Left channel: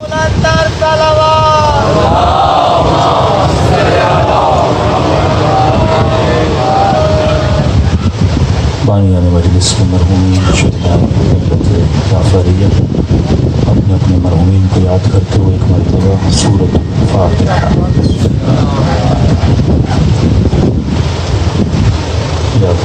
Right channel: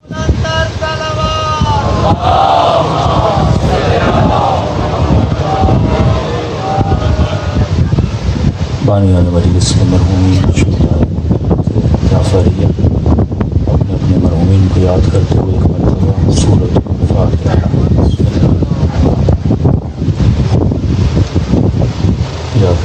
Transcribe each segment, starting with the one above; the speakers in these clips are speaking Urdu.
بانیان مجلس کے مرحومین غافریہ اپنے اپنے مرحومین کو یاد کرتے ہوئے ایک مرتبہ سورۃ فاتحہ یاد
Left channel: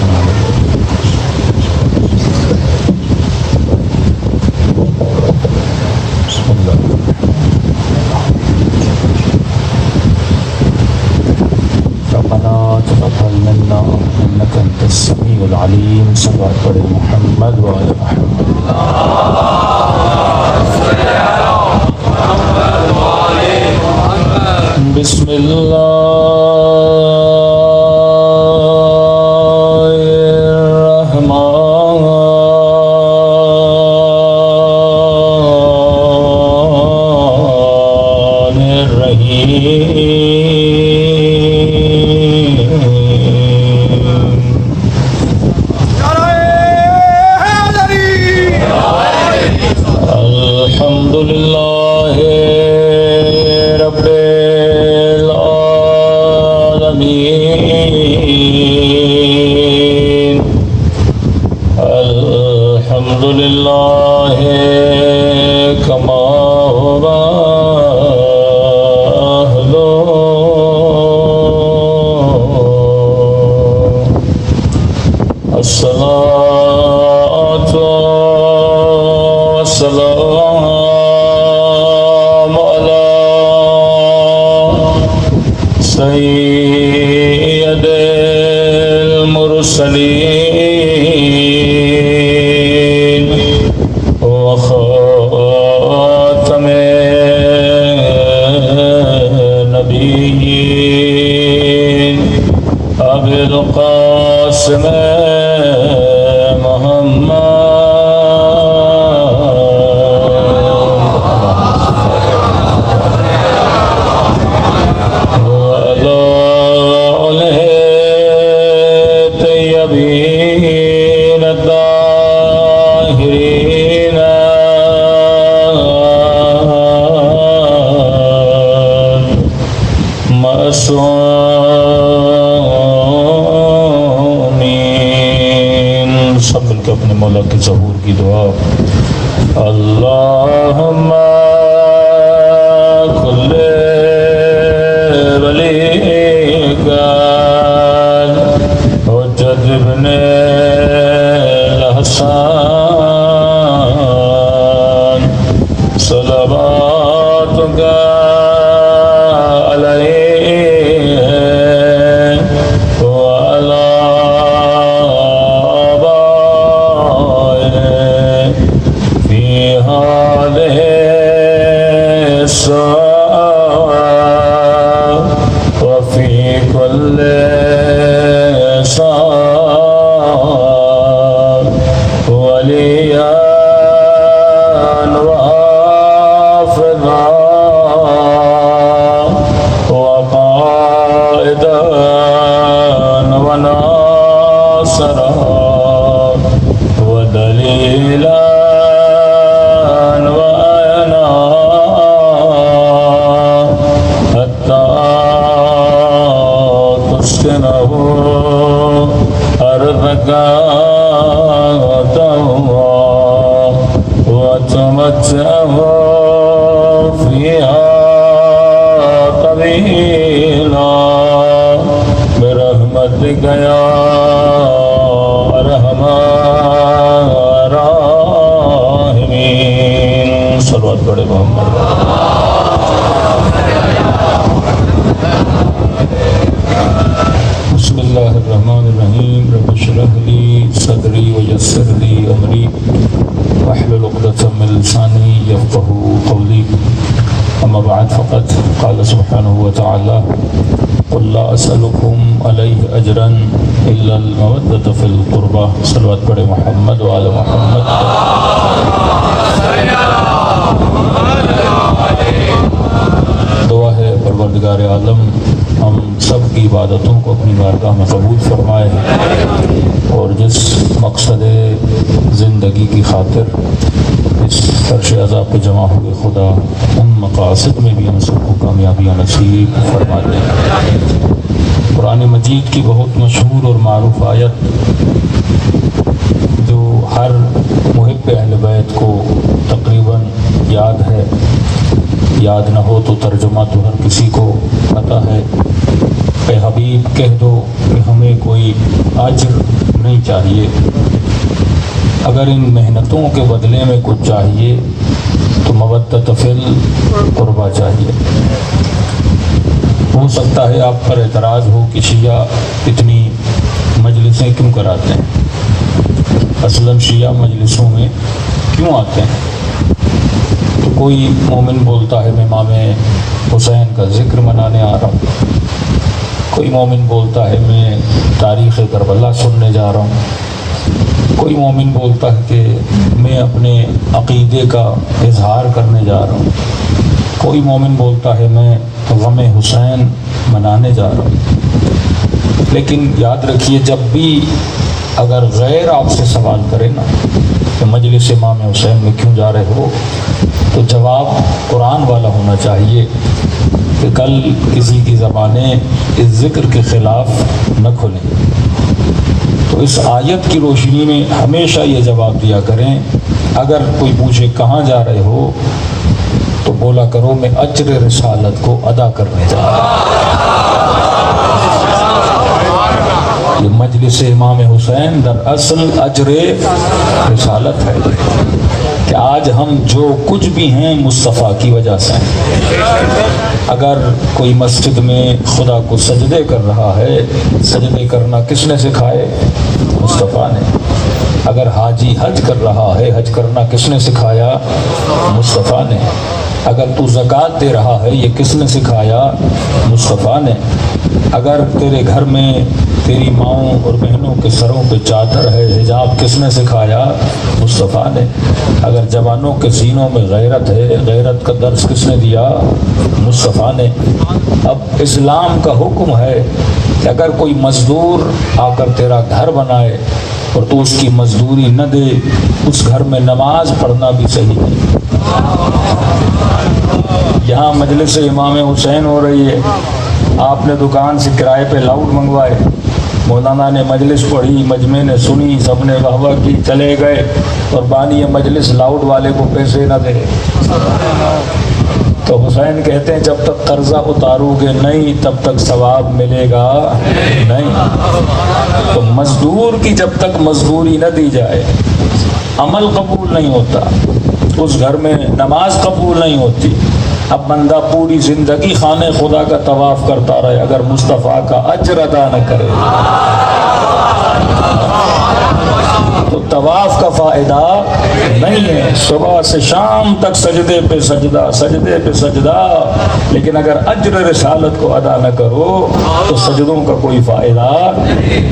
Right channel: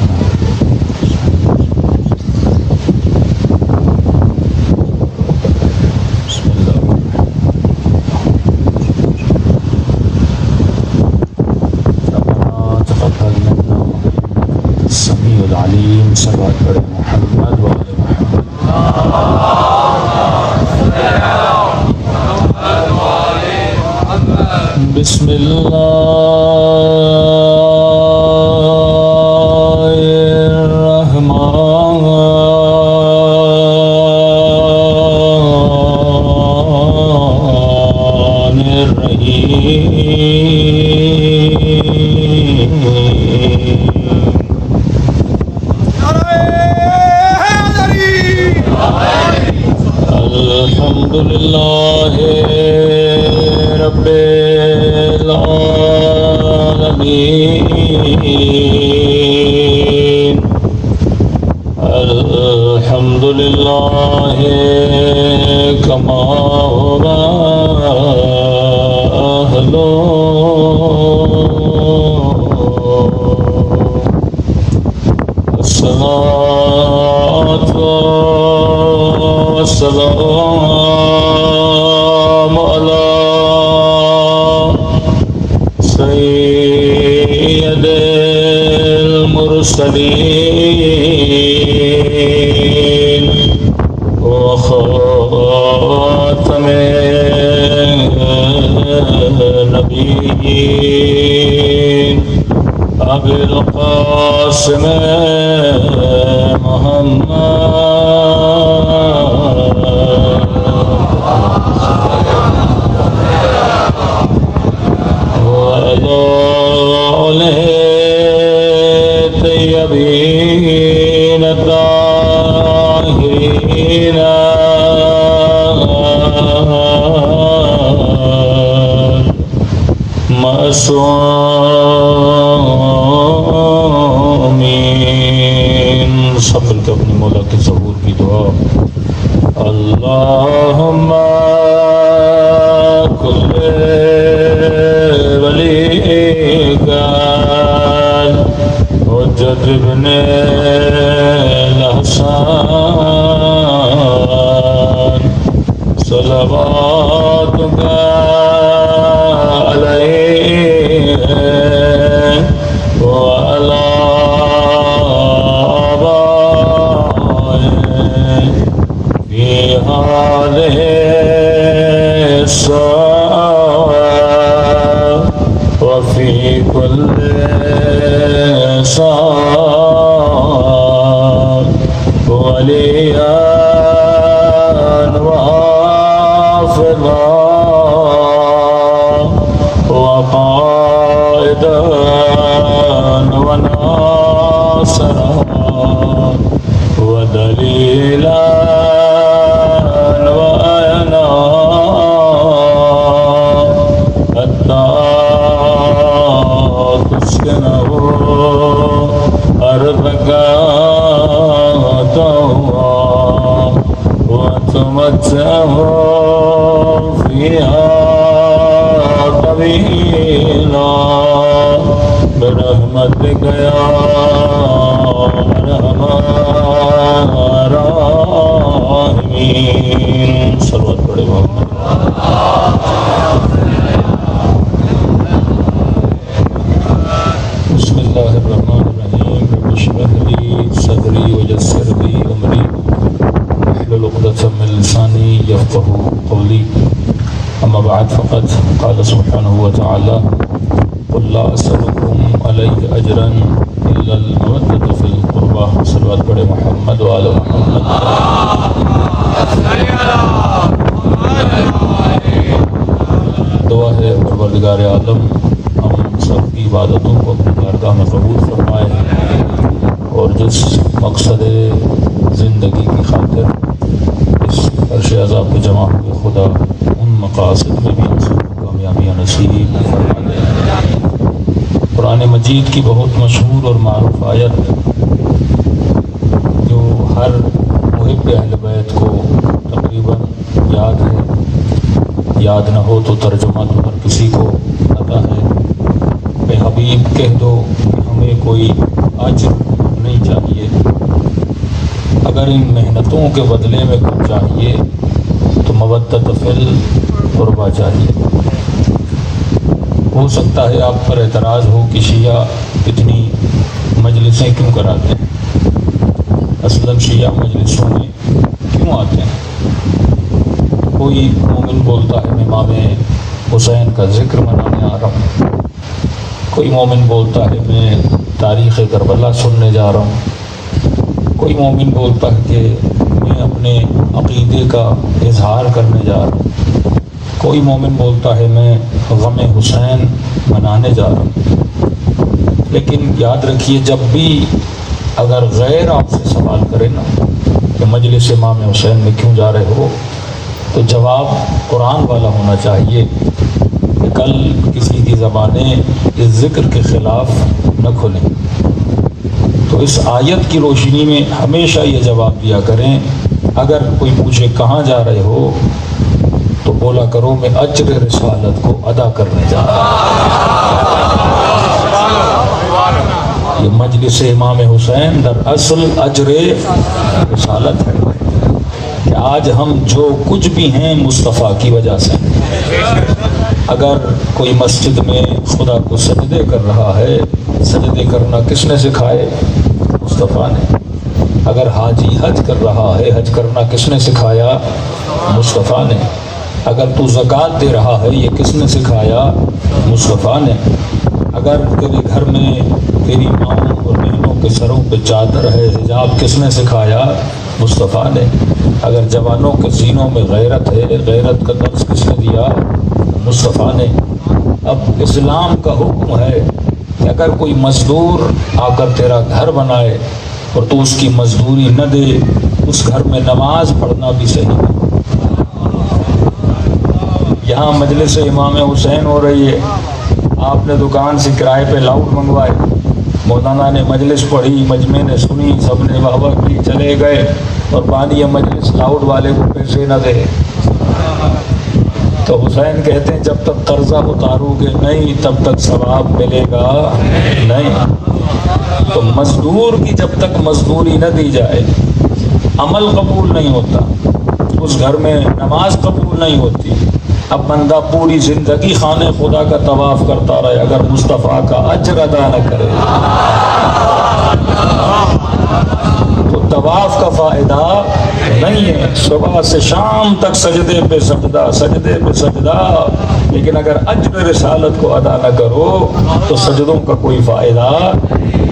السمیع العلیم صلوات پر محمد و آل محمد بسم اللہ الرحمن الرحیم الحمد للہ رب العالمین الحمد للہ کما هو اہلہ الصلاۃ والسلام علی سید المرسلین وخاتم النبیین ابی القاسم محمد معصومین سب مل کے اپنے مولا کے ظہور کی دعا اللہم کل ولیک حجت ابن الحسن صلواتک وفي كل صار وليا وحافظا وقائدا وناصرا ودليلا وتمتعه فيها طويلا برحمتك يا ارحم الراحمين صلوات پڑھے محمد بسم اللہ الرحمن الرحیم رب اشرح لي صدری ويسر لي امری واحلل عقدة من لساني يفقهوا قولي اما بعد فقد قال سبحانه وتعالى قل لا اسألكم عليه اجرا الا المودة في القربى صلوات پڑھے محمد وآل محمد دعا ہے پروردگار عالم ہم سب کی عبادتوں کو اپنی بارگاہ میں قبول فرمائے اور جس مقصد زندگی کی خاطر اس فرش عزا پہ جمع ہوئے خدا ان مقاصد میں بھی ہم سب کو کامیابیاں نصیب فرما دے۔ قرآن مجید کی بہت مشہور اور معروف آیت جو ہر محب اہل بیت کو تقریباً یاد ہے، یاد نہ ہو تو ترجمہ تو ہر کسی کو پتہ ہے، اے حبیب کہہ دو کہ ہمیں کوئی اجر نہیں چاہیے، اگر ان محنتوں کے بدلے میں کچھ چاہیے تو مودت فی القربہ چاہیے۔ ہو سکتا ہے آپ پر اعتراض ہو کہ شیعہ اتنی مجلسیں کیوں کراتے ہیں، اصلاً شیعہ مجلسوں میں کیوں آتے ہیں؟ کوئی مومن بولتا ہے میں امام حسین کا ذکر منانے آ رہا ہوں، کوئی مومن بولتا ہے میں تاریخ کربلا سننے جا رہا ہوں، کوئی مومن بولتا ہے کہ میں اپنے عقیدے کا اظہار کرنے جا رہا ہوں، کوئی مومن بولتا ہے میں غم حسین منانے جا رہا ہوں۔ لیکن یاد رکھیے جب بھی اگر غیر آپ سے سوال کرے نا کہ مجلس امام حسین میں کیوں جا رہے ہو، تو جواب قرآن والا ہونا چاہیے کہ کل کسی کی زبانیں اس ذکر کے خلاف نہ کھلیں۔ تو اس آیت کی روشنی میں ہمیشہ یہ جواب دیا کریں، اگر کوئی پوچھے کہاں جا رہے ہو تو بولا کرو میں اجر رسالت کو ادا کرنے جا رہا ہوں۔ یہ مجلس امام حسین در اصل اجر رسالت ہے کہ آج ہم جو کچھ بھی ہیں مصطفیٰ کی وجہ سے۔ اگر کوئی مسجد میں خدا کو سجدے کر رہا ہے، سجدے کرنا کس نے سکھائے؟ مصطفیٰ نے۔ اگر حاجی حج کر رہا ہے، حج کرنا کس نے سکھایا؟ مصطفیٰ نے۔ اگر تو زکوٰۃ دے رہا ہے، یہ کس نے سکھایا؟ مصطفیٰ نے۔ اگر تیرے گھر میں تیری ماؤں اور بہنوں کے سروں پہ چادر ہے، حجاب کس نے سکھایا؟ مصطفیٰ نے۔ اگر جوانوں کے سینوں میں غیرت ہے، غیرت کا درس کس نے دیا؟ مصطفیٰ نے۔ اب اسلام کا حکم ہے کہ اگر کوئی مزدور آ کر تیرا گھر بنائے اور تو اس کی مزدوری نہ دے، اس گھر میں نماز پڑھنا بھی صحیح نہیں۔ یہاں مجلس امام حسین ہو رہی ہے، آپ نے دکان سے کرائے پہ لاؤڈ منگوائے، مولانا نے مجلس پڑھی، مجمع نے سنی، سب نے واہ واہ کی، چلے گئے، اور بانی مجلس لاؤڈ والے کو پیسے نہ دے۔ تو حسین کہتے ہیں جب تک قرضہ اتارو گے نہیں تب تک ثواب ملے گا نہیں۔ تو مزدور کی جب تک مزدوری نہ دی جائے عمل قبول نہیں ہوتا، اس گھر میں نماز قبول نہیں ہوتی۔ اب بندہ پوری زندگی خانے خدا کا طواف کرتا رہے، اگر مصطفیٰ کا اجر ادا نہ کرے تو طواف کا فائدہ نہیں ہے۔ صبح سے شام تک سجدے پہ سجدہ، سجدے پہ سجدہ، لیکن اگر اجر رسالت کو ادا نہ کرو تو سجدوں کا کوئی فائدہ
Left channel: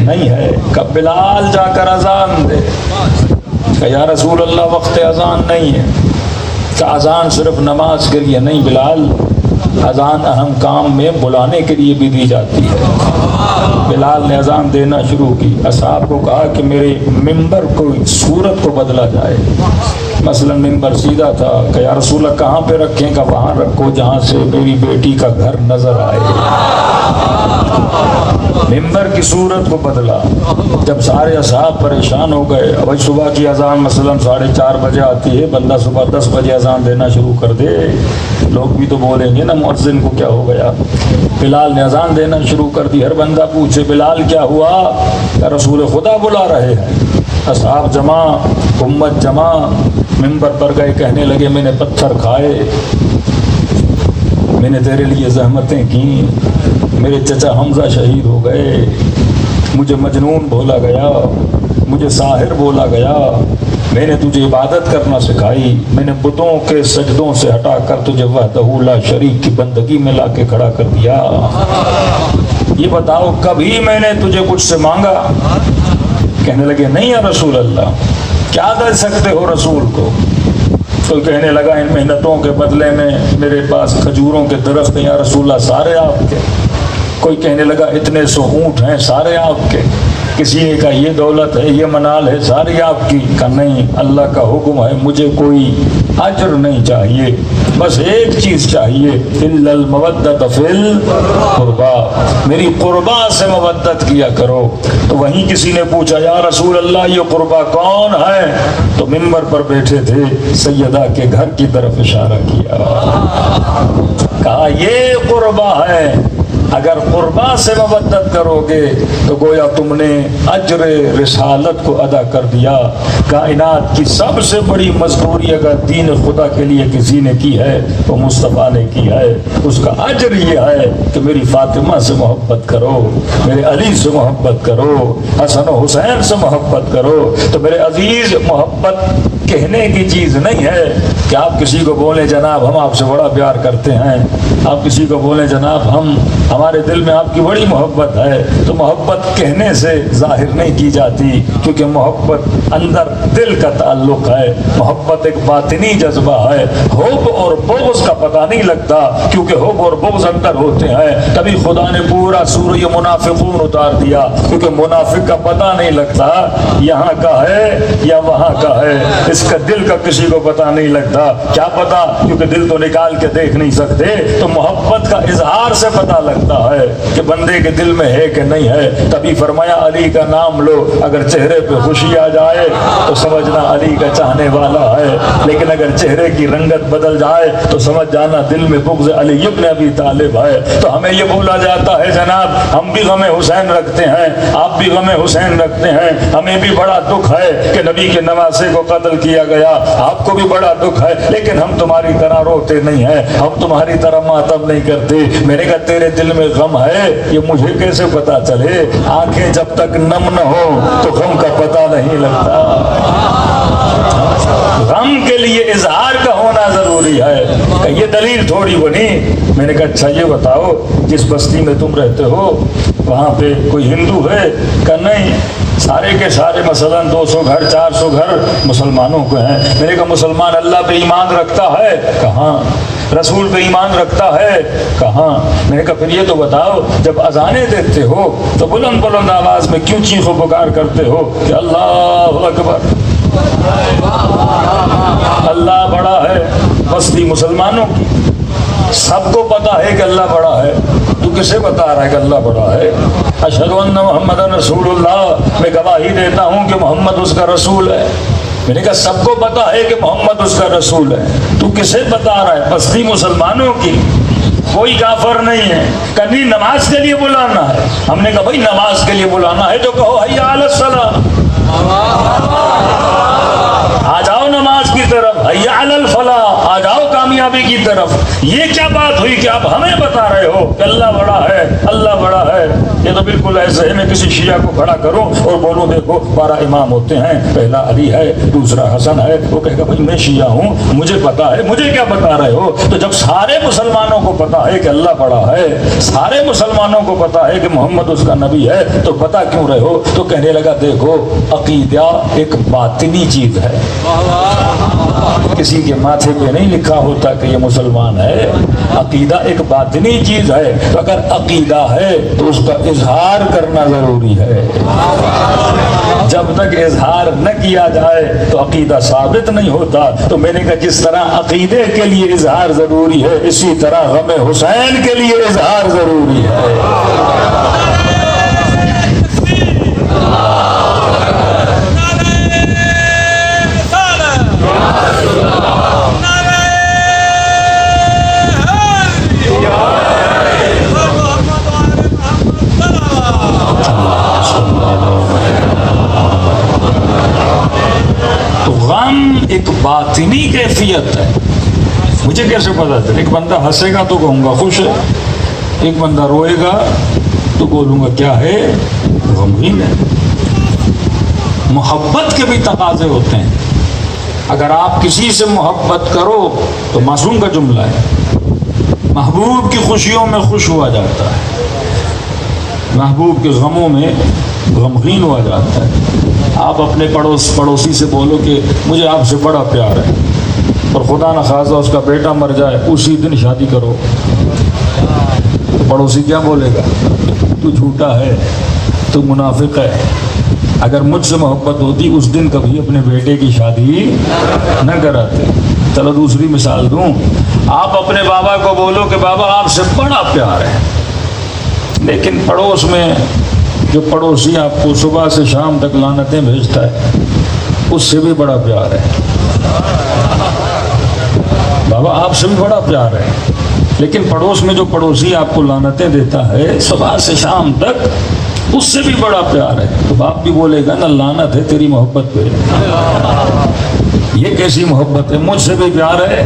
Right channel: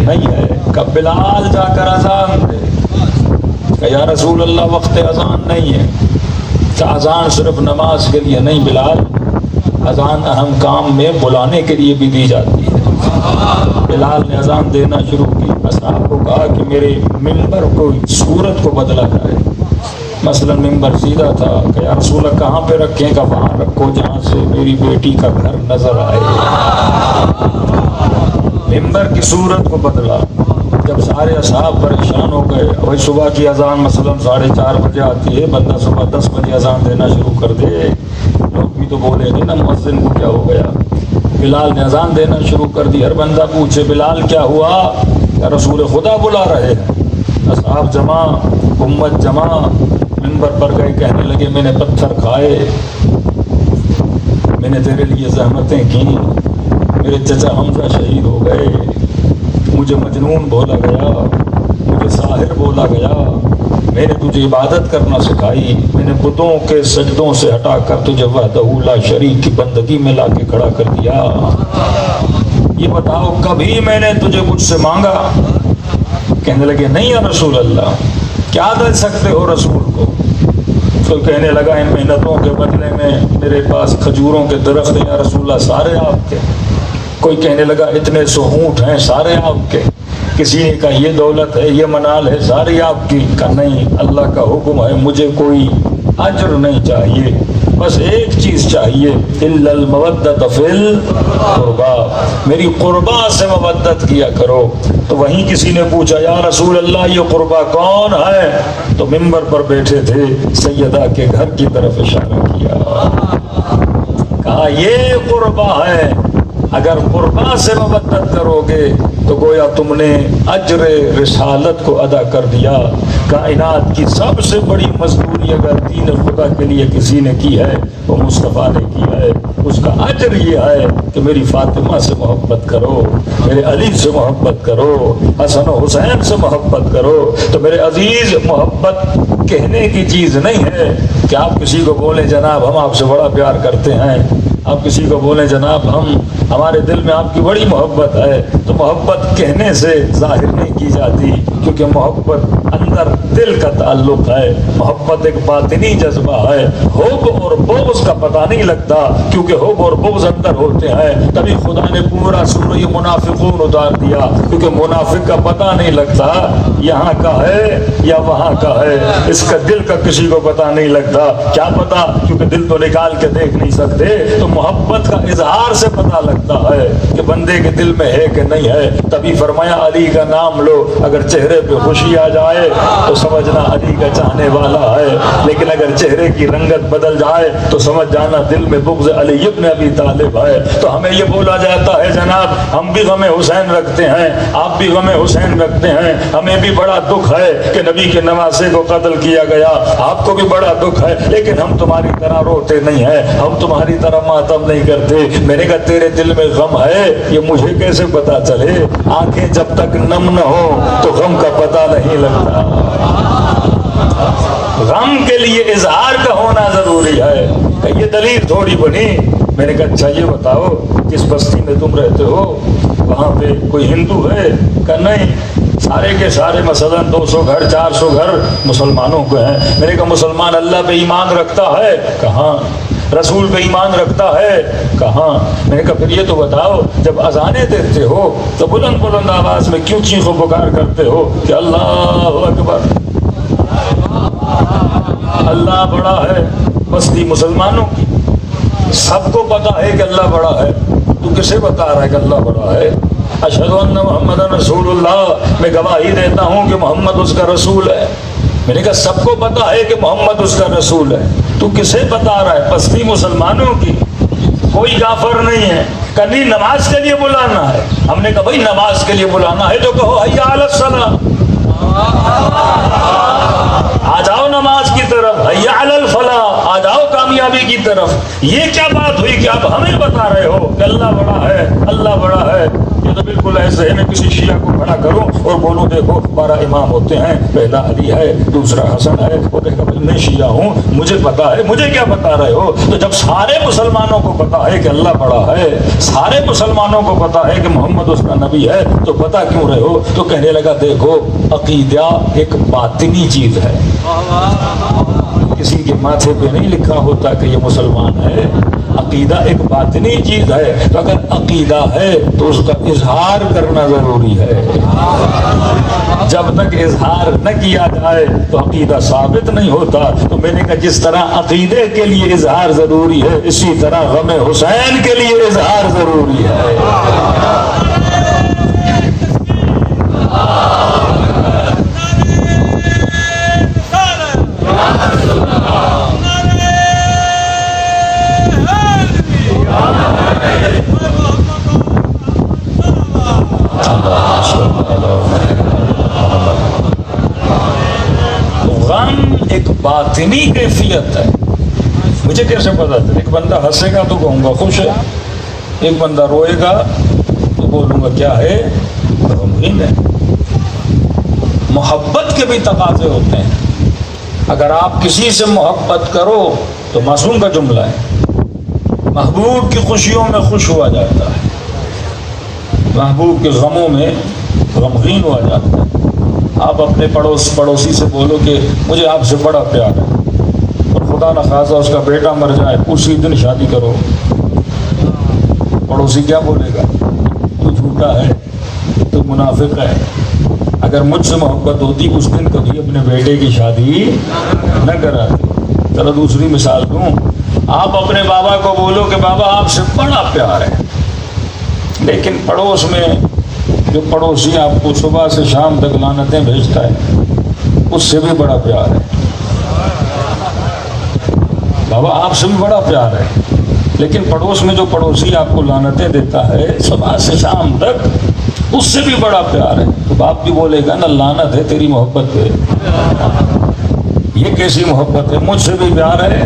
نہیں ہے۔ کب بلال جا کر اذان دے کہ یا رسول اللہ وقت اذان نہیں ہے، کہ اذان صرف نماز کے لیے نہیں، بلال اذان اہم کام میں بلانے کے لیے بھی دی جاتی ہے۔ بلال نے اذان دینا شروع کی، اصحاب کو کہا کہ میرے ممبر کو صورت کو بدلا جائے، مثلا ممبر سیدھا تھا کہ یا رسول اللہ کہاں پہ رکھیں، کہ وہاں رکھو جہاں سے میری بیٹی کا گھر نظر آئے۔ ممبر کی صورت کو بدلا۔ جب سارے اصحاب پریشان ہو گئے، وہی صبح کی اذان مثلا 4:30 بجے آتی ہے، بندہ صبح 10 بجے اذان دینا شروع کر دے، لوگ بھی تو بولیں گے نا مؤذن کو کیا ہو گیا۔ بلال نے اذان دینا شروع کر دی، ہر بندہ پوچھے بلال کیا ہوا، کہ رسول خدا بلا رہے ہیں۔ اصحاب جمع، امت جمع، ممبر پر گئے، کہنے لگے میں نے پتھر کھائے، میں نے تیرے لیے زحمتیں کی، میرے چچا حمزہ شہید ہو گئے، مجھے مجنون بولا گیا، مجھے ساحر بولا گیا، میں نے تجھے عبادت کرنا سکھائی، میں نے بتوں کے سجدوں سے ہٹا کر تجھے وحدہ لا شریک کی بندگی میں لا کے کھڑا کر دیا، یہ بتاؤ کبھی میں نے تجھے کچھ سے مانگا؟ کہنے لگے نہیں یا رسول اللہ، کیا دے سکتے ہو رسول کو؟ تو کہنے لگا ان محنتوں کے بدلے میں میرے پاس کھجوروں کے درخت ہیں یا رسول اللہ، سارے آپ کے۔ کوئی کہنے لگا اتنے سو اونٹ ہیں، سارے آپ کے۔ کسی نے کہا یہ دولت ہے، یہ منال ہے، ساری آپ کی، کہا نہیں، اللہ کا حکم ہے، مجھے کوئی اجر نہیں چاہیے، بس ایک چیز چاہیے، الا المودۃ فی القربا، میری قربا سے مودت کیا کرو۔ تو وہیں کسی نے پوچھا یا رسول اللہ یہ قربا کون ہے؟ تو منبر پر بیٹھے تھے سیدہ کے گھر کی طرف اشارہ کیا، کہا یہ قربا ہے، اگر قربا سے مودت کرو گے تو گویا تم نے اجر رسالت کو ادا کر دیا۔ کائنات کی سب سے بڑی مزدوری اگر دین خدا کے لیے کسی نے کی ہے وہ مصطفیٰ نے کی ہے، اس کا اجر یہ ہے کہ میری فاطمہ سے محبت کرو، میرے علی سے محبت کرو، حسن و حسین سے محبت کرو۔ تو میرے عزیز، محبت کہنے کی چیز نہیں ہے کہ آپ کسی کو بولیں جناب ہم آپ سے بڑا پیار کرتے ہیں، آپ کسی کو بولیں جناب ہمارے دل میں آپ کی بڑی محبت ہے، تو محبت کہنے سے ظاہر نہیں کی جاتی، کیونکہ محبت اندر دل کا تعلق ہے، محبت ایک باطنی جذبہ ہے۔ حب اور بغض کا پتہ نہیں لگتا، کیونکہ حب اور بغض اندر ہوتے ہیں، تبھی خدا نے پورا سورہ منافقون اتار دیا، کیونکہ منافق کا پتہ نہیں لگتا یہاں کا ہے یا وہاں کا ہے، اس کا دل کا کسی کو پتہ نہیں لگتا، کیا پتہ، کیونکہ دل تو نکال کے دیکھ نہیں سکتے۔ تو محبت کا اظہار سے پتہ لگتا ہے کہ بندے کے دل میں ہے کہ نہیں ہے۔ تبھی فرمایا علی کا نام لو، اگر چہرے پہ خوشی آ جائے تو سمجھنا علی کا چاہنے والا ہے، لیکن اگر چہرے کی رنگت بدل جائے تو سمجھ جانا دل میں بغض علی ابن ابی طالب ہے۔ تو ہمیں یہ بولا جاتا ہے جناب ہم بھی غم حسین رکھتے ہیں، آپ بھی غم حسین رکھتے ہیں، ہمیں بھی بڑا دکھ ہے کہ نبی کے نواسے کو قتل کیا گیا، آپ کو بھی بڑا دکھ ہے، لیکن ہم تمہاری طرح روتے نہیں ہیں، ہم تمہاری طرح ماتم نہیں کرتے۔ میں نے کہا تیرے دل میں غم ہے یہ مجھے کیسے پتا چلے؟ آنکھیں جب تک نم نہ ہو تو غم کا پتہ نہیں لگتا۔ غم کے لیے اظہار کا ہونا ضروری ہے، کہ یہ دلیل تھوڑی بنی۔ میں نے کہا اچھا یہ بتاؤ جس بستی میں تم رہتے ہو وہاں پہ کوئی ہندو ہے؟ کہ نہیں، سارے کے سارے مثلا 200 گھر 400 گھر مسلمانوں کے ہیں۔ میں نے کہا مسلمان اللہ پہ ایمان رکھتا ہے؟ کہاں۔ رسول پہ ایمان رکھتا ہے؟ کہاں۔ میں نے کہا پھر یہ تو بتاؤ جب اذانیں دیتے ہو تو بلند بلند آواز میں کیوں چیخ و پکار کرتے ہو کہ اللہ اکبر، اللہ بڑا ہے؟ بستی مسلمانوں کی، سب کو پتا ہے کہ اللہ بڑا ہے، تو کسے بتا رہا ہے کہ اللہ بڑا ہے؟ اشہد ان محمد رسول اللہ، میں گواہی دیتا ہوں کہ محمد اس کا رسول ہے۔ میں نے کہا سب کو پتا ہے کہ محمد اس کا رسول ہے، تو کسے بتا رہا ہے؟ بستی مسلمانوں کی، کوئی کافر نہیں ہے۔ کہیں نماز کے لیے بلانا ہے، ہم نے کہا بھائی نماز کے لیے بلانا ہے تو کہو حی علی الصلاۃ، آ جاؤ نماز کی طرف، حی علی الفلاح، آ جاؤ کامیابی کی طرف۔ یہ کیا بات ہوئی کہ آپ ہمیں بتا رہے ہو کہ اللہ بڑا ہے، اللہ بڑا ہے؟ یہ تو بالکل ایسے ہے میں کسی شیعہ کو کھڑا کروں اور بولوں دیکھو 12 امام ہوتے ہیں، پہلا علی ہے، دوسرا حسن ہے، وہ کہے گا بھائی میں شیعہ ہوں مجھے پتا ہے، مجھے کیا بتا رہے ہو؟ تو جب سارے مسلمانوں کو پتا ہے کہ اللہ بڑا ہے، سارے مسلمانوں کو پتا ہے کہ محمد اس کا نبی ہے، تو پتا کیوں رہے ہو؟ تو کہنے لگا دیکھو عقیدہ ایک باطنی چیز ہے، کسی کے ماتھے پہ نہیں لکھا ہوتا کہ یہ مسلمان ہے، عقیدہ ایک باطنی چیز ہے، تو اگر عقیدہ ہے تو اس کا اظہار کرنا ضروری ہے، جب تک اظہار نہ کیا جائے تو عقیدہ ثابت نہیں ہوتا۔ تو میں نے کہا جس طرح عقیدے کے لیے اظہار ضروری ہے اسی طرح غم حسین کے لیے اظہار ضروری ہے۔ ایک باطنی کیفیت ہے، مجھے کیسے پتا چلے؟ ایک بندہ ہنسے گا تو کہوں گا خوش ہے، ایک بندہ روئے گا تو بولوں گا کیا ہے، غمگین ہے۔ محبت کے بھی تقاضے ہوتے ہیں، اگر آپ کسی سے محبت کرو تو معصوم کا جملہ ہے، محبوب کی خوشیوں میں خوش ہوا جاتا ہے، محبوب کے غموں میں غمگین ہوا جاتا ہے۔ آپ اپنے پڑوسی سے بولو کہ مجھے آپ سے بڑا پیار ہے، اور خدا نخواستہ اس کا بیٹا مر جائے اسی دن شادی کرو، پڑوسی کیا بولے گا؟ تو جھوٹا ہے، تو منافق ہے. اگر مجھ سے محبت ہوتی اس دن کبھی اپنے بیٹے کی شادی نہ کراتے. چلو دوسری مثال دوں. آپ اپنے بابا کو بولو کہ بابا آپ سے بڑا پیار ہے، لیکن پڑوس میں جو پڑوسی آپ کو صبح سے شام تک لعنتیں بھیجتا ہے اس سے بھی بڑا پیار ہے. بابا آپ سے بھی بڑا پیار ہے، لیکن پڑوس میں جو پڑوسی آپ کو لعنتیں دیتا ہے صبح سے شام تک اس سے بھی بڑا پیار ہے. تو باپ بھی بولے گا نا لعنت ہے تیری محبت پہ، یہ کیسی محبت ہے؟ مجھ سے بھی پیار ہے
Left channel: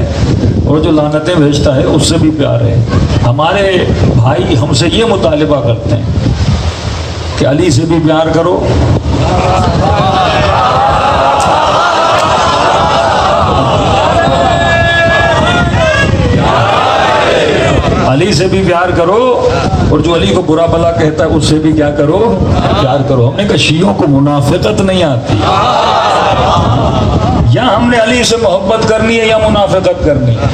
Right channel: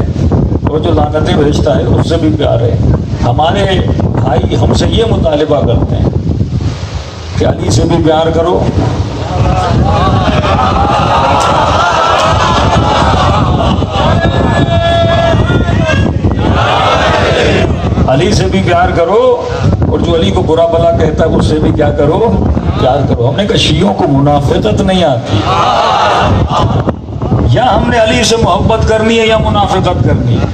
اور جو لعنتیں بھیجتا ہے اس سے بھی پیار ہے. ہمارے بھائی ہم سے یہ مطالبہ کرتے ہیں کہ علی سے بھی پیار کرو، علی سے بھی پیار کرو، اور جو علی کو برا بھلا کہتا ہے اس سے بھی کیا کرو؟ پیار کرو. ہم نے کہا شیعوں کو منافقت نہیں آتی. یا ہم نے علی سے محبت کرنی ہے یا منافقت کرنی ہے.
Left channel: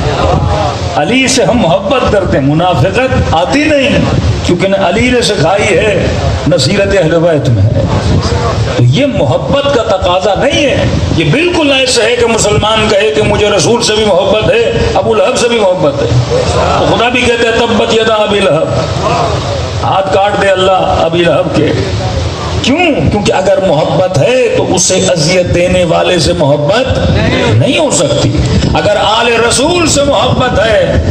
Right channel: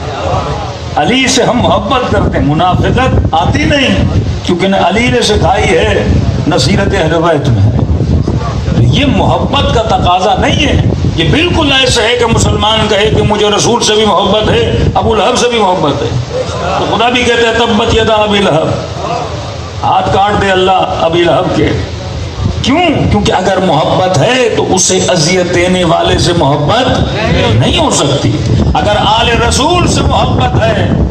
علی سے ہم محبت کرتے ہیں، منافقت آتی نہیں، کیونکہ نہ علی نے سکھائی ہے نہ سیرت اہل بیت میں ہے. تو یہ محبت کا تقاضا نہیں ہے. یہ بالکل ایسے ہے کہ مسلمان کہے کہ مجھے رسول سے بھی محبت ہے، ابو لہب سے بھی محبت ہے. تو خدا بھی کہتے ہیں تبت یدا ابی لہب، ہاتھ کاٹ دے اللہ ابی لہب کے. کیوں؟ کیونکہ اگر محبت ہے تو اسے اذیت دینے والے سے محبت نہیں ہو سکتی. اگر آل رسول سے محبت ہے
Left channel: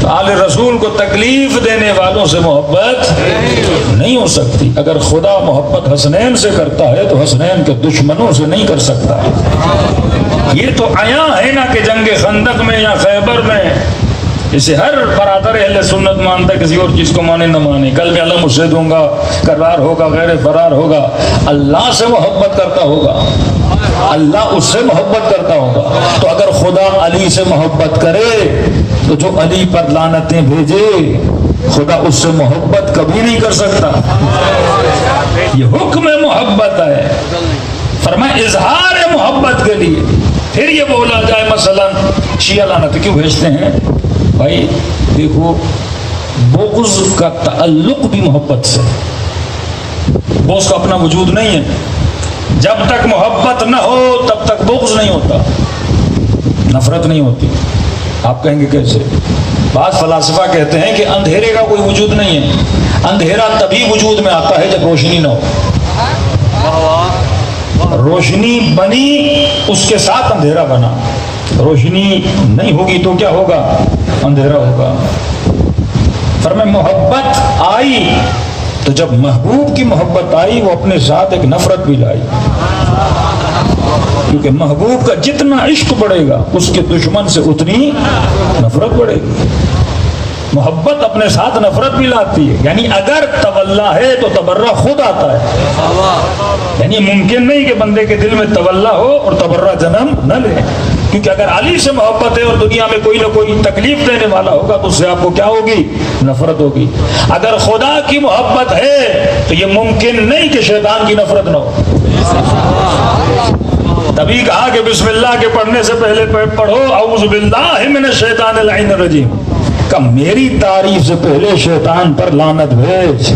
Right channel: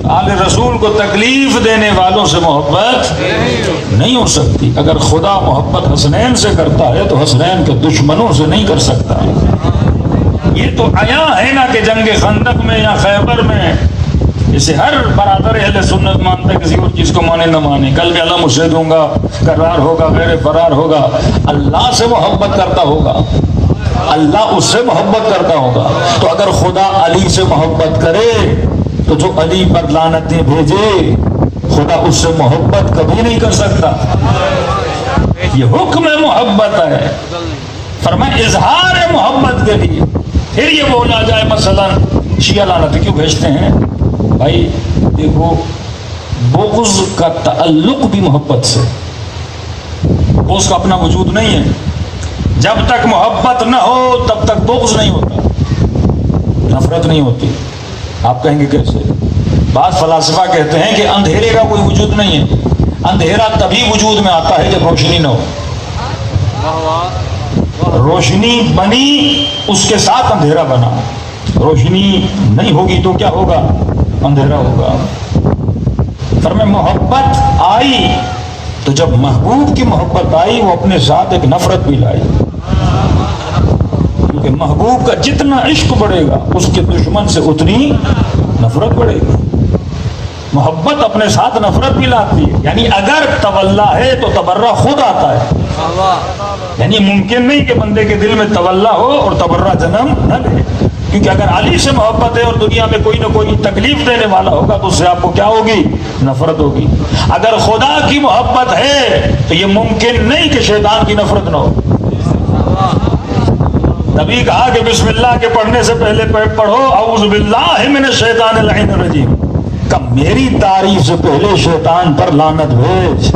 تو آل رسول کو تکلیف دینے والوں سے محبت نہیں ہو سکتی. اگر خدا محبت حسنین سے کرتا ہے تو حسنین کے دشمنوں سے نہیں کر سکتا. یہ تو عیاں ہے نا کہ جنگ خندق میں یا خیبر میں اسے ہر برادر اہل سنت مانتا ہے، کسی اور چیز کو مانے نہ مانے. کل بھی اللہ مجھے دوں گا، قرار ہوگا، غیر فرار ہوگا. اللہ سے محبت کرتا ہوگا، اللہ اس سے محبت کرتا ہوگا. تو اگر خدا علی سے محبت کرے تو جو علی پر لعنتیں بھیجے خدا اس سے محبت کبھی نہیں کر سکتا. یہ حکم محبت ہے. فرمایا اظہار محبت کے لیے. پھر یہ بولا جائے مثلا شیعہ لعنت کیوں بھیجتے ہیں؟ بھائی دیکھو، بغض کا تعلق بھی محبت سے. بغض کا اپنا وجود نہیں ہے. جب تک محبت نہ ہو تب تک بغض نہیں ہوتا، نفرت نہیں ہوتی. آپ کہیں گے کیسے؟ بعض فلاسفہ کہتے ہیں کہ اندھیرے کا کوئی وجود نہیں ہے. اندھیرا تبھی وجود میں آتا ہے جب روشنی نہ ہو. روشنی بنی اس کے ساتھ اندھیرا بنا. روشنی نہیں ہوگی تو کیا ہوگا؟ اندھیرا ہوگا. فرمایا محبت آئی تو جب محبوب کی محبت آئی وہ اپنے ساتھ ایک نفرت بھی لائی، کیونکہ محبوب کا جتنا عشق بڑھے گا اس کے دشمن سے اتنی نفرت بڑھے گی. محبت اپنے ساتھ نفرت بھی لاتی ہے. یعنی اگر تولا ہے تو تبرہ خود آتا ہے. یعنی ممکن نہیں کہ بندے کے دل میں تولا ہو اور تبرہ جنم نہ لے. کیونکہ اگر علی سے محبت ہے اور دنیا میں کوئی نہ کوئی تکلیف دینے والا ہوگا تو اس سے آپ کو کیا ہوگی؟ نفرت ہوگی. اگر خدا کی محبت ہے تو یہ ممکن نہیں کہ شیطان کی نفرت نہ ہو. تبھی کہا کہ بسم اللہ کے پڑھنے سے پہلے پڑھو اعوذ باللہ من الشیطان اللعین الرجیم. کہ میری تعریف سے پہلے شیطان پر لعنت بھیج.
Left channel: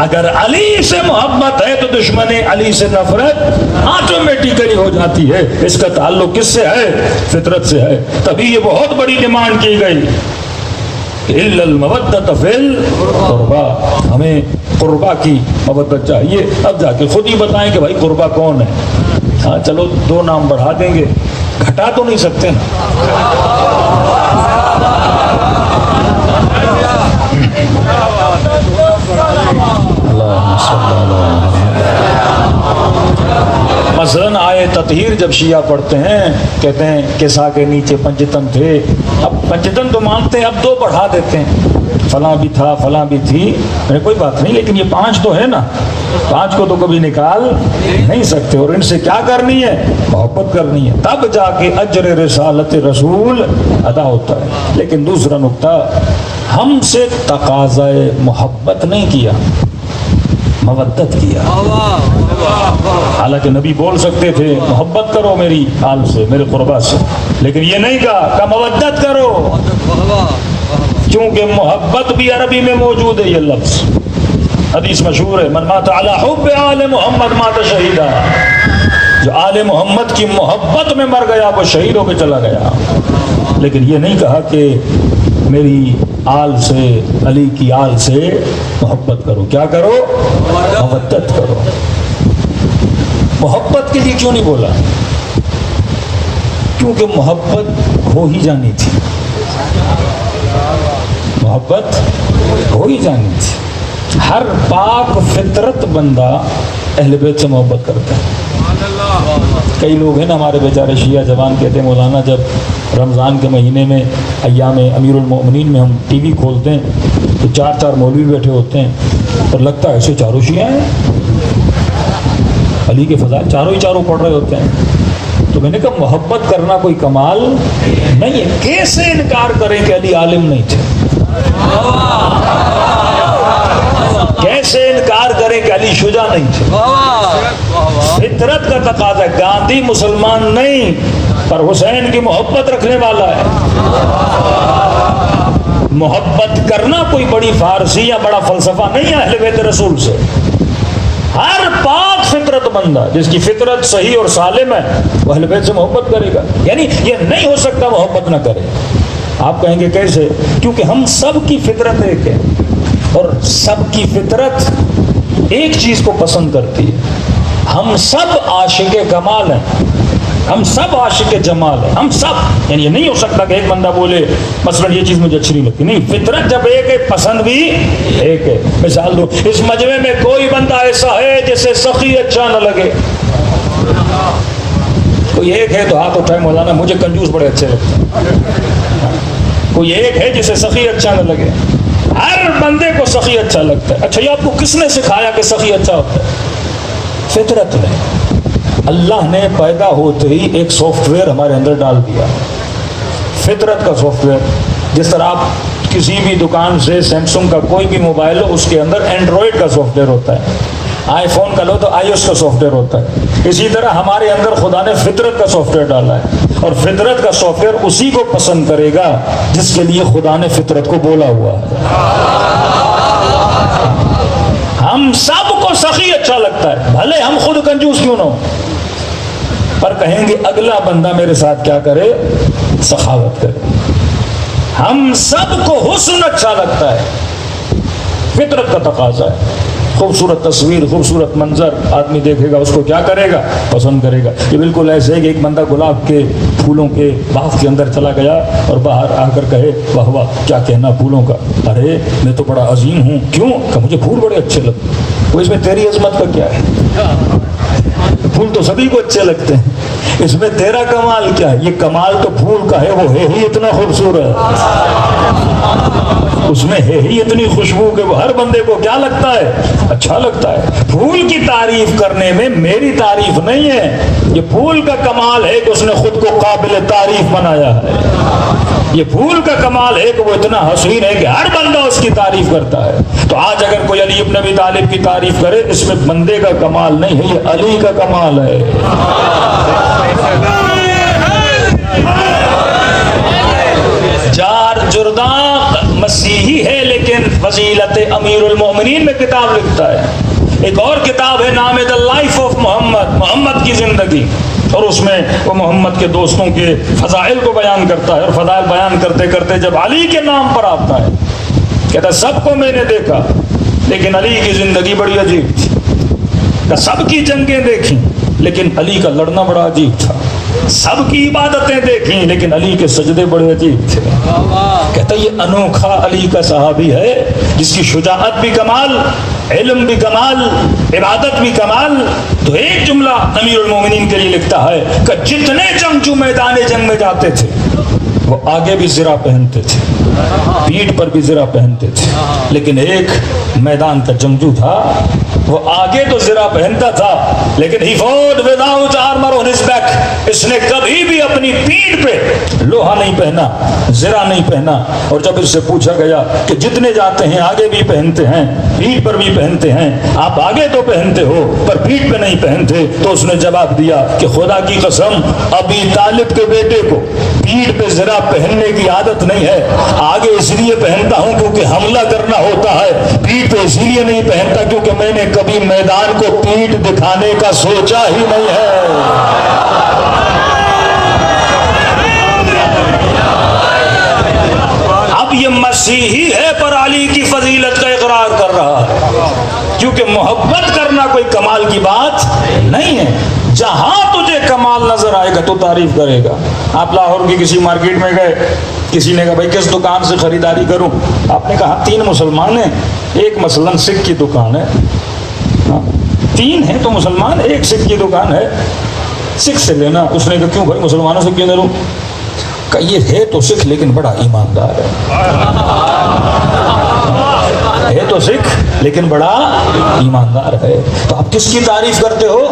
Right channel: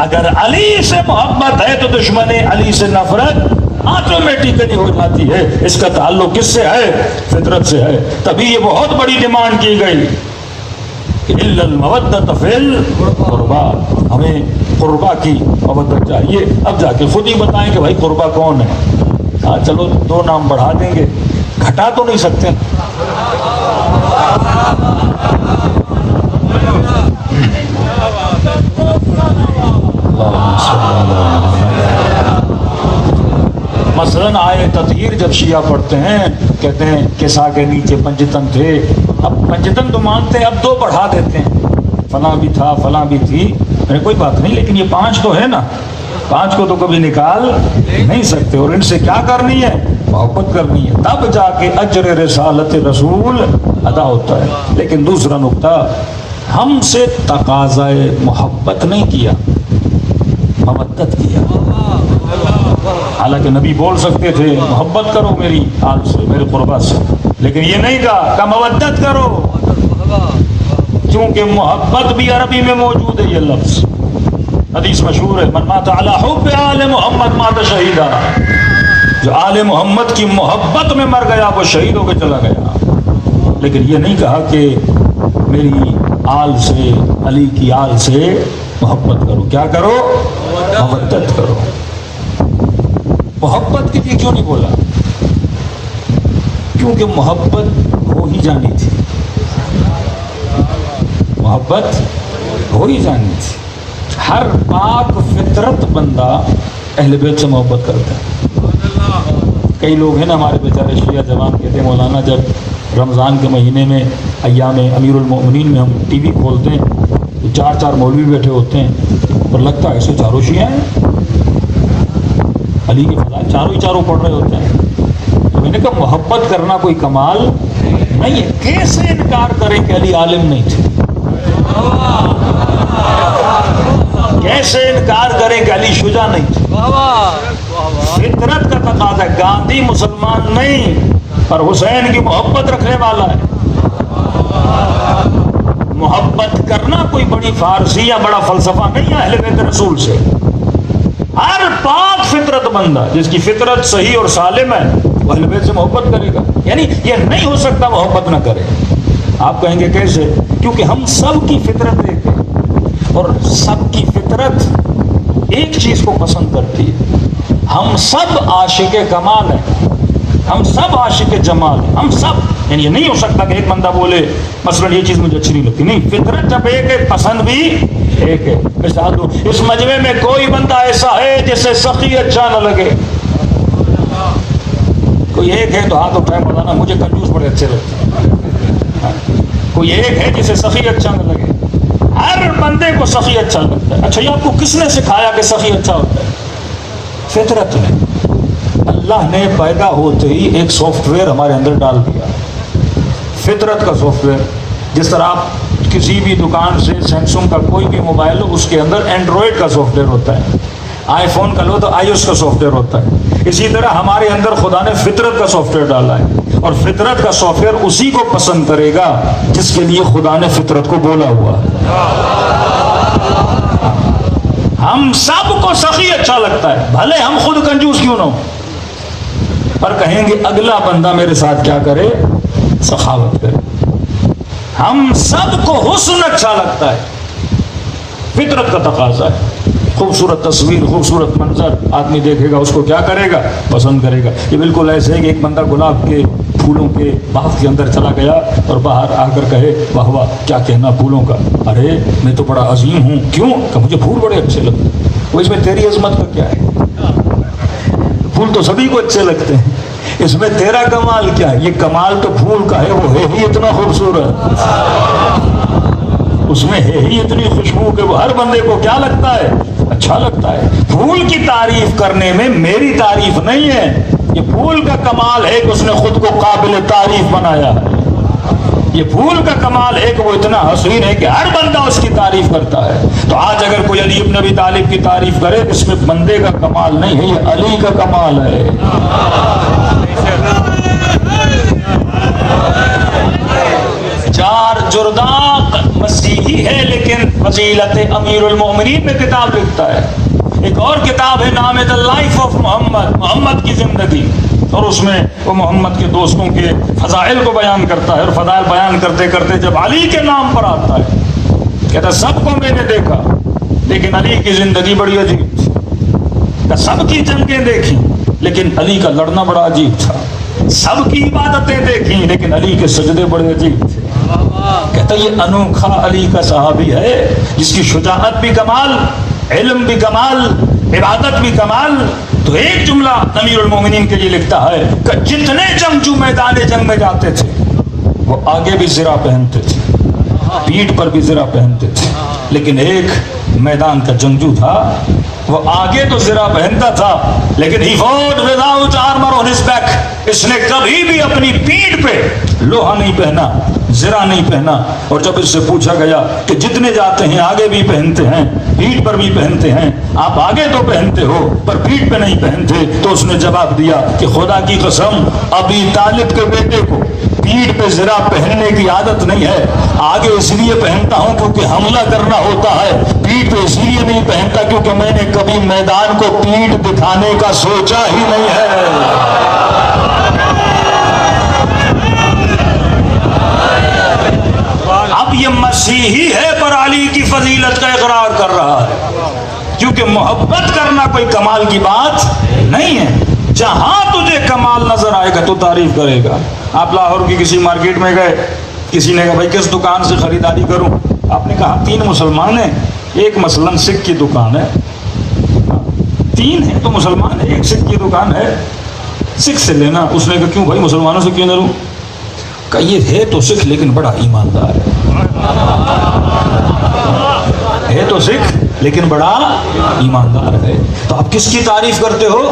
اگر علی سے محبت ہے تو دشمن علی سے نفرت آٹومیٹیکلی ہو جاتی ہے. اس کا تعلق کس سے ہے؟ فطرت سے ہے. تبھی یہ بہت بڑی ڈیمانڈ کی گئی الا المودۃ فی القربى. ہمیں قربا کی مودت چاہیے. اب جا کے خود ہی بتائیں کہ بھائی قربا کون ہے. ہاں چلو 2 نام بڑھا دیں گے، گھٹا تو نہیں سکتے نا. مثلاً آئے تطہیر جب شیعہ پڑھتے ہیں کہتے ہیں کسا کے نیچے پنجتن تھے. اب پنجتن تو مانتے ہیں، اب 2 بڑھا دیتے ہیں، فلاں بھی تھا فلاں بھی تھی. کوئی بات نہیں، لیکن یہ 5 تو ہے نا، 5 کو تو کبھی نکال نہیں سکتے. اور ان سے کیا کرنی ہے؟ محبت کرنی ہے. تب جا کے اجر رسالت رسول ادا ہوتا ہے. لیکن دوسرا نقطہ، ہم سے تقاضائے محبت نہیں کیا، مودت کیا. حالانکہ نبی بول سکتے تھے محبت کرو میری آل سے، میرے قربا سے، لیکن یہ نہیں کہا کہ مودت کرو. کیونکہ محبت بھی عربی میں موجود ہے. یہ لفظ حدیث مشہور ہے، من مات علی حب آل محمد مات شہیدا. جو آل محمد کی محبت میں مر گیا وہ شہید ہو کے چلا گیا. لیکن یہ نہیں کہا کہ میری آل سے، علی کی آل سے محبت کرو. کیا کرو؟ مودت کرو. محبت کے لیے کیوں نہیں بولا؟ کیونکہ محبت ہو ہی جانی تھی. محبت ہو ہی جانی تھی. ہر پاک فطرت بندہ اہل بیت سے محبت کرتا ہے. کئی لوگ ہیں نا ہمارے بیچارے شیعہ جوان کہتے ہیں مولانا جب رمضان کے مہینے میں ایام امیر المؤمنین میں ہم ٹی وی کھولتے ہیں تو 4 مولوی بیٹھے ہوتے ہیں اور لگتا ہے ایسے چاروں شیعہ ہیں، علی کے فضائل چاروں پڑھ رہے ہوتے ہیں. تو میں نے کہا محبت کرنا کوئی کمال نہیں ہے. کیسے انکار کریں کہ علی عالم نہیں تھے؟ کیسے انکار کریں کہ علی شجاع نہیں تھے؟ فطرت کا تقاضا ہے. گاندھی مسلمان نہیں پر حسین کی محبت رکھنے والا ہے. محبت کرنا کوئی بڑی فارسی یا بڑا فلسفہ نہیں ہے اہل بیت رسول سے. ہر پاک فطرت بندہ جس کی فطرت صحیح اور سالم ہے وہ اہل بیت سے محبت کرے گا. یعنی یہ نہیں ہو سکتا محبت نہ کرے. آپ کہیں گے کیسے؟ کیونکہ ہم سب کی فطرت ایک ہے اور سب کی فطرت ایک چیز کو پسند کرتی ہے. ہم سب عاشق کمال ہیں، ہم سب عاشق جمال ہیں، ہم سب. یعنی یہ نہیں ہو سکتا کہ ایک بندہ بولے مثلا یہ چیز مجھے اچھی نہیں لگتی. نہیں، فطرت جب ایک ہے پسند بھی ایک ہے. مثال دو، اس مجمع میں کوئی بندہ ایسا ہے جسے سخی اچھا نہ لگے. کوئی ایک ہے تو ہاتھ اٹھائے مولانا مجھے کنجوس بڑے اچھے لگتے ہیں. کوئی ایک ہے جسے سخی اچھا نہ لگے. ہر بندے کو سخی اچھا لگتا ہے. اچھا یہ آپ کو کس نے سکھایا کہ سخی اچھا ہوتا ہے؟ فطرت نے. اللہ نے پیدا ہوتے ہی ایک سافٹ ویئر ہمارے اندر ڈال دیا، فطرت کا سافٹ ویئر. جس طرح آپ کسی بھی دکان سے سیمسنگ کا کوئی بھی موبائل ہو اس کے اندر اینڈرائڈ کا سافٹ ویئر ہوتا ہے، آئی فون کا لو تو آئی ایس کا سافٹ ویئر ہوتا ہے. اسی طرح ہمارے اندر خدا نے فطرت کا سافٹ ویئر ڈالا ہے اور فطرت کا سافٹ ویئر اسی کو پسند کرے گا جس کے لیے خدا نے فطرت کو بولا ہوا ہے. ہم سب کو سخی اچھا لگتا ہے بھلے ہم خود کنجوس کیوں نہ ہو، پر کہیں گے اگلا بندہ میرے ساتھ کیا کرے؟ سخاوت کرے. ہم سب کو حسن اچھا لگتا ہے، فطرت کا تقاضا ہے. خوبصورت تصویر، خوبصورت منظر آدمی دیکھے گا اس کو کیا کرے گا؟ پسند کرے گا. یہ بالکل ایسے ہے کہ ایک بندہ گلاب کے پھولوں کے باغ کے اندر چلا گیا اور باہر آ کر کہے واہ واہ کیا کہنا پھولوں کا، ارے میں تو بڑا عظیم ہوں. کیوں؟ کہ مجھے پھول بڑے اچھے لگتے ہیں. وہ اس میں تیری عظمت کا کیا ہے؟ پھول تو سبھی کو اچھے لگتے ہیں، اس میں تیرا کمال کیا ہے؟ یہ کمال تو پھول کا ہے، وہ ہے ہی اتنا خوبصورت، اس میں ہے ہی اتنی خوشبو کہ وہ ہر بندے کو کیا لگتا ہے؟ اچھا لگتا ہے. پھول کی تعریف کرنے میں میری تعریف نہیں ہے، یہ پھول کا کمال ہے کہ اس نے خود کو قابل تعریف بنایا ہے. یہ پھول کا کمال ہے کہ وہ اتنا حسین ہے کہ ہر بندہ اس کی تعریف کرتا ہے. تو آج اگر کوئی علی ابن ابی طالب کی تعریف کرے اس میں بندے کا کمال نہیں ہے، یہ علی کا کمال ہے. جار جرداں مسیحی ہے لیکن فضیلت امیر المؤمنین میں کتاب لکھتا ہے. ایک اور کتاب ہے نام ہے دا لائف آف محمد، محمد کی زندگی، اور اس میں وہ محمد کے دوستوں کے فضائل کو بیان کرتا ہے. اور فضائل بیان کرتے کرتے جب علی کے نام پر آتا ہے کہتا سب کو میں نے دیکھا لیکن علی کی زندگی بڑی عجیب تھی. سب کی جنگیں دیکھی لیکن علی کا لڑنا بڑا عجیب تھا. سب کی عبادتیں دیکھیں لیکن علی کے سجدے بڑے عجیب تھے. کہتا یہ انوکھا علی کا صحابی ہے جس کی شجاعت بھی کمال، علم بھی کمال، عبادت بھی کمال. تو ایک جملہ امیر المومنین کے لیے لکھتا ہے کہ جتنے جنگجو میدان جنگ میں جاتے تھے وہ آگے بھی زرہ پہنتے تھے، پیٹھ پر بھی زرہ پہنتے تھے، لیکن ایک میدان کا جنگجو تھا وہ آگے تو زرہ پہنتا تھا لیکن he fought without armor on his back. اس نے کبھی بھی اپنی پیٹھ پہ لوہا نہیں پہنا، زرہ نہیں پہنا. اور جب اس سے پوچھا گیا کہ جتنے جاتے ہیں آگے بھی پہنتے ہیں، پیٹھ پر بھی پہنتے ہیں، آپ آگے تو پہنتے ہو پر پیٹھ پہ نہیں پہنتے، تو اس نے جواب دیا کہ خدا کی قسم ابی طالب کے بیٹے کو پیٹھ پہ زرہ پہننے کی عادت نہیں ہے. آگے اس لیے پہنتا ہوں کیونکہ حملہ کرنا ہوتا ہے، پیٹ اس لیے نہیں پہنتا کیونکہ میں نے کبھی میدان کو پیٹ دکھانے کا سوچا ہی نہیں ہے۔ اب یہ مسیحی ہے پر علی کی فضیلت کا اقرار کر رہا ہے، کیونکہ محبت کرنا کوئی کمال کی بات نہیں ہے۔ جہاں تجھے کمال نظر آئے گا تو تعریف کرے گا۔ آپ لاہور کی کسی مارکیٹ میں گئے، کسی نے کہا بھائی کس دکان سے خریداری کروں؟ آپ نے کہا 3 مسلمان ہیں، ایک مثلاً سکھ کی دکان ہے، 3 ہیں تو مسلمان، ایک سکھ کی دکان ہے، سکھ سے لینا۔ اس نے کہا کیوں بھائی مسلمانوں سے کیوں نہ لوں؟ کہ یہ ہے تو سکھ لیکن بڑا ایماندار ہے تو سکھ لیکن بڑا ایماندار ہے۔ تو آپ کس کی تعریف کرتے ہو؟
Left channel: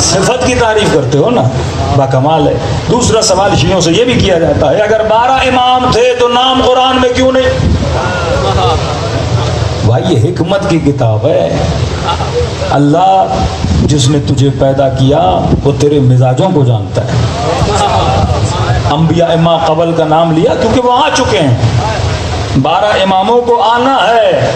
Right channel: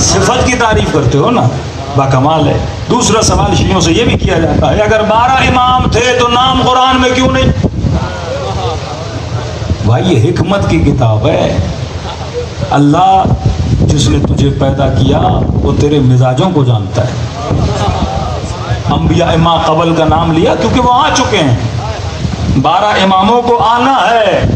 صفت کی تعریف کرتے ہو نا، باکمال ہے۔ دوسرا سوال شیعوں سے یہ بھی کیا جاتا ہے اگر 12 امام تھے تو نام قرآن میں کیوں نہیں؟ بھائی یہ حکمت کی کتاب ہے۔ اللہ جس نے تجھے پیدا کیا وہ تیرے مزاجوں کو جانتا ہے۔ انبیاء ما قبل کا نام لیا کیونکہ وہ آ چکے ہیں، 12 اماموں کو آنا ہے۔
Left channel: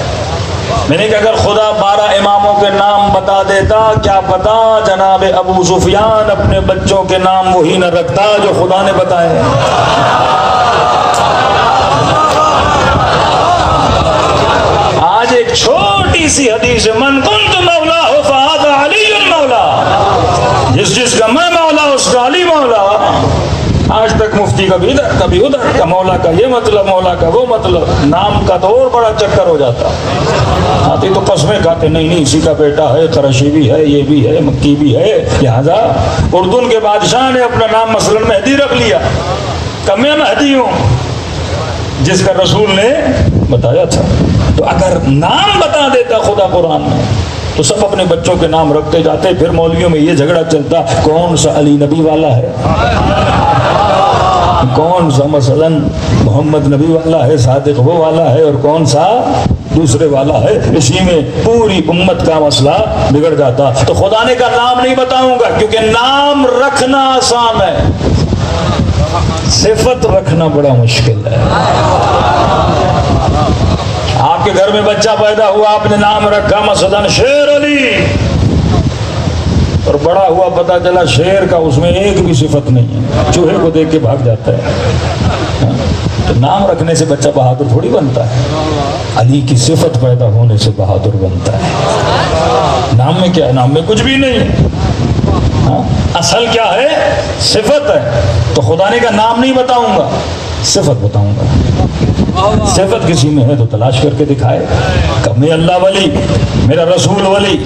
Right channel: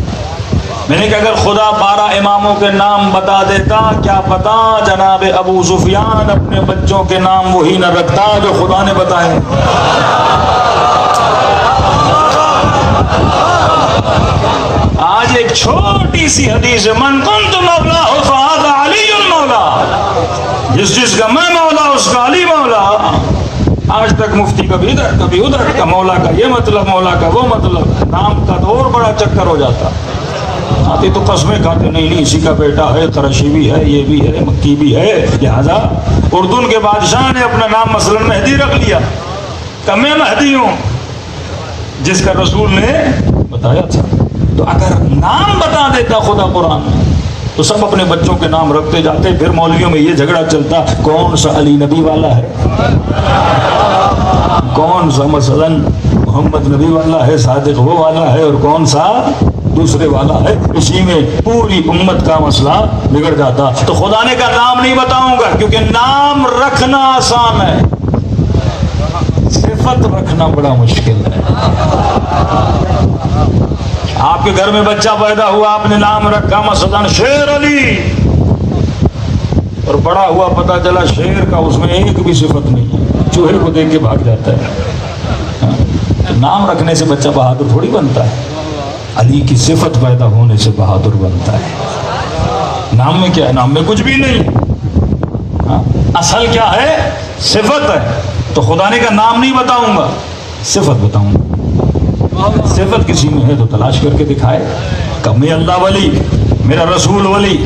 میں نے کہا اگر خدا 12 اماموں کے نام بتا دیتا، کیا پتا جناب ابو سفیان اپنے بچوں کے نام وہی نہ رکھتا جو خدا نے بتائے۔ آج ایک چھوٹی سی حدیث، من کنت مولا فہذا علی المولا، جس کا میں مولا اس کا علی مولا۔ آج تک مفتی کبھی ادھر کبھی ادھر کا، مولا کا یہ مطلب، مولا کا وہ مطلب، نام کا تو اور بڑا چکر ہو جاتا۔ آتے تو قسمیں کھاتے، نہیں اسی کا بیٹا ہے، قریشی بھی ہے، یہ بھی ہے، مکی بھی ہے۔ لہذا اردن کے بادشاہ نے اپنا نام مثلا مہدی رکھ لیا کہ میں مہدی ہوں جس کا رسول نے بتایا تھا۔ تو اگر نام بتا دیتا خدا قرآن میں تو سب اپنے بچوں کے نام رکھتے جاتے، پھر مولویوں میں یہ جھگڑا چلتا کون سا علی نبی والا ہے، کون سا مثلا محمد نبی والا ہے، صادق وہ والا ہے، اور کون سا دوسرے والا ہے۔ اسی میں پوری امت کا مسئلہ بگڑ جاتا۔ تو خدا نے کہا نام نہیں بتاؤں گا کیونکہ نام رکھنا آسان ہے، صفت رکھنا بڑا مشکل ہے۔ آپ کے گھر میں بچہ پیدا ہوا، آپ نے نام رکھا مثلا شیر علی، اور بڑا ہوا پتا چلا شیر کا اس میں ایک بھی صفت نہیں ہے، چوہے کو دیکھ کے بھاگ جاتا ہے۔ تو نام رکھنے سے بچہ بہادر تھوڑی بنتا ہے، علی کی صفت پیدا ہونے سے بہادر بنتا ہے۔ نام میں کیا ہے؟ نام میں کچھ بھی نہیں ہے، اصل کیا ہے؟ صفت ہے۔ تو خدا نے کہا نام نہیں بتاؤں گا، صفت بتاؤں گا۔ صفت کسی میں ہے تو تلاش کر کے دکھائے کہ میں اللہ ولی، میرا رسول ولی۔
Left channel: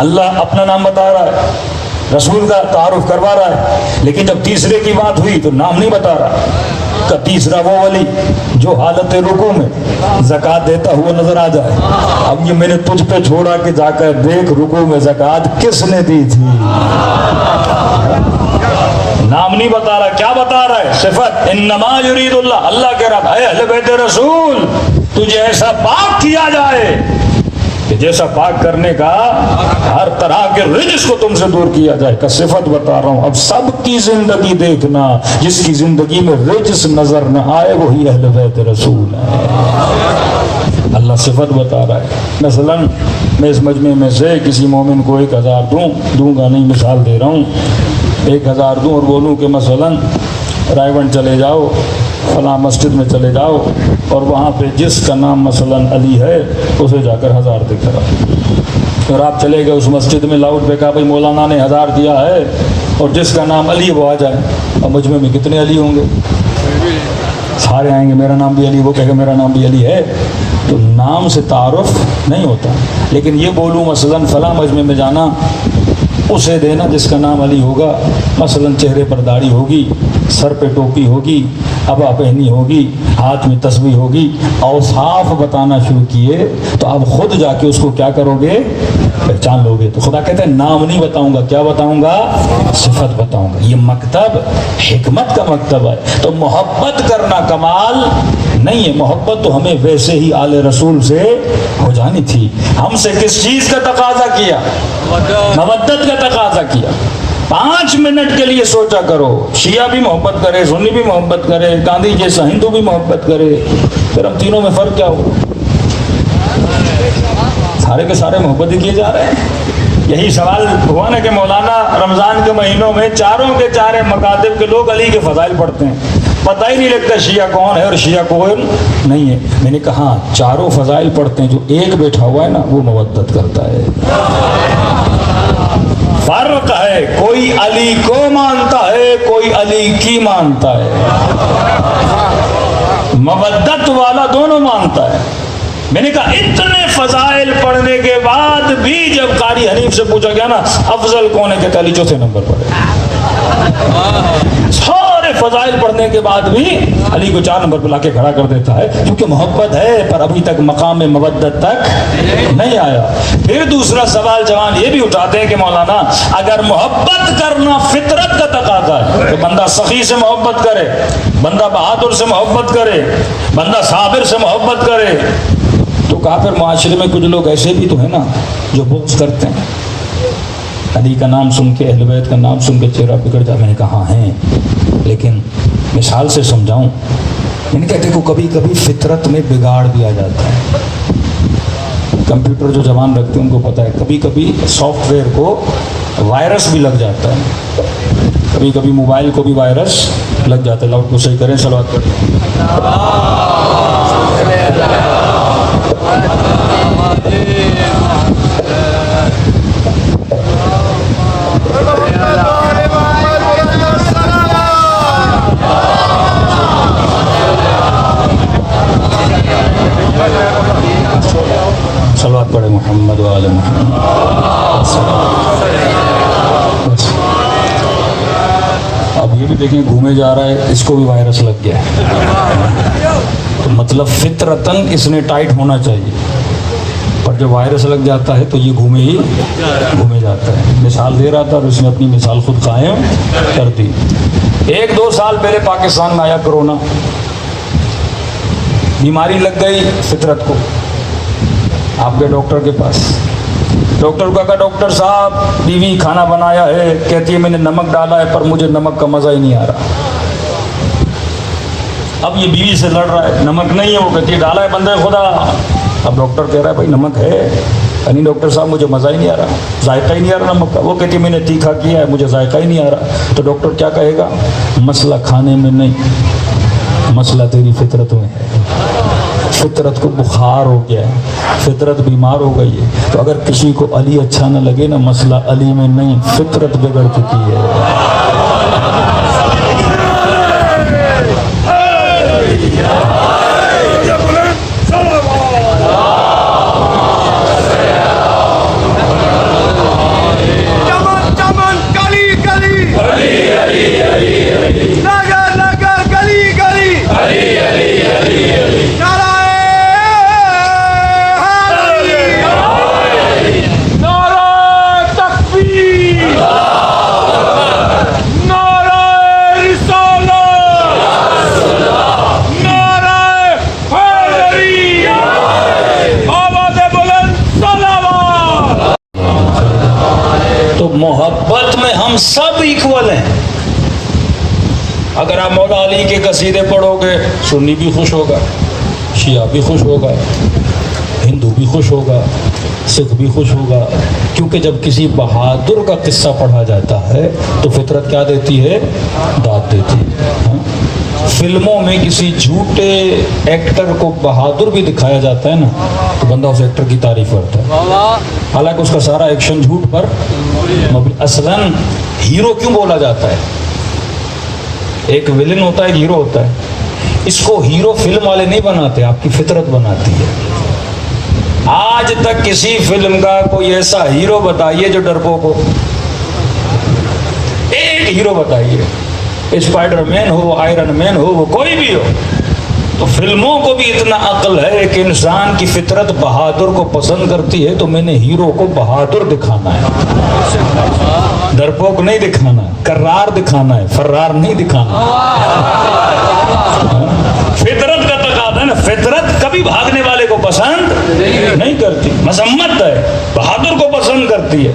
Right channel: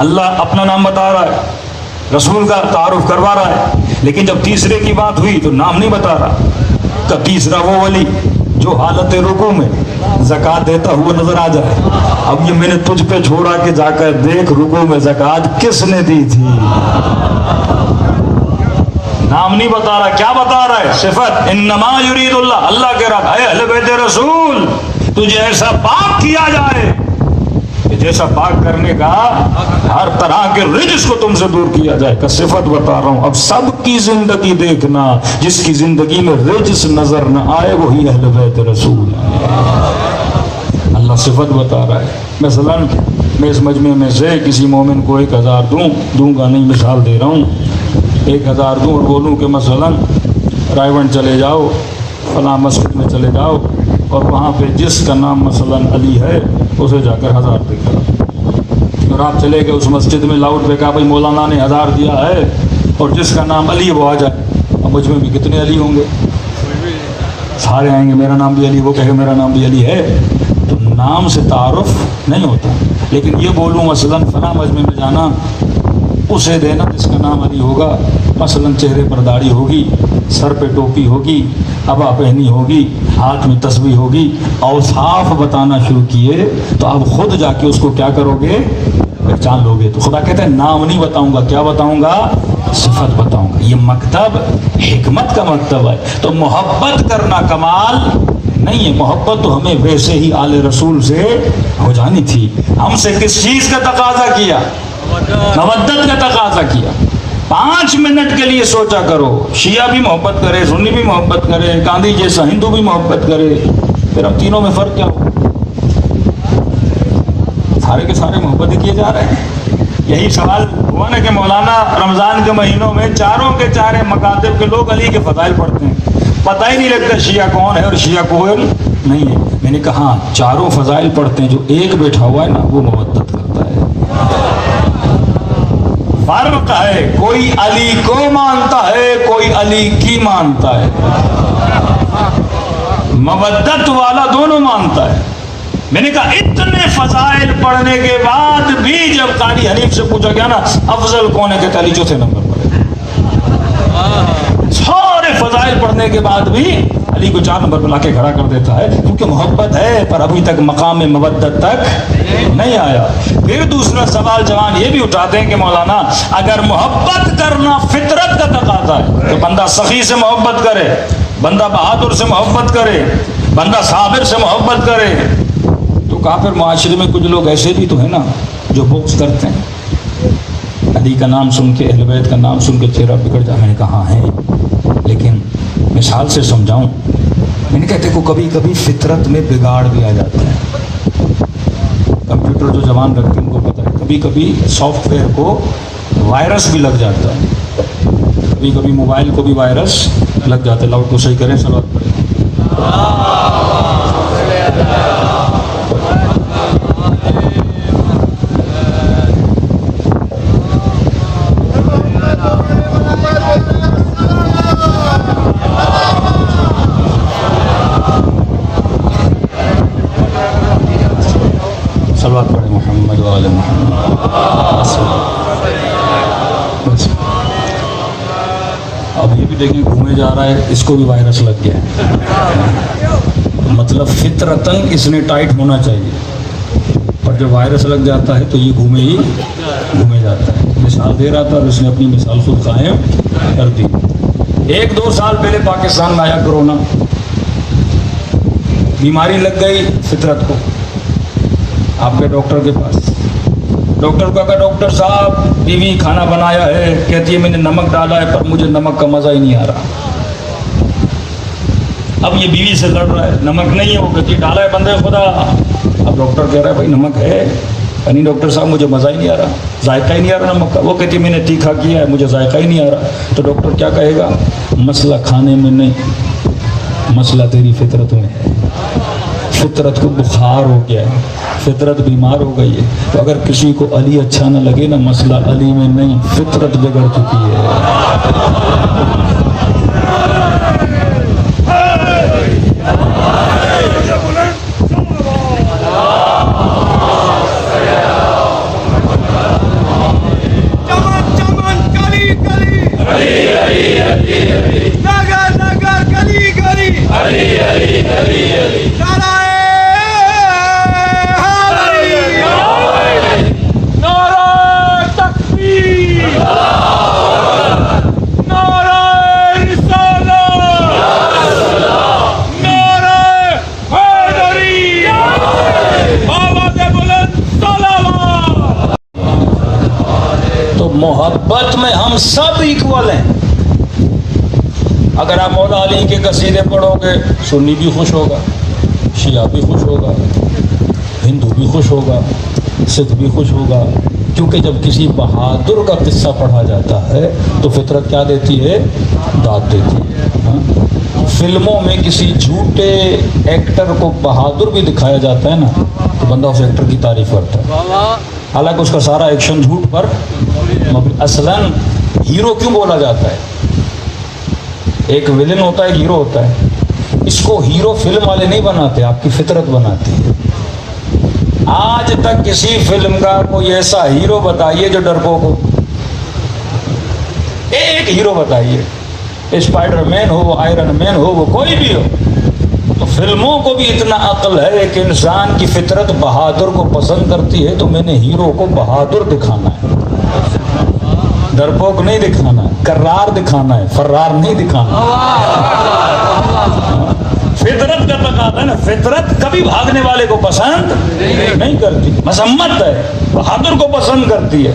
اللہ اپنا نام بتا رہا ہے، رسول کا تعارف کروا رہا ہے، لیکن جب تیسرے کی بات ہوئی تو نام نہیں بتا رہا کہ تیسرا وہ ولی جو حالت رکوع میں زکوٰۃ دیتا ہوا نظر آ جائے۔ اب یہ میں نے تجھ پہ چھوڑا کہ جا کر دیکھ رکوع میں زکوٰۃ کس نے دی تھی۔ نام نہیں بتا رہا، کیا بتا رہا ہے؟ صفت۔ انما یرید اللہ، اللہ کہہ رہا ہے اے اہل بیت رسول تجھے ایسا پاک کیا جائے کہ جیسا پاک کرنے کا ہر طرح کے رجس کو تم سے دور کیا جائے۔ کا صفت بتا رہا ہوں۔ اب سب کی زندگی دیکھنا، جس کی زندگی میں رجس نظر نہ آئے وہی اہل بیت رسول ہے۔ اللہ صفت بتا رہا ہے۔ مثلا میں اس مجمع میں سے کسی مومن کو 1000 دوں گا نہیں، مثال دے رہا ہوں، 1000 دوں اور بولوں کہ مثلا رائے چلے جاؤ، فلاں مسجد میں چلے جاؤ اور وہاں پہ جس کا نام مثلا علی ہے اسے جا کر 1000 دے کر آؤ۔ اور آپ چلے گئے اس مسجد میں، لاؤڈ پہ کہا بھائی مولانا نے 1000 دیا ہے، اور جس کا نام علی وہ آ جائے، اور مجمع میں کتنے علی ہوں گے؟ سارے آئیں گے، میرا نام بھی علی، وہ کہے گا میرا نام بھی علی ہے۔ تو نام سے تعارف نہیں ہوتا، لیکن یہ بولوں مثلا فلاں مجمع میں جانا، اسے دینا جس کا نام علی ہوگا، مثلا چہرے پر داڑھی ہوگی، سر پہ ٹوپی ہوگی، عبا پہنی ہوگی، ہاتھ میں تسبیح ہوگی، اوصاف بتانا شروع کیے تو اب خود جا کے اس کو کیا کرو گے؟ پہچان لو گے۔ تو خدا کہتے ہیں نام نہیں بتاؤں گا، کیا بتاؤں گا؟ صفت بتاؤں گا۔ یہ مکتب حکمت کا مکتب ہے۔ تو محبت کرنا کمال نہیں ہے، محبت تو ہمیں ویسے ہی آل رسول سے ہو جانی تھی۔ ہم سے کس چیز کا تقاضا کیا؟ مودت کا تقاضا کیا۔ 5 5 منٹ کے لیے سوچا کرو، شیعہ بھی محبت کرے، سنی بھی محبت کرے، گاندھی جیسا ہندو بھی محبت کرے، پھر ہم تینوں میں فرق کیا ہو؟ سارے کے سارے محبت ہی کیے جا رہے ہیں۔ یہی سوال ہوا نا کہ مولانا رمضان کے مہینوں میں چاروں کے چارے مکاتب کے لوگ علی کے فضائل پڑھتے ہیں، پتہ ہی نہیں لگتا شیعہ کون ہے اور شیعہ کون نہیں ہے۔ میں نے کہا ہاں، چاروں فضائل پڑھتے ہیں، جو ایک بیٹھا ہوا ہے نا وہ مودت کرتا ہے۔ فرق ہے، کوئی علی کو مانتا ہے، کوئی علی کی مانتا ہے، مودت والا دونوں مانتا ہے۔ میں نے کہا اتنے فضائل پڑھنے کے بعد بھی جب قاری حنیف سے پوچھا گیا نا افضل کون ہے، کہ علی چوتھے نمبر پر ہے۔ سارے فضائل پڑھنے کے بعد بھی علی کو 4 نمبر پر لا کے کھڑا کر دیتا ہے، کیونکہ محبت ہے پر ابھی تک مقام مودت تک نہیں آیا۔ پھر دوسرا سوال جوان یہ بھی اٹھاتے ہیں کہ مولانا اگر محبت کرنا فطرت کا تقاضا ہے تو بندہ سخی سے محبت کرے، بندہ بہادر سے محبت کرے، بندہ صابر سے محبت کرے، تو کافر معاشرے میں کچھ لوگ ایسے بھی تو ہیں نا جو بغض کرتے ہیں، علی کا نام سن کے، اہل بیت کا نام سن کے چہرہ بگڑ جائے۔ میں نے کہا ہیں، لیکن مثال سے سمجھاؤں، میں نے کہتے کہ کبھی کبھی فطرت میں بگاڑ بھی آ جاتا ہے۔ کمپیوٹر جو جوان رکھتے ہیں ان کو پتہ ہے، کبھی کبھی سافٹ ویئر کو وائرس بھی لگ جاتا ہے، کبھی کبھی موبائل کو بھی وائرس لگ جاتا ہے۔ لاؤڈ کو صحیح کریں، صلوات کریں۔ صلوات پڑھے محمد و آل محمد۔ اب یہ بھی دیکھیں گھومے جا رہا ہے، اس کو بھی وائرس لگ گیا ہے، تو مطلب فطرتاً اس نے ٹائٹ ہونا چاہیے، پر جب وائرس لگ جاتا ہے تو یہ گھومے جاتا ہے۔ مثال دے رہا تھا اور اس نے اپنی مثال خود قائم کر دی۔ 1-2 سال پہلے پاکستان میں آیا کرونا، بیماری لگ گئی فطرت کو، آپ کے ڈاکٹر کے پاس، ڈاکٹر کو کہا ڈاکٹر صاحب بیوی کھانا بنایا ہے، کہتی ہے میں نے نمک ڈالا ہے پر مجھے نمک کا مزہ ہی نہیں آ رہا۔ اب یہ بیوی سے لڑ رہا ہے، نمک نہیں ہے، وہ کہتی ہے ڈالا ہے بندے خدا۔ اب ڈاکٹر کہہ رہا ہے بھائی نمک ہے، یعنی ڈاکٹر صاحب مجھے مزہ ہی نہیں آ رہا، ذائقہ ہی نہیں آ رہا نمک کا۔ وہ کہتی ہے میں نے تیکھا کیا ہے، مجھے ذائقہ ہی نہیں آ رہا۔ تو ڈاکٹر کیا کہے گا؟ مسئلہ کھانے میں نہیں، مسئلہ تیری فطرت میں ہے، فطرت کو بخار ہو گیا ہے، فطرت بیمار ہو گئی ہے۔ تو اگر کسی کو علی اچھا نہ لگے نا، مسئلہ علی میں نہیں، فطرت بگڑ چکی ہے۔ محبت میں ہم سب ایکول ہیں۔ اگر آپ مولا علی کے قصیدے پڑھو گے، سنی بھی خوش ہوگا، شیعہ بھی خوش ہوگا، ہندو بھی خوش ہوگا، سکھ بھی خوش ہوگا، کیونکہ جب کسی بہادر کا قصہ پڑھا جاتا ہے تو فطرت کیا دیتی ہے؟ داد دیتی ہے۔ فلموں میں کسی جھوٹے ایکٹر کو بہادر بھی دکھایا جاتا ہے نا تو بندہ اس ایکٹر کی تعریف کرتا ہے، حالانکہ اس کا سارا ایکشن جھوٹ پر مبنی۔ اصلاً ہیرو کیوں بولا جاتا ہے؟ ایک ویلن ہوتا ہے، ایک ہیرو ہوتا ہے۔ اس کو ہیرو فلم والے نہیں بناتے، آپ کی فطرت بناتی ہے۔ آج تک کسی فلم کا کوئی ایسا ہیرو بتائیے جو ڈرپوک ہو، ایک ہیرو بتائیے، اسپائڈر مین ہو، وہ آئرن مین ہو، وہ کوئی بھی ہو۔ تو فلموں کو بھی اتنا عقل ہے کہ انسان کی فطرت بہادر کو پسند کرتی ہے، تو میں نے ہیرو کو بہادر دکھانا ہے، ڈرپوک نہیں دکھانا، کرار دکھانا ہے، فرار نہیں دکھانا۔ فطرت کا تقاضا ہے نا، فطرت کبھی بھاگنے والے کو پسند نہیں کرتی، مذمت ہے، بہادر کو پسند کرتی ہے۔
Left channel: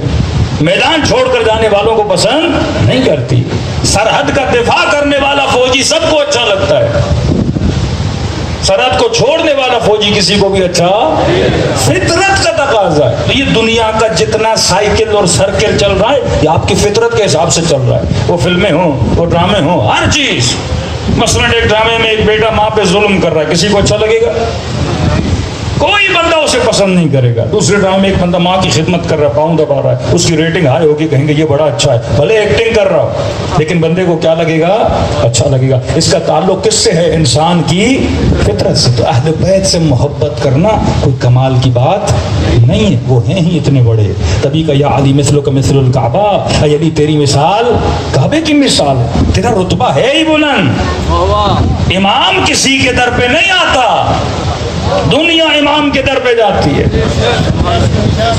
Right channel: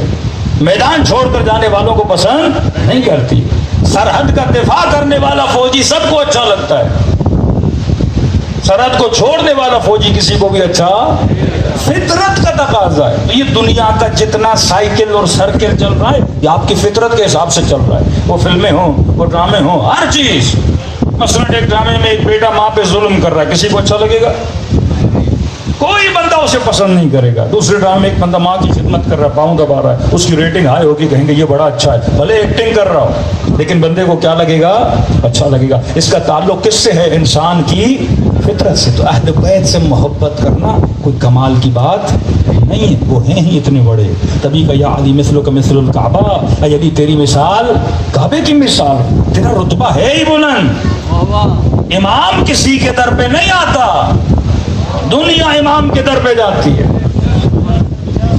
میدان چھوڑ کر جانے والوں کو پسند نہیں کرتی. سرحد کا دفاع کرنے والا فوجی سب کو اچھا لگتا ہے, سرحد کو چھوڑنے والا فوجی کسی کو بھی اچھا. فطرت کا تقاضا ہے. یہ دنیا کا جتنا سائیکل اور سرکل چل رہا ہے یہ آپ کی فطرت کے حساب سے چل رہا ہے. وہ فلمیں ہوں, وہ ڈرامے ہوں, ہر چیز. مثلا ایک ڈرامے میں ایک بیٹا ماں پہ ظلم کر رہا ہے, کسی کو اچھا لگے گا؟ کوئی بندہ اسے پسند نہیں کرے گا. دوسرے ڈرامے میں ایک بندہ ماں کی خدمت کر رہا ہے, پاؤں دبا رہا ہے, اس کی ریٹنگ ہائی ہوگی, کہیں گے یہ بڑا اچھا ہے, بھلے ایکٹنگ کر رہا ہو لیکن بندے کو کیا لگے گا؟ اچھا لگے گا. اس کا تعلق کس سے ہے؟ انسان کی فطرت سے. تو اہل بیت سے محبت کرنا کوئی کمال کی بات نہیں ہے, وہ ہیں ہی اتنے بڑے. تبھی کہ یا علی مثلک مثل الکعبہ, اے علی تیری مثال کعبے کی مثال. تیرا رتبہ ہے ہی بلند. امام کسی کے در پہ نہیں آتا, دنیا امام کے در پہ جاتی ہے.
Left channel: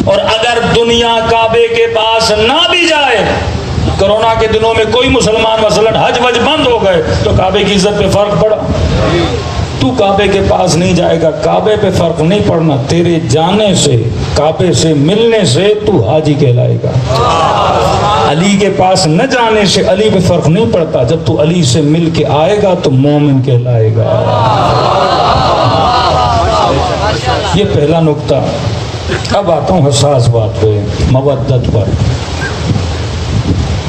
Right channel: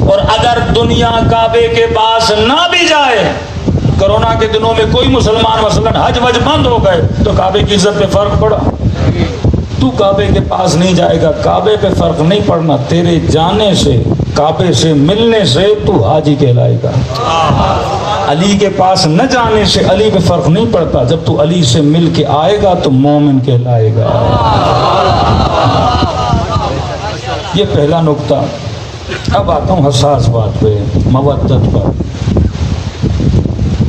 اور اگر دنیا کعبے کے پاس نہ بھی جائے, کرونا کے دنوں میں کوئی مسلمان مثلا حج وج بند ہو گئے تو کعبے کی عزت پہ فرق پڑا. تو کعبے کے پاس نہیں جائے گا, کعبے پہ فرق نہیں پڑنا. تیرے جانے سے, کعبے سے ملنے سے تو حاجی کہلائے گا. علی کے پاس نہ جانے سے علی پہ فرق نہیں پڑتا. جب تو علی سے مل کے آئے گا تو مومن کہلائے گا. یہ پہلا نقطہ. اب آتا ہوں حساس بات پہ, مودت پر.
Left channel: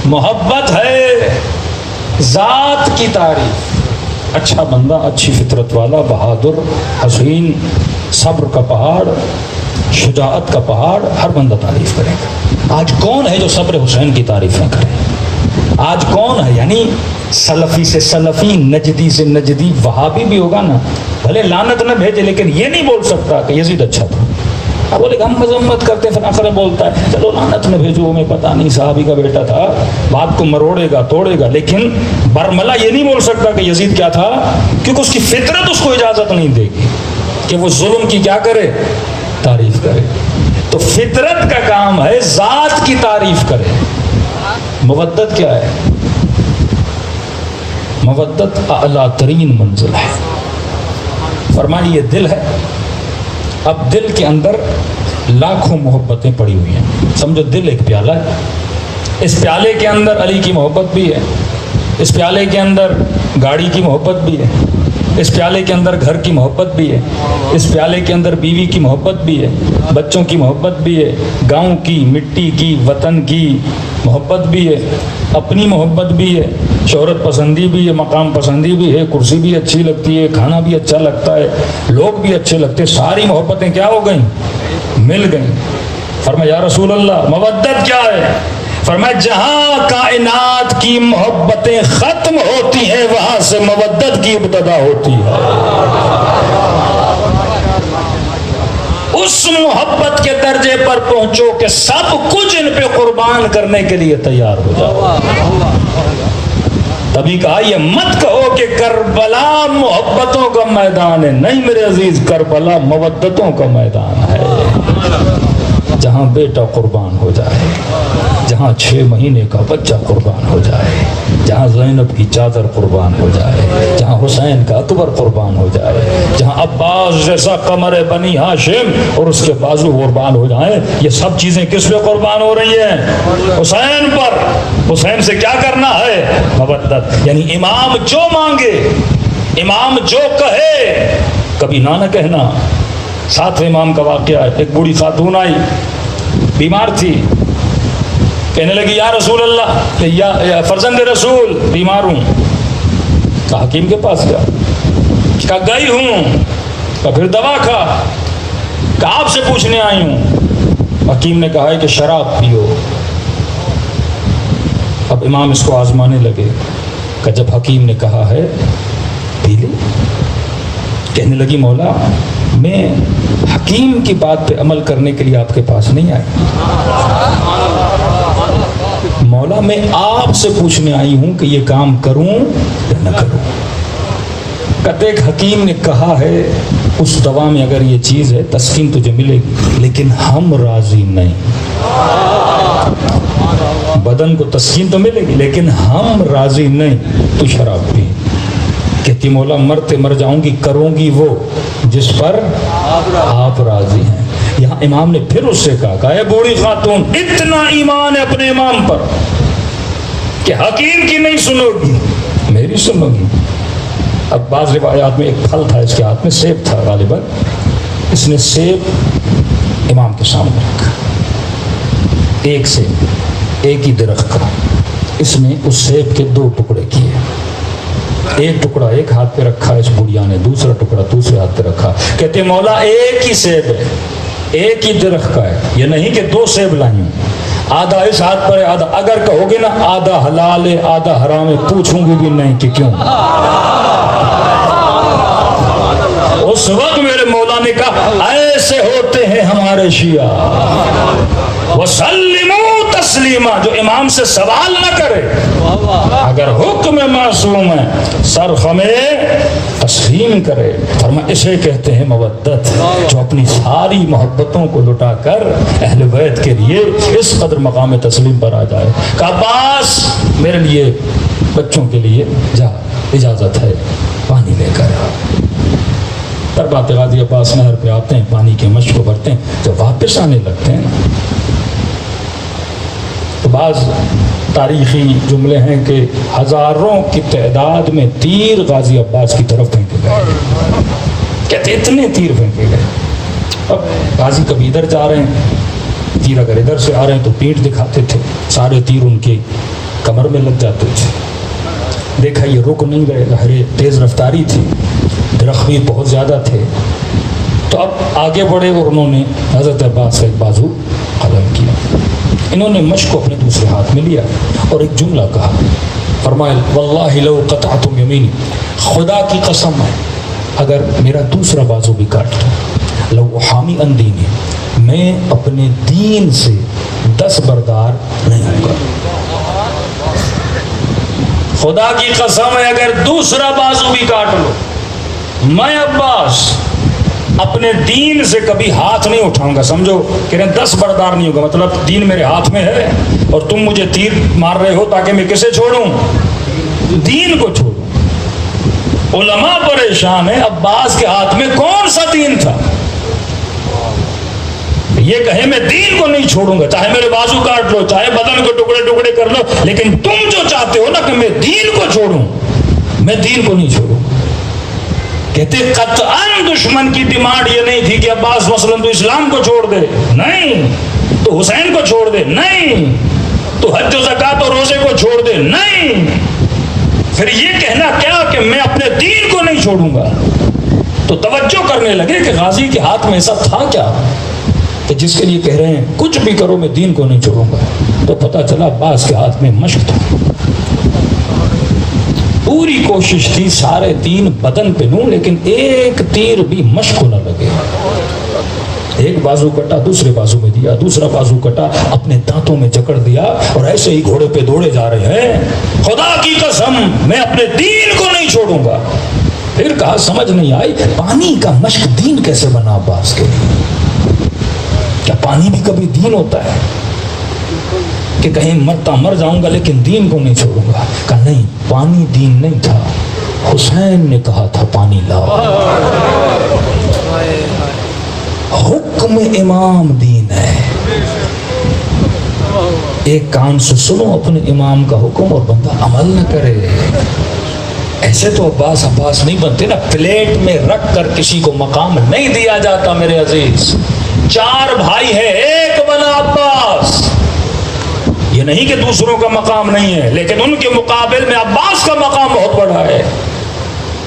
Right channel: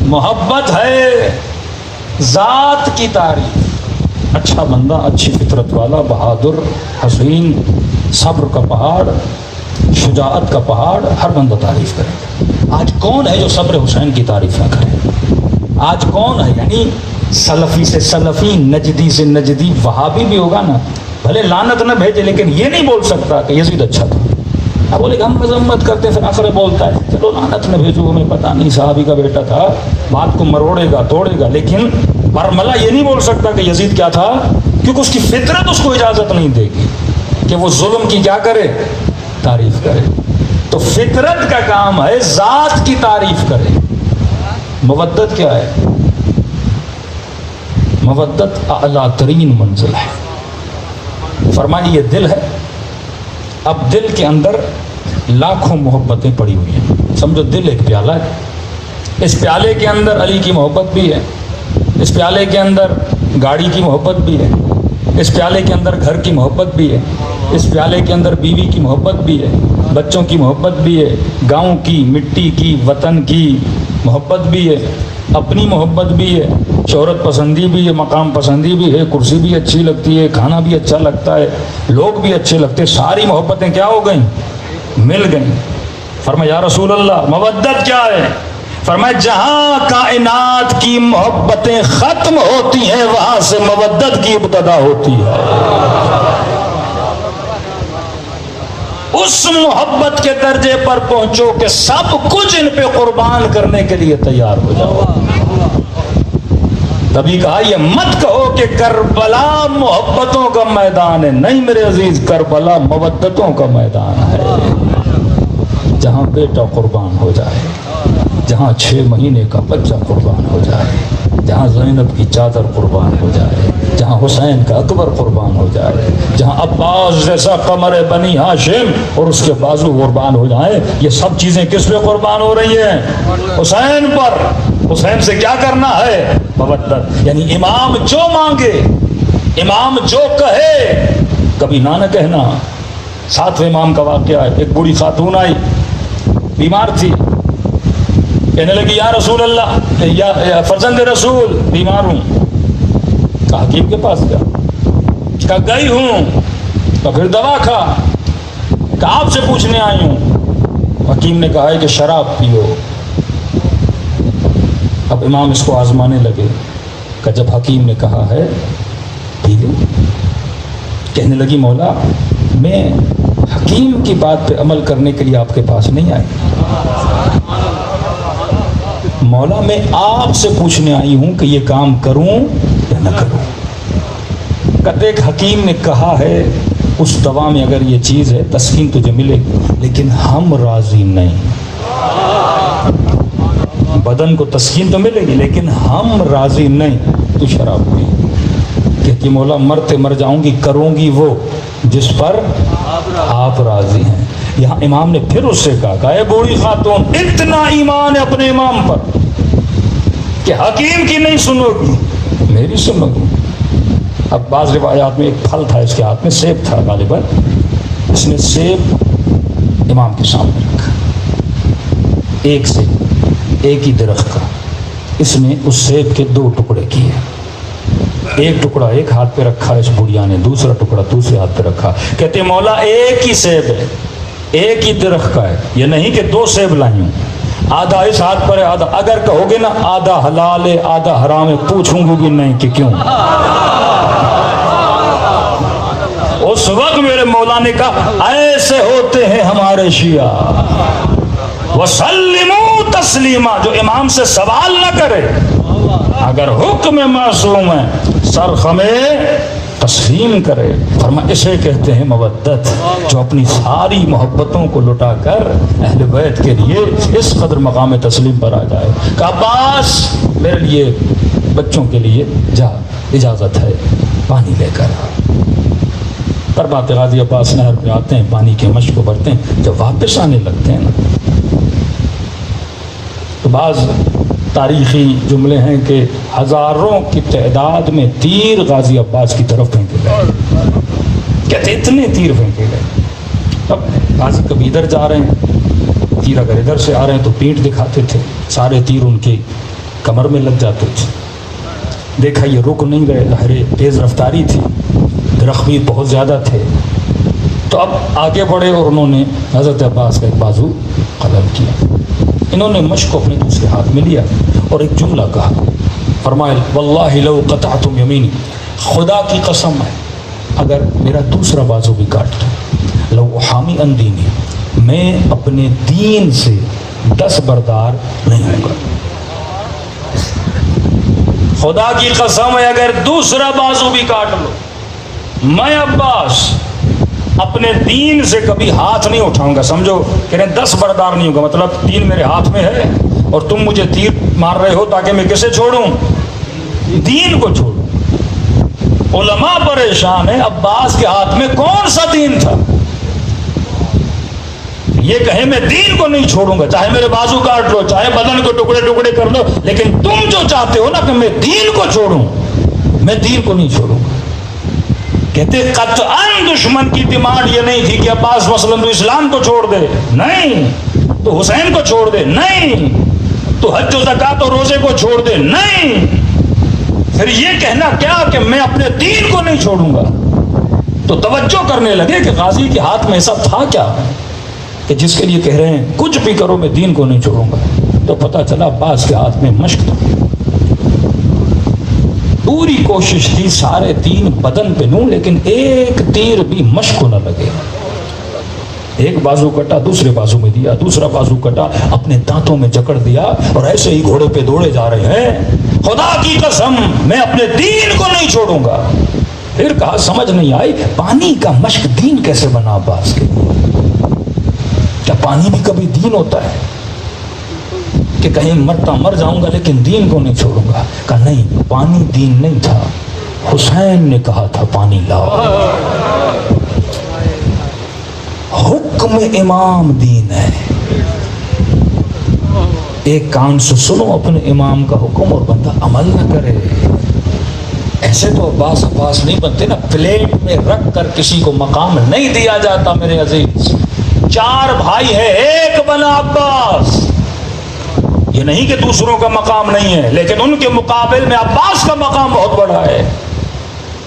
محبت ہے ذات کی تعریف. اچھا بندہ, اچھی فطرت والا, بہادر, حسین, صبر کا پہاڑ, شجاعت کا پہاڑ, ہر بندہ تعریف کرے گا. آج کون ہے جو صبر حسین کی تعریف نہ کرے؟ آج کون ہے؟ یعنی سلفی سے سلفی, نجدی سے نجدی, وہابی بھی ہوگا نا, بھلے لعنت نہ بھیجے لیکن یہ نہیں بول سکتا کہ یزید اچھا تھا. اب بولے کہ ہم مذمت کرتے, پھر آخر بولتا ہے چلو لعنت نہ بھیجو, ہمیں پتہ نہیں صحابی کا بیٹا تھا. بات کو مروڑے گا, توڑے گا, لیکن برملا یہ نہیں بول سکتا کہ یزید کیا تھا, کیونکہ اس کی فطرت اس کو اجازت نہیں دے گی کہ وہ ظلم کی کیا کرے, تعریف کرے. تو فطرت کا کام ہے ذات کی تعریف کرے. مودت کیا ہے؟ مودت اعلیٰ ترین منزل ہے. فرمایا یہ دل ہے. اب دل کے اندر لاکھوں محبتیں پڑی ہوئی ہیں. سمجھو دل ایک پیالہ ہے. اس پیالے کے اندر علی کی محبت بھی ہے, اس پیالے کے اندر گاڑی کی محبت بھی ہے, اس پیالے کے اندر گھر کی محبت بھی ہے, اس پیالے کے اندر بیوی کی محبت بھی ہے, بچوں کی محبت بھی ہے, گاؤں کی, مٹی کی, وطن کی محبت بھی ہے, اپنی محبت بھی ہے, شہرت پسندی بھی ہے, مقام پسندی بھی ہے, کرسی بھی اچھی لگتی ہے, کھانا بھی اچھا لگتا ہے, لوگ بھی اچھے لگتے. ساری محبتیں کیا ہو گئیں؟ مل گئیں. فرمایا یا رسول اللہ مودت کیا ہے؟ فرمایا جہاں کائنات کی محبتیں ختم ہوتی ہیں وہاں سے مودت کی ابتدا ہوتی ہے. اس محبت کے درجے پر پہنچو کہ سب کچھ ان پہ قربان کرنے کے لیے تیار ہو جاؤ. تبھی کہا یہ مت کہو کہ کربلا محبتوں کا میدان ہے. نہیں میرے عزیز, کربلا مودتوں کا میدان ہے. جہاں بیٹا قربان ہو جائے, جہاں 6 مہینے کا بچہ قربان ہو جائے, جہاں زینب کی چادر قربان ہو جائے, جہاں حسین کا اکبر قربان ہو جائے, جہاں عباس جیسا قمر بنی ہاشم اور اس کے بازو قربان ہو جائیں, یہ سب چیزیں کس پہ قربان ہو رہی ہیں؟ حسین پر. حسین سے کیا کرنا ہے؟ مودت. یعنی امام جو مانگے, امام جو کہے, کبھی نہ کہنا. 7ویں امام کا واقعہ ہے. ایک بوڑھی خاتون آئی, بیمار تھی, کہنے لگی یا رسول اللہ, یا فرزند رسول بیمار ہوں. کہا حکیم کے پاس گیا, کہا گئی ہوں, کہا پھر دوا کھا, کہا آپ سے پوچھنے آئی ہوں. حکیم نے کہا ہے کہ شراب پیو. اب امام اس کو آزمانے لگے کہ جب حکیم نے کہا ہے پی لو. کہنے لگی مولا میں حکیم کی بات پہ عمل کرنے کے لیے آپ کے پاس نہیں آئی, مولا میں آپ سے پوچھنے آئی ہوں کہ یہ کام کروں یا نہ کروں. کہتے ایک حکیم نے کہا ہے اس دوا میں اگر یہ چیز ہے تسکین تجھے ملے گی, لیکن ہم راضی نہیں. بدن کو تسکین تو ملے گی لیکن ہم راضی نہیں, تو شراب پی. کہتی مولا مرتے مر جاؤں گی, کروں گی وہ جس پر آپ راضی ہیں. یہاں امام نے پھر اس سے کہا اے بوڑھی خاتون، اتنا ایمان ہے اپنے امام پر کہ حکیم کی نہیں سنو گی، میری سنو گی۔ اب بعض روایات میں ایک پھل تھا اس کے ہاتھ میں، سیب تھا غالباً، اس نے سیب امام کے سامنے رکھا، ایک سیب، ایک ہی درخت کا، اس نے اس سیب کے 2 ٹکڑے کیے، ایک ٹکڑا ایک ہاتھ پہ رکھا اس بڑھیا نے، دوسرا ٹکڑا دوسرے ہاتھ پہ رکھا، کہتے مولا ایک ہی سیب ہے، ایک ہی درخت کا ہے، یہ نہیں کہ 2 سیب لائی ہوں، آدھا اس ہاتھ پر ہے آدھا، اگر کہو گے نا آدھا حلال ہے آدھا حرام ہے، پوچھوں گی بھی نہیں کہ کیوں۔ اس وقت میرے مولا نے کہا ایسے ہوتے ہیں ہمارے شیعہ، وسلموا تسلیما، جو امام سے سوال نہ کرے، اگر حکم معصوم ہے سر خمے تسلیم کرے۔ فرما اسے کہتے ہیں مودت، جو اپنی ساری محبتوں کو لٹا کر اہل بیت کے لیے اس قدر مقام تسلیم پر آ جائے۔ کہ عباس میرے لیے بچوں کے لیے جا، اجازت ہے، پانی لے کر۔ تربات غازی عباس نہر پہ آتے ہیں، پانی کے مشق کو بھرتے ہیں، جب واپس آنے لگتے ہیں تو بعض تاریخی جملے ہیں کہ ہزاروں کی تعداد میں تیر غازی عباس کی طرف پھینکے گئے، کہتے اتنے تیر پھینکے گئے۔ اب غازی کبھی ادھر جا رہے ہیں، تیر اگر ادھر سے آ رہے ہیں تو پیٹھ دکھاتے تھے، سارے تیر ان کی کمر میں لگ جاتے تھے۔ دیکھا یہ رک نہیں گئے، لہریں تیز رفتاری تھی، درخت بھی بہت زیادہ تھے، تو اب آگے بڑھے اور انہوں نے حضرت عباس کا ایک بازو قلم کیا، انہوں نے مشق کو اپنے دوسرے ہاتھ میں لیا اور ایک جملہ کہا، فرمایا واللہ لو قطعتم یمینی، خدا کی قسم ہے اگر میرا دوسرا بازو بھی کاٹ لو، لو احامی عن دینی، میں اپنے دین سے دستبردار نہیں ہوں گا۔ خدا کی قسم ہے اگر دوسرا بازو بھی کاٹ لو، میں عباس اپنے دین سے کبھی ہاتھ نہیں اٹھاؤں گا۔ سمجھو کہ دستبردار نہیں ہوگا، مطلب دین میرے ہاتھ میں ہے اور تم مجھے تیر مار رہے ہو تاکہ میں کسے چھوڑوں؟ دین کو چھوڑوں۔ علماء پریشان ہیں، عباس کے ہاتھ میں کون سا دین تھا؟ یہ کہے میں دین کو نہیں چھوڑوں گا، چاہے میرے بازو کاٹ لو، چاہے بدن کو ٹکڑے ٹکڑے کر لو، لیکن تم جو چاہتے ہو نا کہ میں دین کو چھوڑوں، میں دین کو نہیں چھوڑوں گا۔ کہتے قطعاً دشمن کی ڈیمانڈ یہ نہیں تھی کہ عباس مثلاً تو اسلام کو چھوڑ دے، نہیں، تو حسین کو چھوڑ دے، نہیں، تو حج و زکوٰۃ و روزے کو چھوڑ دے، نہیں، پھر یہ کہنا کیا کہ میں اپنے دین کو نہیں چھوڑوں گا۔ تو توجہ کرنے لگے کہ غازی کے ہاتھ میں ایسا تھا کیا کہ جس کے لیے کہہ رہے ہیں کچھ بھی کرو میں دین کو نہیں چھوڑوں گا۔ تو پتہ چلا عباس کے ہاتھ میں مشق تھا، پوری کوشش تھی سارے تین بدن پہ لوں لیکن ایک تیر بھی مشق کو نہ لگے۔ ایک بازو کٹا دوسرے بازو میں دیا، دوسرا بازو کٹا اپنے دانتوں میں جکڑ دیا اور ایسے ہی گھوڑے پہ دوڑے جا رہے ہیں، خدا کی قسم میں اپنے دین کو نہیں چھوڑوں گا۔ پھر کہا سمجھ نہیں آئی پانی کا مشق دین کیسے بنا عباس کے لیے؟ کیا پانی بھی کبھی دین ہوتا ہے کہ کہیں مرتا مر جاؤں گا لیکن دین کو نہیں چھوڑوں گا؟ کہا نہیں، پانی دین نہیں تھا، حسین نے کہا تھا پانی لاؤ۔ حکم امام دین ہے، ایک کان سے سنو اپنے امام کا حکم اور بندہ عمل نہ کرے۔ ایسے تو عباس نہیں بنتے نا، پلیٹ میں رکھ کر کسی کو مقام نہیں دیا جاتا میرے عزیز۔ 4 بھائی ہیں، ایک بنا عباس۔ یہ نہیں کہ دوسروں کا مقام نہیں ہے لیکن ان کے مقابل میں عباس کا مقام بہت بڑا ہے۔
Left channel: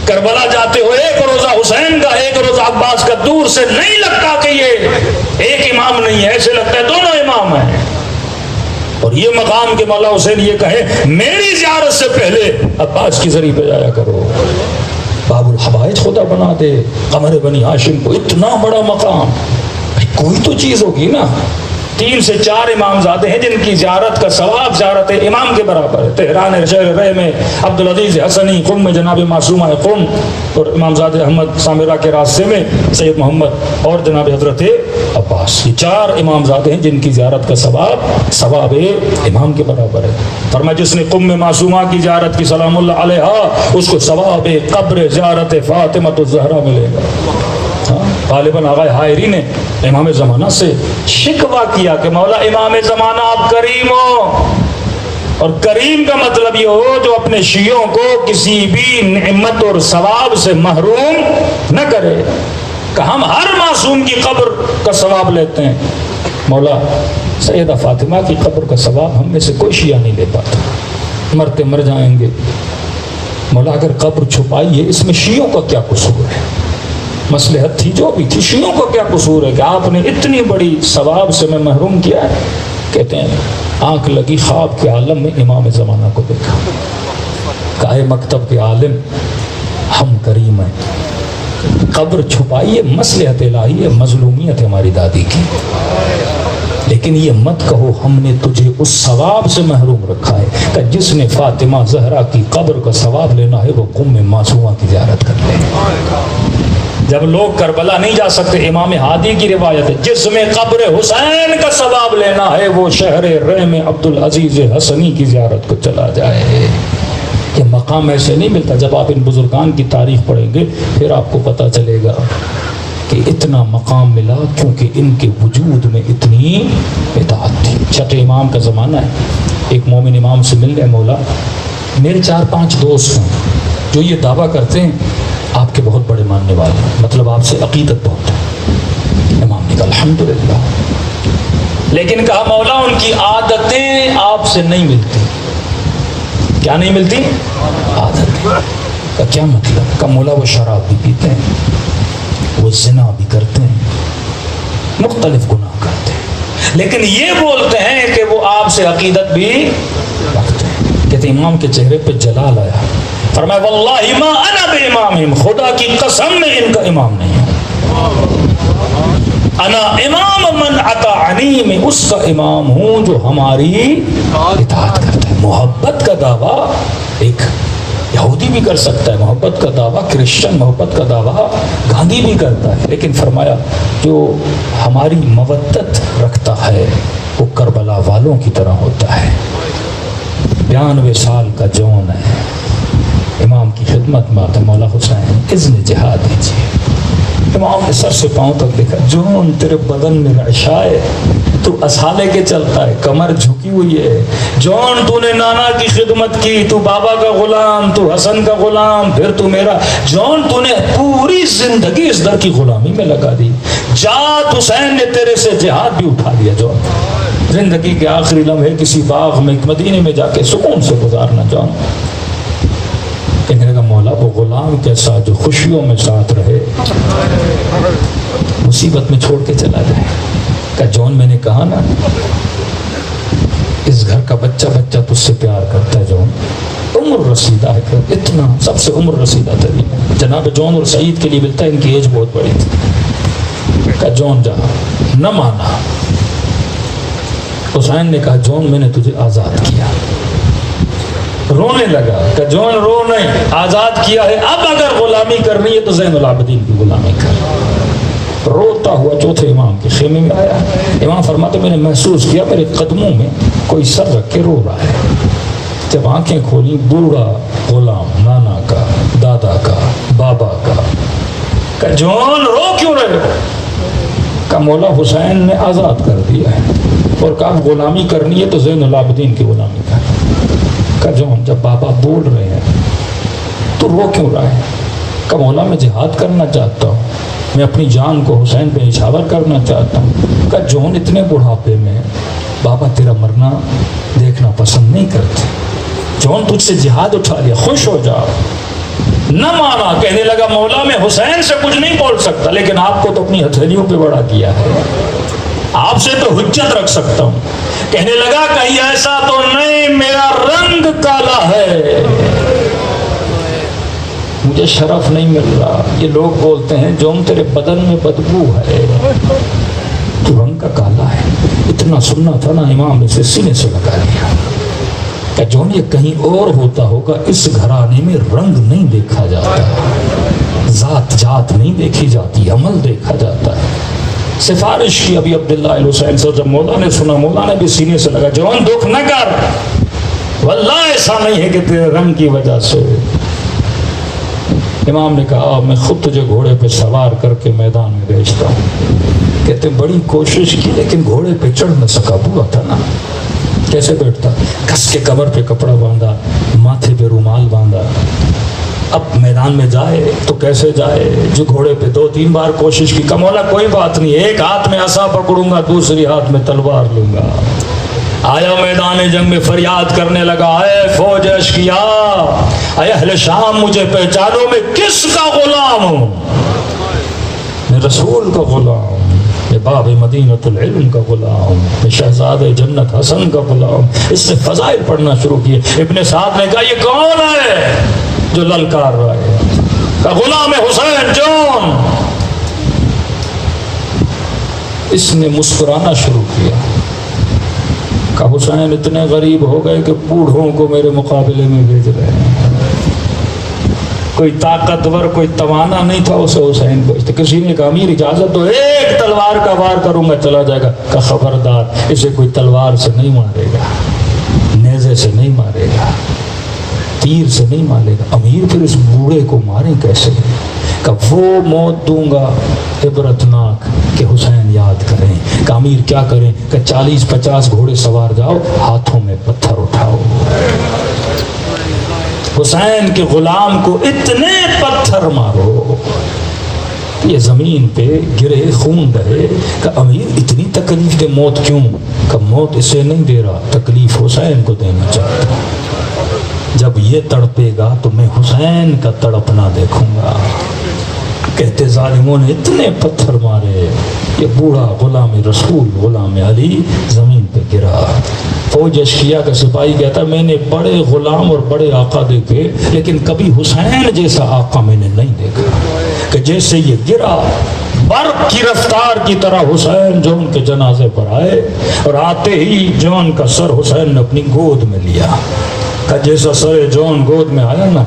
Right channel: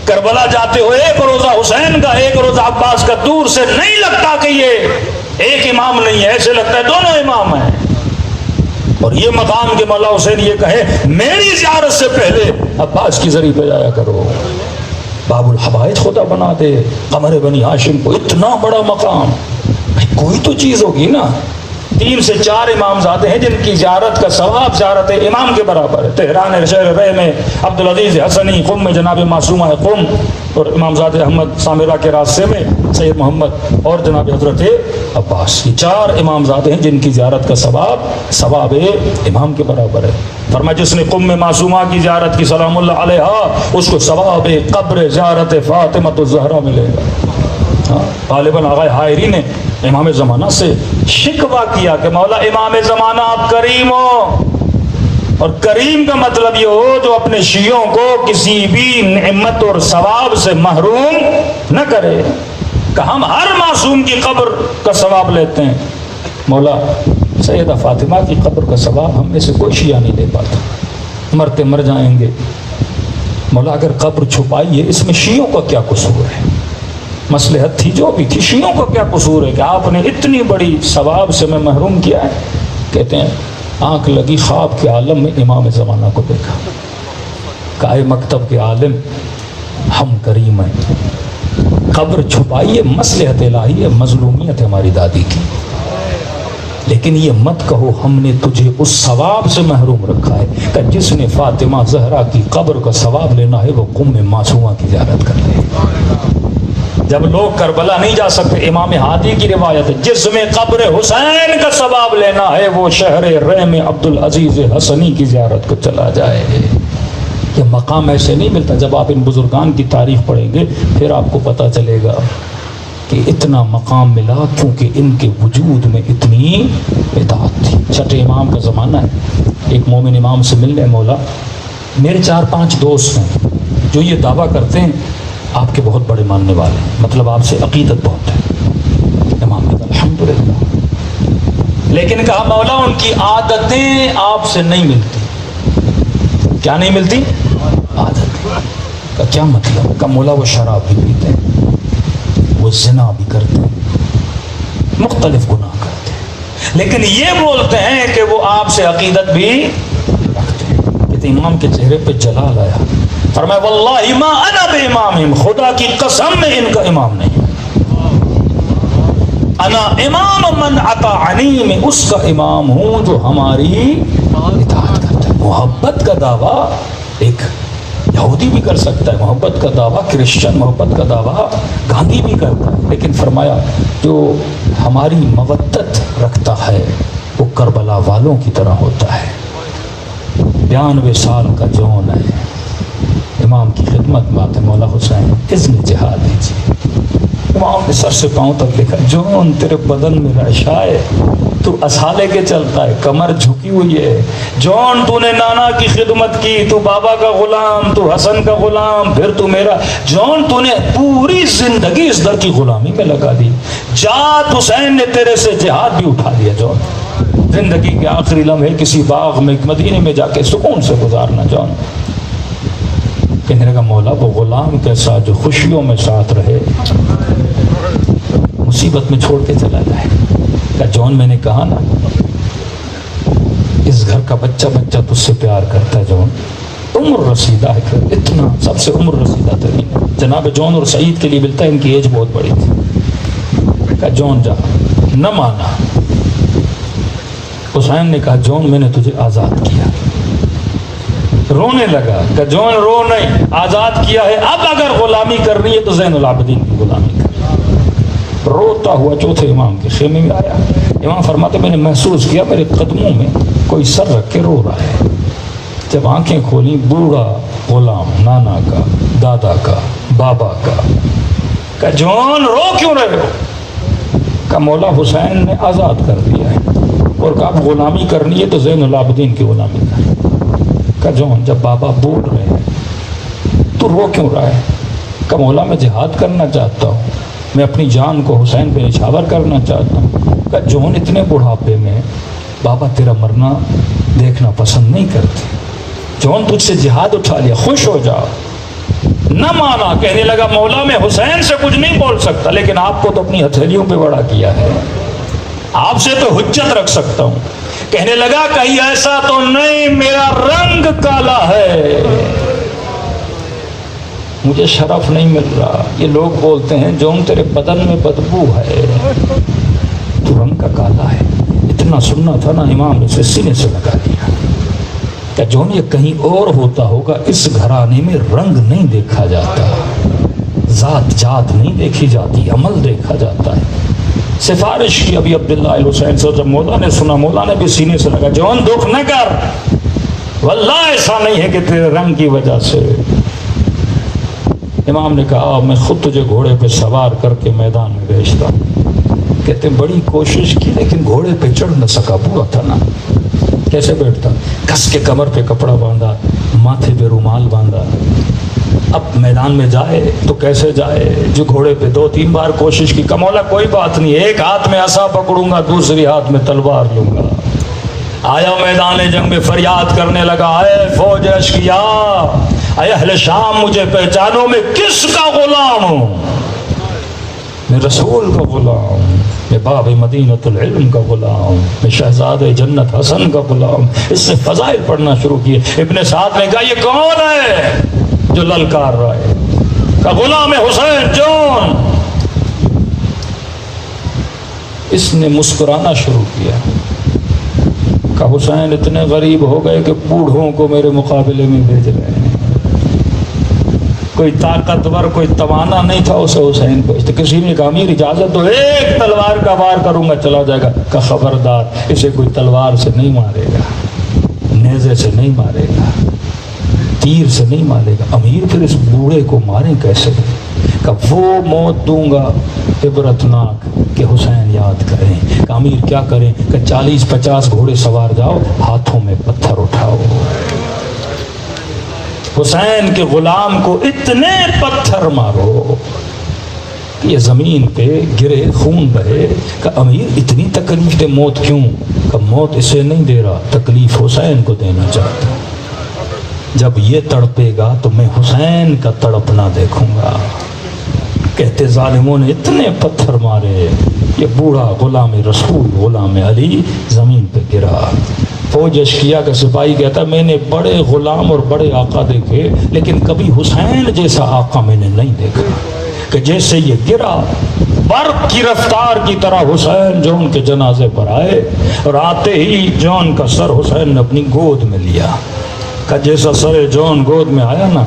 کربلا جاتے ہو ایک روزہ حسین کا ایک روزہ عباس کا، دور سے نہیں لگتا کہ یہ ایک امام نہیں ہے، ایسے لگتا ہے دونوں امام ہیں۔ اور یہ مقام کے مولا حسین یہ کہے میری زیارت سے پہلے عباس کی ذریعہ پہ جایا کرو، باب الحوائج خدا بنا دے قمر بنی ہاشم کو، اتنا بڑا مقام، کوئی تو چیز ہوگی نا۔ 3 سے 4 امام زادے ہیں جن کی زیارت کا ثواب زیارت امام کے برابر ہے۔ تہران شہر رہ میں عبدالعزیز حسنی، قم میں جناب معصومہ قم، اور امام زادے احمد سامرہ کے راستے میں سید محمد اور جناب حضرت عباس، یہ 4 امام زادے ہیں جن کی زیارت کا ثواب امام کے برابر ہے۔ فرمایا جس نے قم میں معصومہ کی زیارت کی سلام اللہ علیہا، اس کو ثواب قبر زیارت فاطمہ الزہرا ملے گا۔ غالباً آغا حائری نے امام زمانہ سے شکوہ کیا کہ مولا امام زمانہ آپ کریم ہو، اور کریم کا مطلب یہ ہو جو اپنے شیعوں کو کسی بھی نعمت اور ثواب سے محروم نہ کرے، کہ ہم ہر معصوم کی قبر کا ثواب لیتے ہیں، مولا سیدہ فاطمہ کی قبر کا ثواب ہم میں سے کوئی شیعہ نہیں لے پاتا، مرتے مر جائیں گے، مولا اگر قبر چھپائی ہے اس میں شیعوں کا کیا قصور ہے؟ مصلحت تھی جو بھی تھی، شیعوں کو کیا قصور ہے کہ آپ نے اتنی بڑی ثواب سے میں محروم کیا ہے؟ کہتے ہیں آنکھ لگی خواب کے عالم میں امام زمانہ کو دیکھا، کہا اے مکتب کے عالم ہم کریم ہیں، قبر چھپائی ہے مصلحت الہی ہے، مظلومیت ہے ہماری دادی کی، لیکن یہ مت کہو ہم نے تجھے اس ثواب سے محروم رکھا ہے کہ جس نے فاطمہ زہرا کی قبر کا ثواب لینا ہے وہ قم معصومہ کی زیارت کر لے۔ جب لوگ کربلا نہیں جا سکتے، امام ہادی کی روایت ہے جس میں قبر حسین کا ثواب لینا ہے وہ شہر رحم عبدالعزیز حسنی کی زیارت کو چلا جائے۔ یہ مقام ایسے نہیں ملتا، جب آپ ان بزرگان کی تاریخ پڑھیں گے پھر آپ کو پتہ چلے گا کہ اتنا مقام ملا کیونکہ ان کے وجود میں اتنی اطاعت تھی۔ چھٹے امام کا زمانہ ہے، ایک مومن امام سے مل گئے، مولا میرے 4-5 دوست ہیں جو یہ دعویٰ کرتے ہیں آپ کے بہت بڑے ماننے والے ہیں، مطلب آپ سے عقیدت بہت ہے۔ امام نے کہا الحمدللہ، لیکن کہا مولا ان کی عادتیں آپ سے نہیں ملتی۔ کیا نہیں ملتی؟ عادتیں۔ کا کیا مطلب؟ کہ مولا وہ شراب بھی پیتے ہیں، وہ زنا بھی کرتے ہیں، مختلف گناہ کرتے ہیں، لیکن یہ بولتے ہیں کہ وہ آپ سے عقیدت بھی رکھتے ہیں۔ کہتے امام کے چہرے پہ جلال آیا، فرمایا واللہ ما انا بامامہم، خدا کی قسم میں ان کا امام نہیں، انا امام من اطاعنی، میں اس کا امام ہوں جو ہماری اطاعت کرتا ہے۔ محبت کا دعویٰ ایک یہودی بھی کر سکتا ہے، محبت کا دعویٰ کرسچن، محبت کا دعویٰ گاندھی بھی کرتا ہے، لیکن فرمایا جو ہماری مودت رکھتا ہے وہ کربلا والوں کی طرح ہوتا ہے۔ 92 سال کا جون ہے، امام کی خدمت میں آتا مولا حسین اذن جہاد دیجیے۔ امام نے سر سے پاؤں تک دیکھا، جون تیرے بدن میں رعشہ ہے، تو اسالے کے چلتا ہے، کمر جھکی ہوئی ہے، جون تو نے نانا کی خدمت کی، تو بابا کا غلام، تو حسن کا غلام، پھر تو میرا، جون تو نے پوری زندگی اس در کی غلامی میں لگا دی، جات حسین نے تیرے سے جہاد بھی اٹھا لیا، جون زندگی کے آخری لمحے کسی باغ میں مدینے میں جا کے سکون سے گزارنا جان۔ کہنے لگا مولا وہ غلام کیسا جو خوشیوں میں ساتھ رہے مصیبت میں چھوڑ کے چلا جائے۔ کہ جون میں نے کہا نا اس گھر کا بچہ بچہ تجھ سے پیار کرتا ہے، جون عمر رسیدہ ہے، اتنا سب سے عمر رسیدہ ترین جناب جون اور سعید کے لیے ملتا ہے، ان کی ایج بہت بڑی تھی۔ کہ جون جا، نہ مانا۔ حسین نے کہا جون میں نے تجھے آزاد کیا، رونے لگا کہ جون رو نہیں، آزاد کیا ہے، اب اگر غلامی کرنی ہے تو زین العابدین کی غلامی کر۔ روتا ہوا چوتھے امام کے خیمے میں آیا، امام فرماتے میں نے محسوس کیا میرے قدموں میں کوئی سر رکھ کے رو رہا ہے۔ جب آنکھیں کھولی بوڑھا غلام، نانا کا، دادا کا، بابا کا۔ کہ جون رو کیوں رہے ہو؟ کہ مولا حسین نے آزاد کر دیا ہے، اور کہا غلامی کرنی ہے تو زین العابدین کی غلامی کر۔ کہ جون جب بابا بول رہے ہیں تو رو کیوں رہا ہے؟ کہ مولا میں جہاد کرنا چاہتا ہوں، میں اپنی جان کو حسین پہ نچھاور کرنا چاہتا ہوں۔ کہ جون اتنے بڑھاپے میں بابا تیرا مرنا دیکھنا پسند نہیں کرتے، جون تجھ سے جہاد اٹھا لیا، خوش ہو جا۔ نہ مانا، کہنے لگا مولا میں حسین سے کچھ نہیں بول سکتا، لیکن آپ کو تو اپنی ہتھیلیوں پہ بڑا کیا ہے، آپ سے تو حجت رکھ سکتا ہوں۔ کہنے لگا کہیں ایسا تو نہیں میرا رنگ کالا ہے، مجھے شرف نہیں مل رہا۔ یہ لوگ بولتے ہیں جون تیرے بدن میں بدبو ہے، تو رنگ کا کالا ہے۔ اتنا سننا تھا نا، امام نے اسے سینے سے لگا دیا کہ جون یہ کہیں اور ہوتا ہوگا، اس گھرانے میں رنگ نہیں دیکھا جاتا، ذات جات نہیں دیکھی جاتی، عمل دیکھا جاتا ہے۔ سفارش کی ابھی عبداللہ الحسین سے، جب مولا نے سنا مولا نے بھی سینے سے لگا، جون دکھ نہ کر، واللہ ایسا نہیں ہے کہ تیرے رنگ کی وجہ سے امام نے کہا میں خود تجھے گھوڑے پہ سوار کر کے میدان میں بھیجتا ہوں۔ کہتے بڑی کوشش کی لیکن گھوڑے پہ چڑھ نہ سکا، بوا تھا نا، کیسے بیٹھتا؟ کس کے کمر پہ کپڑا باندھا، ماتھے پہ رومال باندھا۔ اب میدان میں جائے تو کیسے جائے؟ جو گھوڑے پہ 2-3 بار کوشش کی، کہ مولا کوئی بات نہیں، ایک ہاتھ میں عصا پکڑوں گا، دوسری ہاتھ میں تلوار لوں گا۔ آیا میدان جنگ میں فریاد کرنے لگا، اے فوج اشقیا، اے اہل شام، مجھے پہچانو، میں کس کا غلام ہوں؟ میں رسول کا غلام ہوں، میں باب مدینۃ العلم کا غلام ہوں، میں شہزاد جنت حسن کا غلام ہوں۔ اس نے فضائل پڑھنا شروع کیے۔ ابن سعد نے کہا یہ کون ہے جو للکار رہا ہے؟ کہ غلام حسین جون۔ اس نے مسکرانا شروع کیا، کہ حسین اتنے غریب ہو گئے کہ بوڑھوں کو میرے مقابلے میں بھیج رہے ہیں۔ کوئی طاقتور، کوئی توانا نہیں تھا اسے حسین کو۔ کسی نے کہا امیر اجازت دو، ایک تلوار کا وار کروں گا چلا جائے گا۔ کہ خبردار، اسے کوئی تلوار سے نہیں مارے گا، نیزے سے نہیں مارے گا، تیر سے نہیں مارے گا۔ امیر پھر اس بوڑھے کو ماریں کیسے؟ کہ وہ موت دوں گا عبرتناک کہ حسین یاد کریں۔ کہ امیر کیا کریں؟ کہ 40-50 گھوڑے سوار جاؤ، ہاتھوں میں پتھر اٹھاؤ، حسین کے غلام کو اتنے پتھر مارو یہ زمین پہ گرے، خون رہے۔ کہ امیر اتنی تکلیف دے، موت کیوں؟ کہ موت اسے نہیں دے رہا، تکلیف حسین کو دینا چاہتا۔ جب یہ تڑپے گا تو میں حسین کا تڑپنا دیکھوں گا۔ کہتے ظالموں نے اتنے پتھر مارے، یہ بوڑھا غلام رسول، غلام علی زمین پہ گرا۔ فوج اشقیا کا سپاہی کہتا میں نے بڑے غلام اور بڑے آقا دیکھے، لیکن کبھی حسین جیسا آقا میں نے نہیں دیکھا۔ کہ جیسے یہ گرا، برق کی رفتار کی طرح حسین جون کے جنازے پر آئے، اور آتے ہی جون کا سر حسین نے اپنی گود میں لیا۔ کہ جیسا سر جون گود میں آیا نا،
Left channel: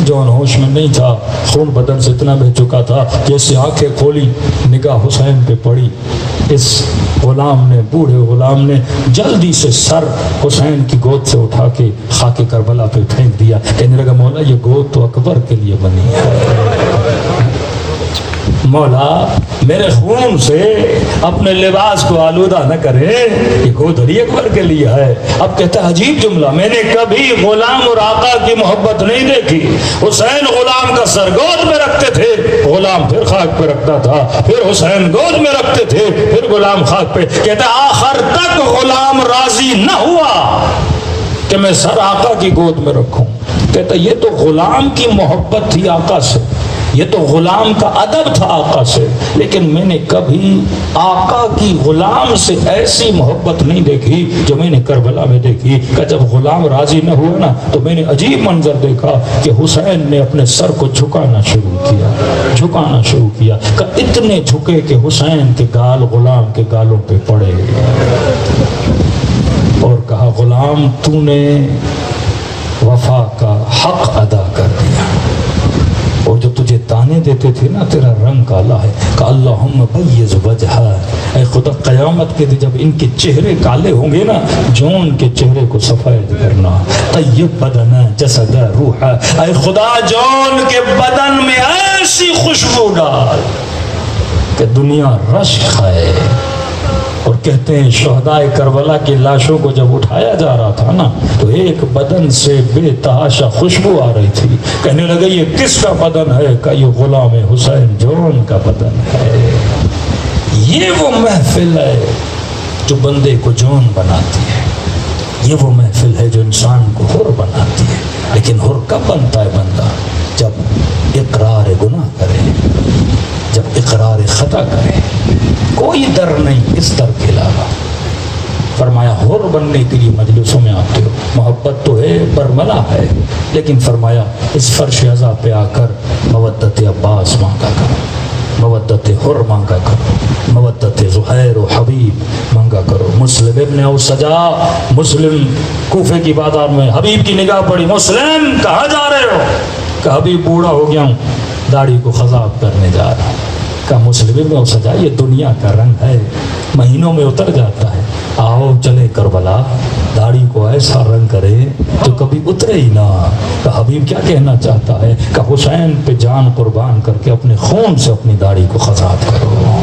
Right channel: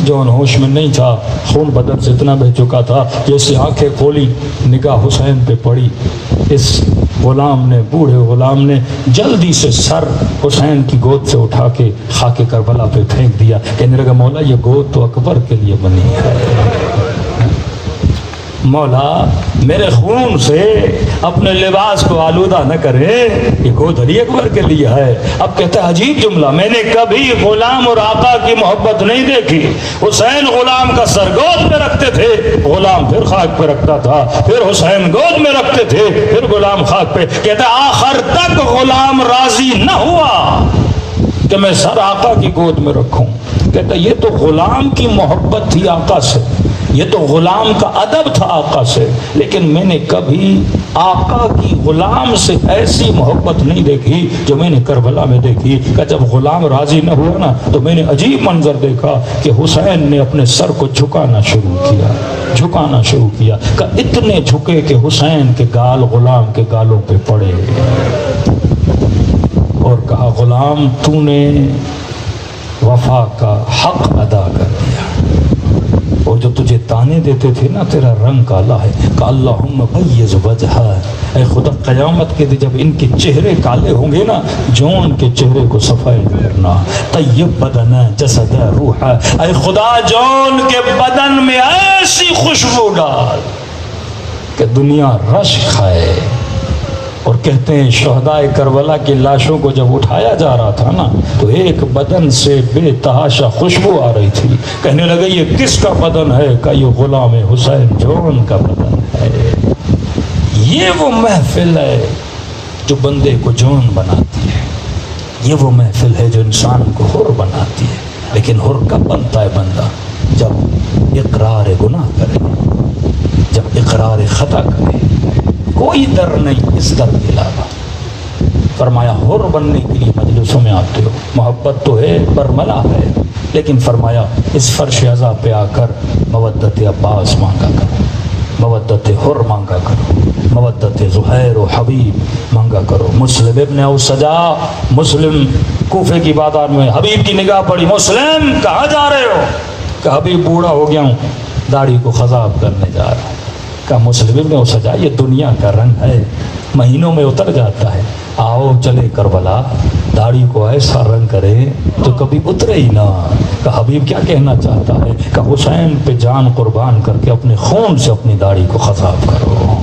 جون ہوش میں نہیں تھا، خون بدن سے اتنا بہ چکا تھا، جیسے آنکھیں کھولی، نگاہ حسین پہ پڑی۔ اس غلام نے، بوڑھے غلام نے جلدی سے سر حسین کی گود سے اٹھا کے خاک کربلا پہ پھینک دیا۔ کہنے لگا مولا یہ گود تو اکبر کے لیے بنی ہے، مولا میرے خون سے اپنے لباس کو آلودہ نہ کرے، یہ گود علی اکبر کے لیے ہے۔ اب کہتا ہے عجیب جملہ، میں نے کبھی غلام اور آقا کی محبت نہیں دیکھی۔ حسین غلام کا سر گود میں رکھتے تھے، غلام پھر خاک پہ رکھتا تھا، پھر حسین گود میں رکھتے تھے، پھر غلام خاک پہ۔ کہتا ہے آخر تک غلام راضی نہ ہوا کہ میں سر آقا کی گود میں رکھوں۔ کہتا ہے یہ تو غلام کی محبت تھی آقا سے، یہ تو غلام کا ادب تھا آقا سے، لیکن میں نے کبھی آقا کی غلام سے ایسی محبت نہیں دیکھی جو میں نے کربلا میں دیکھی۔ کہ جب غلام راضی نہ ہوا نا تو میں نے عجیب منظر دیکھا کہ حسین نے اپنے سر کو جھکانا شروع کیا کہ اتنے جھکے کہ حسین کے گال غلام کے گالوں پہ پڑے، اور کہا غلام تو نے وفا کا حق ادا کر دیا، اور جو تجھے تانے دیتے تھے نا تیرا رنگ کالا ہے، کہ اللہم بیض وجہہ، اے خدا قیامت کے دن جب ان کے چہرے کالے ہوں گے نا، جون کے چہرے کو سفید کرنا، طیب بدن جسد روح، اے خدا جون کے بدن میں ایسی خوشبو ڈال کہ دنیا رشک کھائے۔ اور کہتے ہیں شہدائے کربلا کی لاشوں کو جب اٹھایا جا رہا تھا نا تو ایک بدن سے بے تحاشا خوشبو آ رہی تھی۔ کہنے لگے یہ کس کا بدن ہے؟ کہ یہ غلام حسین جون کا بدن ہے۔ یہ وہ محفل ہے جو بندے کو جون بناتی ہے، یہ وہ محفل ہے جو انسان کو حر بناتی ہے۔ لیکن حر کب بنتا ہے بندہ؟ جب اقرار گناہ کرے، جب اقرار خطا کرے، کوئی در نہیں اس در کے علاوہ۔ فرمایا حر بننے کے لیے مجلسوں میں آتے ہو، محبت تو ہے، برملا ہے، لیکن فرمایا اس فرش عزا پہ آ کر مودت عباس مانگا کرو، مودت حر مانگا کرو، مودت زہیر و حبیب مانگا کرو۔ مسلم ابن اوسجا، مسلم کوفے کی بازار میں حبیب کی نگاہ پڑی، مسلم کہاں جا رہے ہو؟ کہ حبیب بوڑھا ہو گیا ہوں، داڑھی کو خضاب کرنے جا رہا ہوں۔ کہ مسلم ابن اوسجا یہ دنیا کا رنگ ہے، مہینوں میں اتر جاتا ہے، آؤ چلے کربلا، داڑھی کو ایسا رنگ کرے تو کبھی اترے ہی نہ کہ حبیب کیا کہنا چاہتا ہے کہ حسین پہ جان قربان کر کے اپنے خون سے اپنی داڑھی کو خضاب کرو.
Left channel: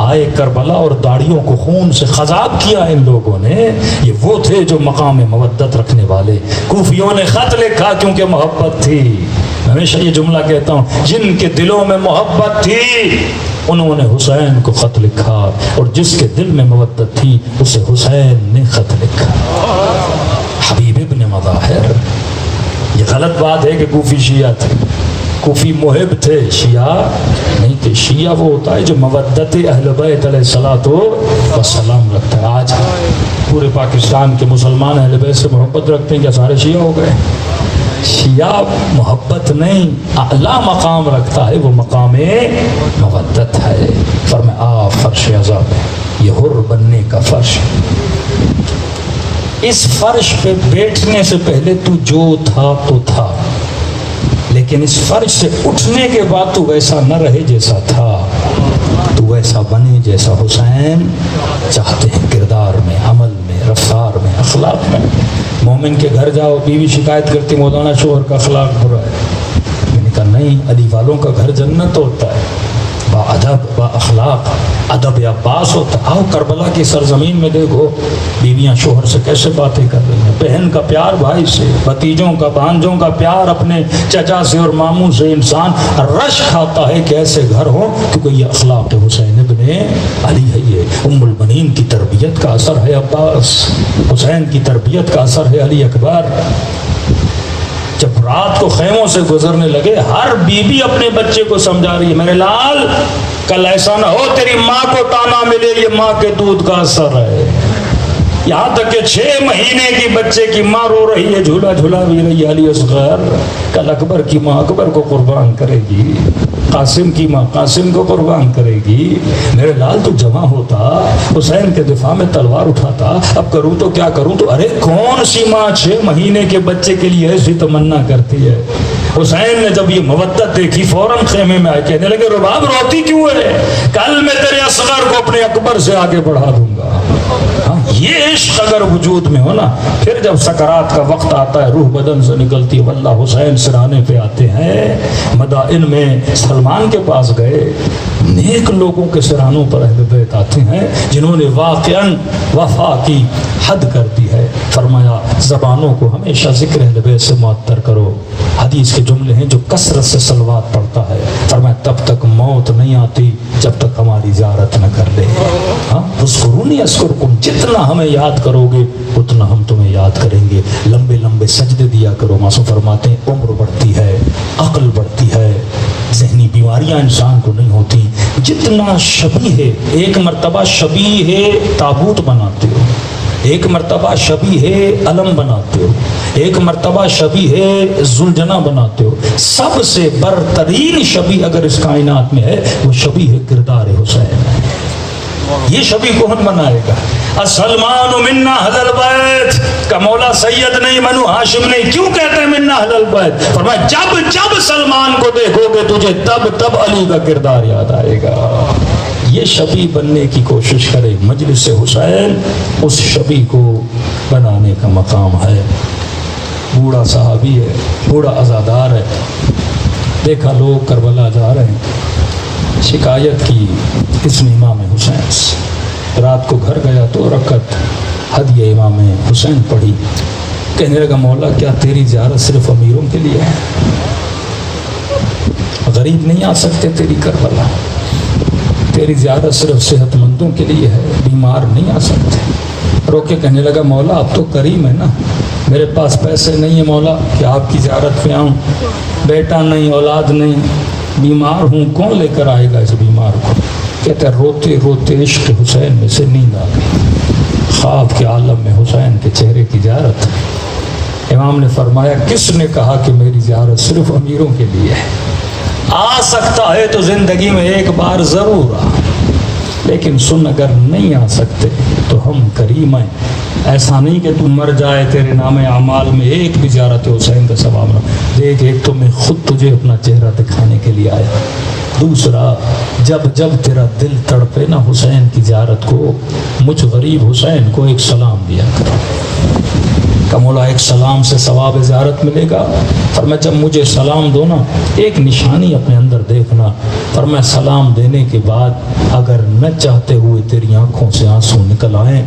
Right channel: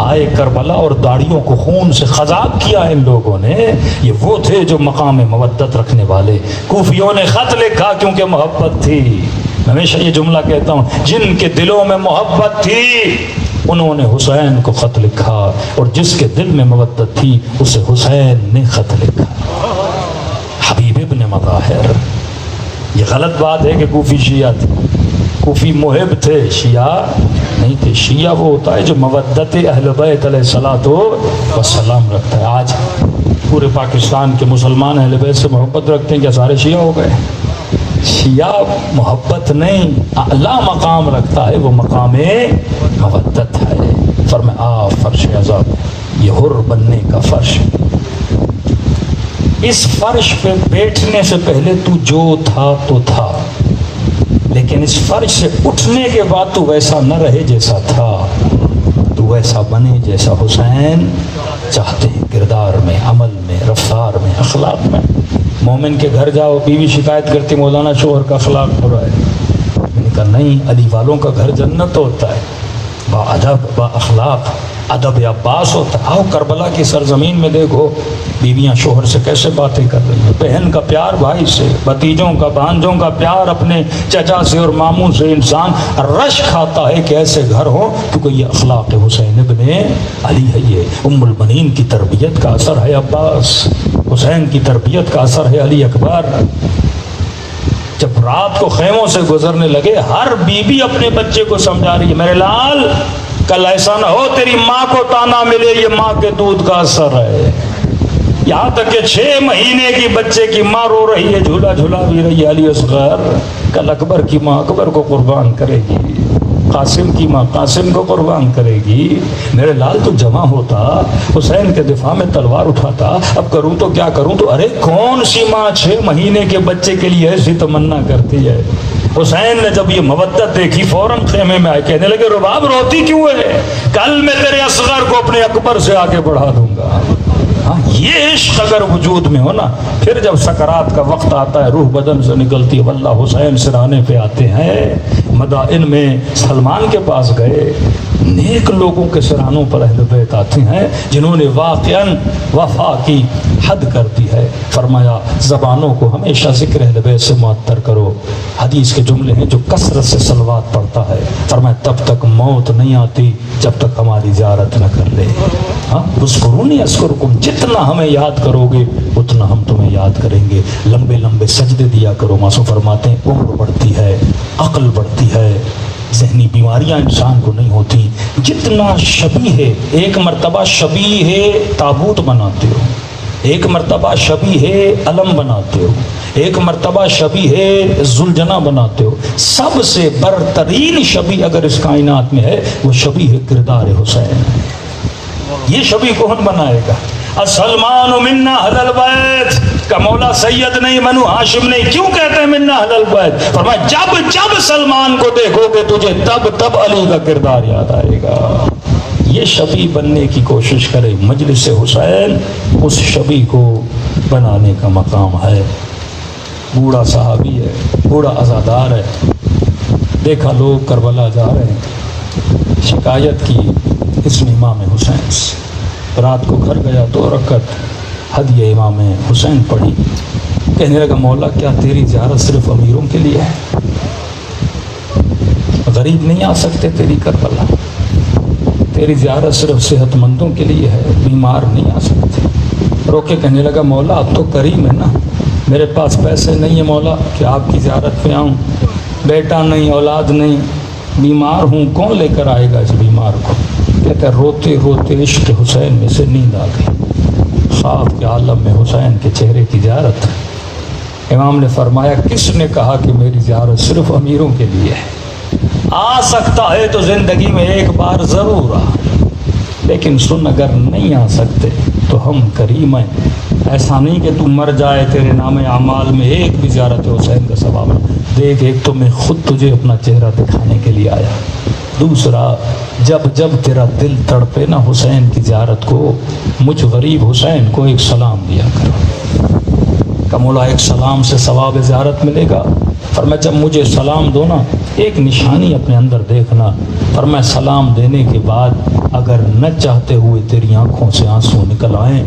آئے کربلا اور داڑھیوں کو خون سے خضاب کیا ان لوگوں نے. یہ وہ تھے جو مقام مودت رکھنے والے. کوفیوں نے خط لکھا کیونکہ محبت تھی. میں ہمیشہ یہ جملہ کہتا ہوں، جن کے دلوں میں محبت تھی انہوں نے حسین کو خط لکھا، اور جس کے دل میں محبت تھی اسے حسین نے خط لکھا. حبیب ابن مظاہر. یہ غلط بات ہے کہ کوفی شیعہ تھے. کوفی محب تھے، شیعہ نہیں تھے. شیعہ وہ ہوتا ہے جو مودت اہل بیت علیہ الصلوۃ والسلام رکھتا ہے. آج پورے پاکستان کے مسلمان اہل بیت سے محبت رکھتے ہیں، کیا سارے شیعہ ہو گئے؟ شیعہ محبت نہیں، اعلیٰ مقام رکھتا ہے، وہ مقام مودت ہے. فرمایا فرش عذاب، یہ حر بننے کا فرش. اس فرش پہ بیٹھنے سے پہلے تو جو تھا تو تھا، لیکن اس فرش سے اٹھنے کے بعد تو ویسا نہ رہے جیسا تھا. تو ویسا بنے جیسا حسین چاہتے ہیں، کردار میں، عمل میں، رفتار میں، اخلاق میں. مومن کے گھر جاؤ، بیوی شکایت کرتی مولانا شوہر کا اخلاق برا ہے. میں نے کہا نہیں، علی والوں کا گھر جنت ہوتا ہے، با ادب، با اخلاق، ادب عباس ہوتا ہے. آؤ کربلا کی سرزمین میں دیکھو بیویاں شوہر سے کیسے باتیں کر رہی ہیں. بہن کا پیار بھائی سے، بھتیجوں کا، بھانجوں کا پیار اپنے چچا سے اور ماموں سے انسان رش کھاتا ہے کہ ایسے گھر ہو، کیونکہ یہ اخلاق حسین ابن علی ہے. یہ ام المنین کی تربیت کا اثر ہے عباس، حسین کی تربیت کا اثر ہے علی اکبر. جب رات کو خیموں سے گزرنے لگے، ہر بیوی اپنے بچے کو سمجھا رہی ہے، میرے لال کل ایسا نہ ہو تیری ماں کو تانا ملے، یہ ماں کے دودھ کا اثر ہے. یہاں تک کہ 6 مہینے کی بچے کی ماں رو رہی ہے، جھولا جھولا بھی رہی ہے. علی اصغر کل اکبر کی ماں اکبر کو قربان کرے گی، قاسم کی ماں قاسم کو قربان کرے گی. میرے لال تو جمع ہوتا، حسین کے دفاع میں تلوار اٹھاتا، اب کروں تو کیا کروں. تو ارے کون سی ماں 6 مہینے کے بچے کے لیے ایسی تمنا کرتی ہے. حسین نے جب یہ مودت دیکھی فوراً خیمے میں آئے، کہنے لگے رباب روتی کیوں ہے؟ کل میں تیرے اصغر کو اپنے اکبر سے آگے بڑھا دوں گا. یہ عشق اگر وجود میں ہو نا، پھر جب سکرات کا وقت آتا ہے روح بدن سے نکلتی ہے. واللہ حسین سرانے پہ آتے ہیں. مدائن میں سلمان کے پاس گئے، نیک لوگوں کے سرانوں پر اہل بیت آتے ہیں جنہوں نے واقعاً وفا کی حد کر دی ہے. فرمایا زبانوں کو ہمیشہ ذکر اہل بیت سے معطر کرو. حدیث کے جملے ہیں جو کثرت سے صلوات پڑھتا ہے، فرمایا تب تک موت نہیں آتی جب تک ہماری زیارت نہ کر لے. ہاں اذکرونی اذکرکم، جتنا ہمیں یاد کرو گے اتنا ہم تمہیں یاد کریں گے. لمبے لمبے سجدے دیا کرو. معصوم فرماتے ہیں عمر بڑھتی ہے، عقل بڑھتی ہے، ذہنی بیماریاں انسان کو نہیں ہوتی. جتنا شبیہ، ایک مرتبہ شبیہ تابوت بناتے ہو، ایک مرتبہ شبیہ علم بناتے ہو، ایک مرتبہ شبیہ ذوالجناح بناتے ہو، سب سے برترین شبیہ اگر اس کائنات میں ہے وہ شبیہ کردار حسین ہے. یہ شبیہ کون بنائے گا؟ السلمان منا اہل البیت کا مولا سید نہیں، بنو ہاشم نہیں. کیوں کہتے ہیں منا اہل البیت؟ فرمایا جب جب سلمان کو دیکھو گے تجھے تب تب علی کا کردار یاد آئے گا. یہ شبیہ بننے کی کوشش کرے. مجلس حسین اس شبیہ کو بنانے کا مقام ہے. بوڑھا صحابی ہے، بوڑھا عزادار ہے. دیکھا لوگ کربلا جا رہے ہیں، شکایت کی اس نے امام حسین سے. رات کو گھر گیا تو رکعت ہدیہ امام حسین پڑھی. کہنے لگا مولا کیا تیری زیارت صرف امیروں کے لیے ہے؟ غریب نہیں آ سکتے تیری کربلا؟ تیری زیارت صرف صحت مندوں کے لیے ہے، بیمار نہیں آ سکتے؟ روکے کہنے لگا مولا اب تو کریم ہے نا، میرے پاس پیسے نہیں ہیں مولا کہ آپ کی زیارت پہ آؤں، بیٹا نہیں، اولاد نہیں، بیمار ہوں، کون لے کر آئے گا اس بیمار کو؟ کہتے ہیں روتے روتے عشق حسین میں سے نیند آ گئی. خواب کے عالم میں حسین کے چہرے کی زیارت. امام نے فرمایا کس نے کہا کہ میری زیارت صرف امیروں کے لیے ہے؟ آ سکتا ہے تو زندگی میں ایک بار ضرور آ، لیکن سن اگر نہیں آ سکتے تو ہم کریم ہیں. ایسا نہیں کہ تم مر جائے تیرے نام اعمال میں ایک بھی زیارت حسین کا ثواب نہ. دیکھ ایک تو میں خود تجھے اپنا چہرہ دکھانے کے لیے آیا، دوسرا جب جب تیرا دل تڑپے نا حسین کی زیارت کو، مجھ غریب حسین کو ایک سلام دیا کرو۔ کہ مولا ایک سلام سے ثواب زیارت ملے گا۔ فرمایا جب مجھے سلام دو نا ایک نشانی اپنے اندر دیکھنا، فرمایا سلام دینے کے بعد اگر نہ چاہتے ہوئے تیری آنکھوں سے آنسو نکل آئیں،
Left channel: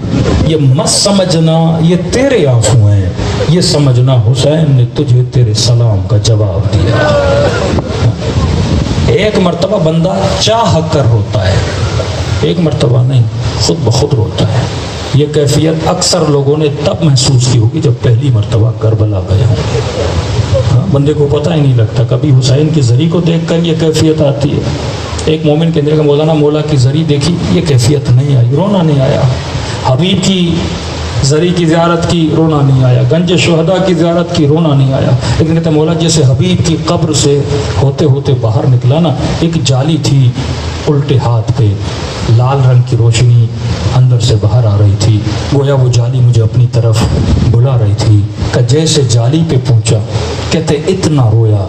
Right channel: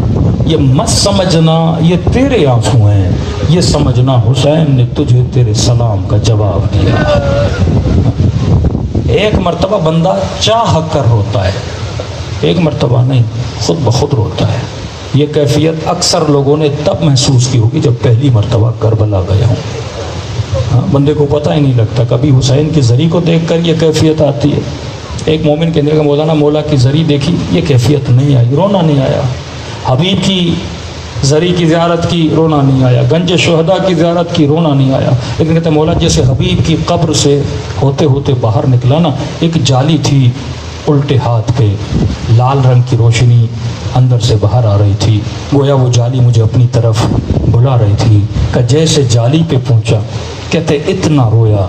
یہ مت سمجھنا یہ تیرے آنسو ہیں، یہ سمجھنا حسین نے تجھے تیرے سلام کا جواب دیا۔ ایک مرتبہ بندہ چاہ کر روتا ہے، ایک مرتبہ نہیں، خود بخود روتا ہے۔ یہ کیفیت اکثر لوگوں نے تب محسوس کی ہوگی جب پہلی مرتبہ کربلا گیا ہوں۔ بندے کو پتہ ہی نہیں لگتا، کبھی حسین کی زری کو دیکھ کر یہ کیفیت آتی ہے۔ ایک مومن کہنے کا مولانا مولا کی زری دیکھی، یہ کیفیت نہیں آئی، رونا نہیں آیا۔ حبیب کی زری کی زیارت کی، رونا نہیں آیا۔ گنج شہداء کی زیارت کی، رونا نہیں آیا۔ لیکن کہتے مولا جیسے حبیب کی قبر سے ہوتے ہوتے باہر نکلا نا، ایک جالی تھی الٹے ہاتھ پہ، لال رنگ کی روشنی اندر سے باہر آ رہی تھی، گویا وہ جالی مجھے اپنی طرف بلا رہی تھی۔ کہ جیسے جالی پہ پہنچا کہتے اتنا رویا،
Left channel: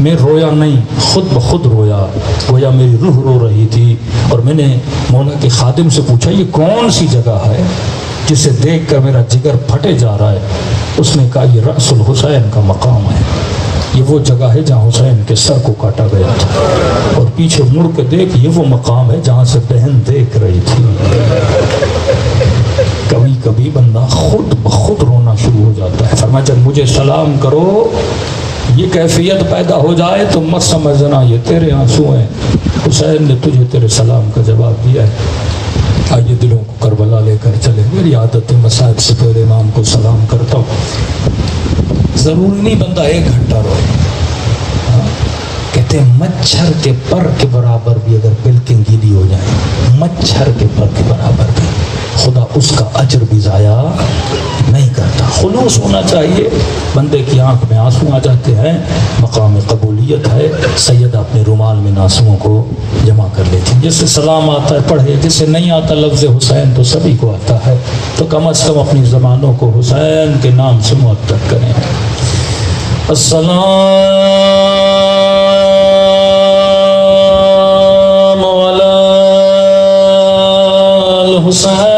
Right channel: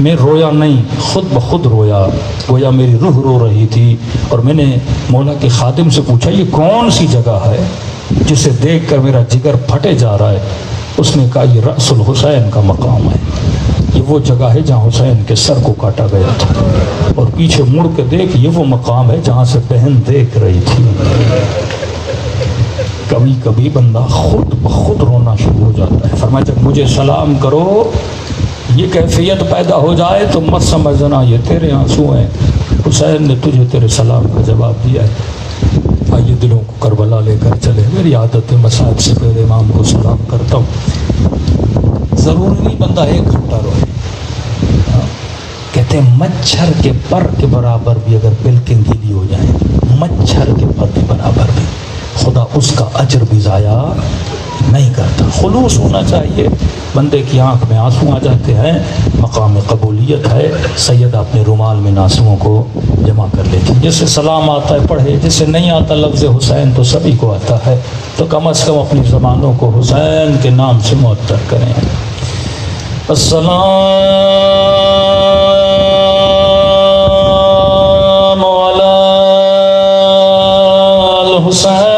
میں رویا نہیں خود بخود رویا، گویا میری روح رو رہی تھی۔ اور میں نے مولا کے خادم سے پوچھا یہ کون سی جگہ ہے جسے دیکھ کر میرا جگر پھٹے جا رہا ہے؟ اس نے کہا یہ رأس الحسین کا مقام ہے، یہ وہ جگہ ہے جہاں حسین کے سر کو کاٹا گیا تھا، اور پیچھے مڑ کے دیکھ یہ وہ مقام ہے جہاں سے بہن دیکھ رہی تھی۔ کبھی کبھی بندہ خود بخود رونا شروع ہو جاتا ہے۔ فرمایا جب مجھے سلام کرو یہ کیفیت پیدا ہو جائے تو مت سمجھنا یہ تیرے آنسو ہیں، حسین نے تجھے تیرے سلام کا جواب دیا ہے۔ آئیے دلوں کو کربلا لے کر چلے۔ میری عادت ہے مساجد سے پہلے امام کو سلام کرتا ہوں، ضروری نہیں بندہ 1 گھنٹہ روئے۔ کہتے ہیں مچھر کے پر کے برابر بھی اگر پلکیں گیلی ہو جائیں، مچھر کے پر کے برابر بھی، خدا اس کا اجر بھی ضائع نہیں کرتا۔ خلوص ہونا چاہیے۔ بندے کی آنکھ میں آنسو آ جاتے ہیں، مقام قبولیت ہے۔ سیدہ اپنے رومال میں آنسوؤں کو جمع کر لیتی، جس سے سلام آتا ہے پڑھے، جس سے نہیں آتا لفظ حسین تو سبھی کو آتا ہے، تو کم از کم اپنی زبانوں کو حسین کے نام سے معطر کریں۔ السلام علی الحسین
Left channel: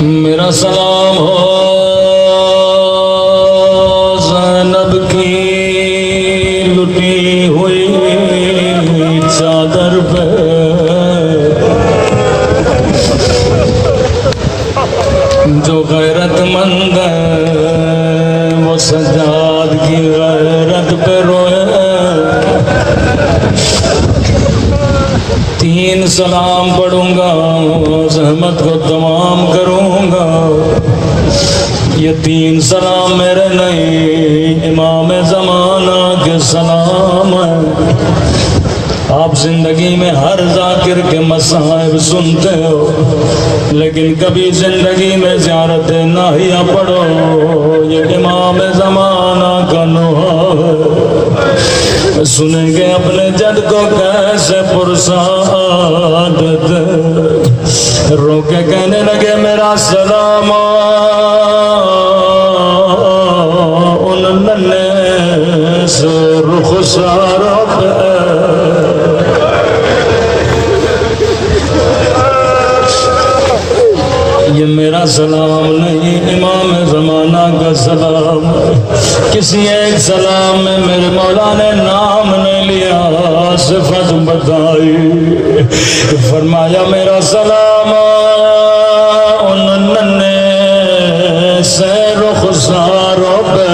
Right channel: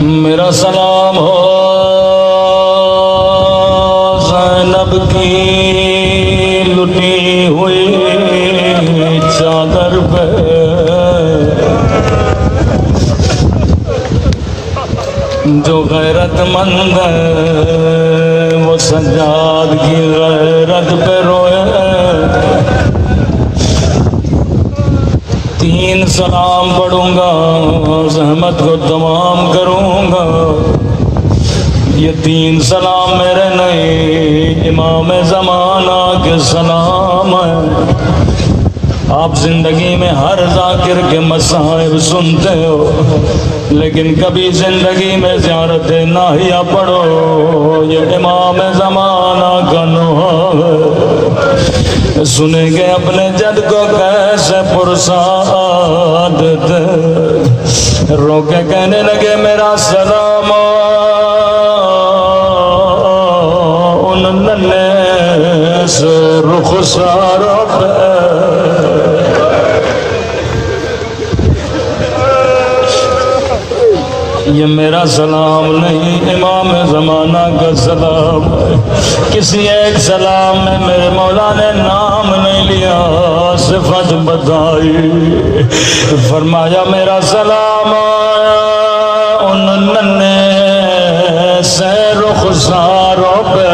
میرا سلام ہو زینب کی لٹی ہوئی چادر پہ، جو غیرت مند ہے وہ سجاد کی غیرت پہ روئے۔ 3 سلام پڑھوں گا، زحمت کو تمام کروں گا۔ یہ 3 سلام میرے نہیں، امام زمانہ کے سلام ہے۔ آپ زندگی میں ہر ذاکر کے مصائب سنتے ہو، لیکن کبھی زندگی میں زیارت ناہیہ پڑھو، یہ امام زمانہ کا نوحہ ہے۔ سنیں گے اپنے جد کو کیسے پرسعادت، رو کے کہنے لگے میرا سلام ان ننھے سے رخساروں پہ، یہ میرا سلام نہیں امام زمانہ کا سلام ہے۔ کسی ایک سلام میں میرے مولا نے نام نہیں لیا، صفت بتائی، فرمایا میرا سلام ان ننھے سے رخساروں پہ،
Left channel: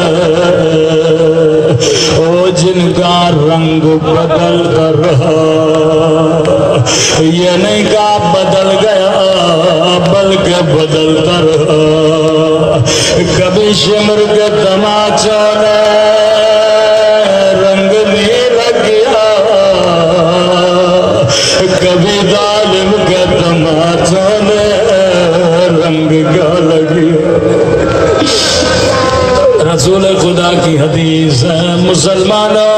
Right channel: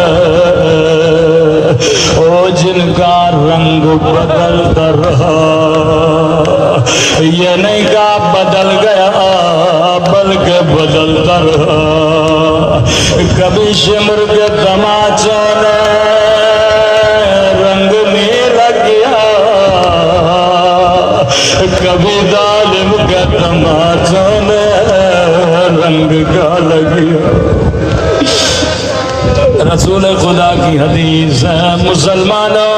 او جن کا رنگ بدلتا رہا، یہ نہیں کہا بدل گیا بلکہ بدلتا رہا، کبھی شمر کے تماچا نے رنگ نیلا کیا، کبھی ظالم کے تماچا نے رنگ کالا کیا۔ رسول خدا کی حدیث ہے، مسلمانوں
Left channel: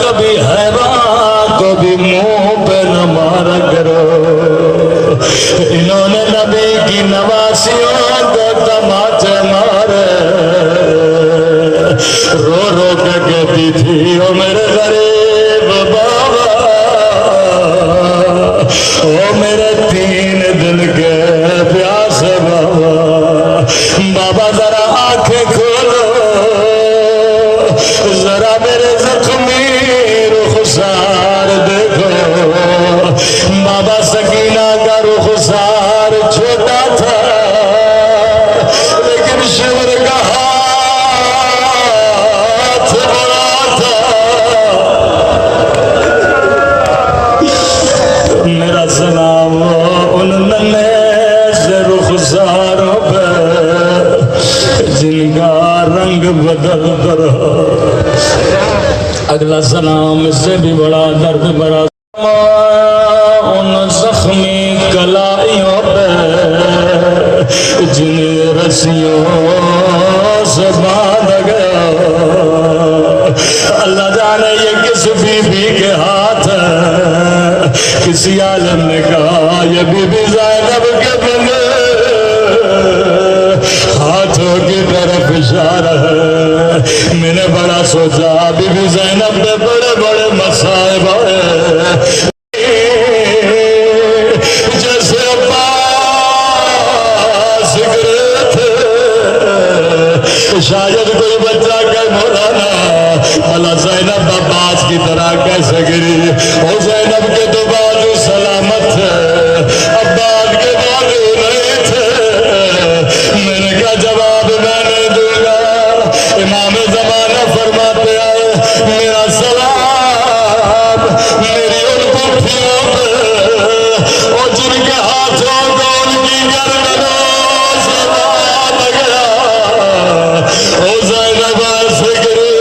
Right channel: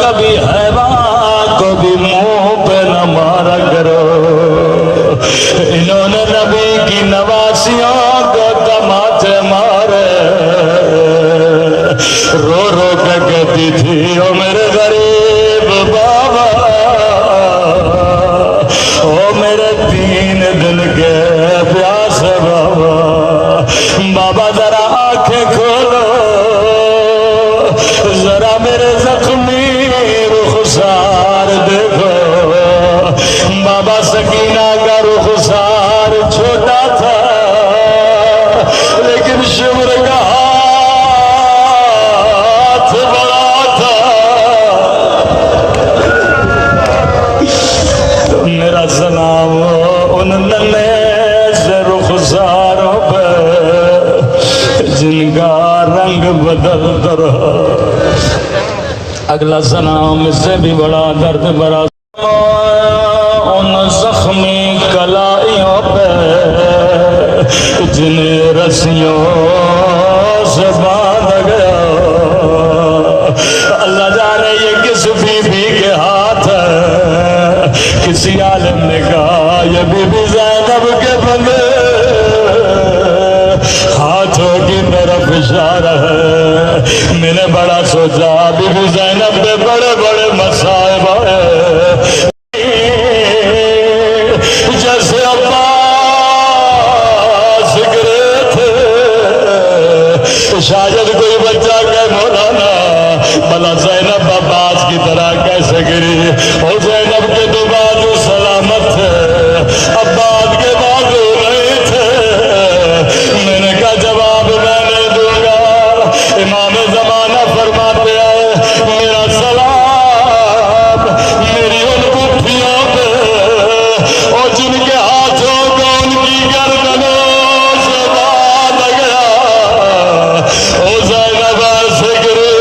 کبھی حیوان کو بھی منہ پہ نہ مارا کرو، انہوں نے نبی کی نواسیوں کو تماچے مارے، رو رو کے کہتی تھی او میرے غریب بابا، او میرے 3 دن کے پیاسے بابا، بابا ذرا آنکھیں کھولو، ذرا میرے زخمی رخسار دیکھو۔ بابا سکینہ کا رخسار چھوٹا تھا، لیکن شمر کا ہاتھ بڑا تھا۔ میرا سلام ان ننھے سے رخساروں پہ جن کا رنگ بدلتا رہا۔ اگلا سلام اس سے بھی بڑا درد بڑا، ان زخمی کلائیوں پہ جن رسیوں سے باندھ گیا، اللہ جانے یہ کس بی بی کے ہاتھ ہے، کسی عالم نے کہا یہ بی بی زینب کے بندے ہاتھوں کی طرف اشارہ ہے۔ میں نے بڑا سوچا بی بی زینب کے بڑے بڑے مصائب ہیں، جیسے عباس گرے تھے، شاید کوئی بچہ کہ مولانا بھلا زینب عباس کی طرح کیسے گری، اور زینب کے تو بازو سلامت تھے، عباس کے بازو نہیں تھے۔ میں نے کہا جواب میں نہیں دوں گا، امام زمانہ فرماتے آئے میرا سلام میری ان پٹھیوں پہ، اور جن کے ہاتھوں کو ان کی گردنوں سے باندھ گیا، او زینب ایسے گرے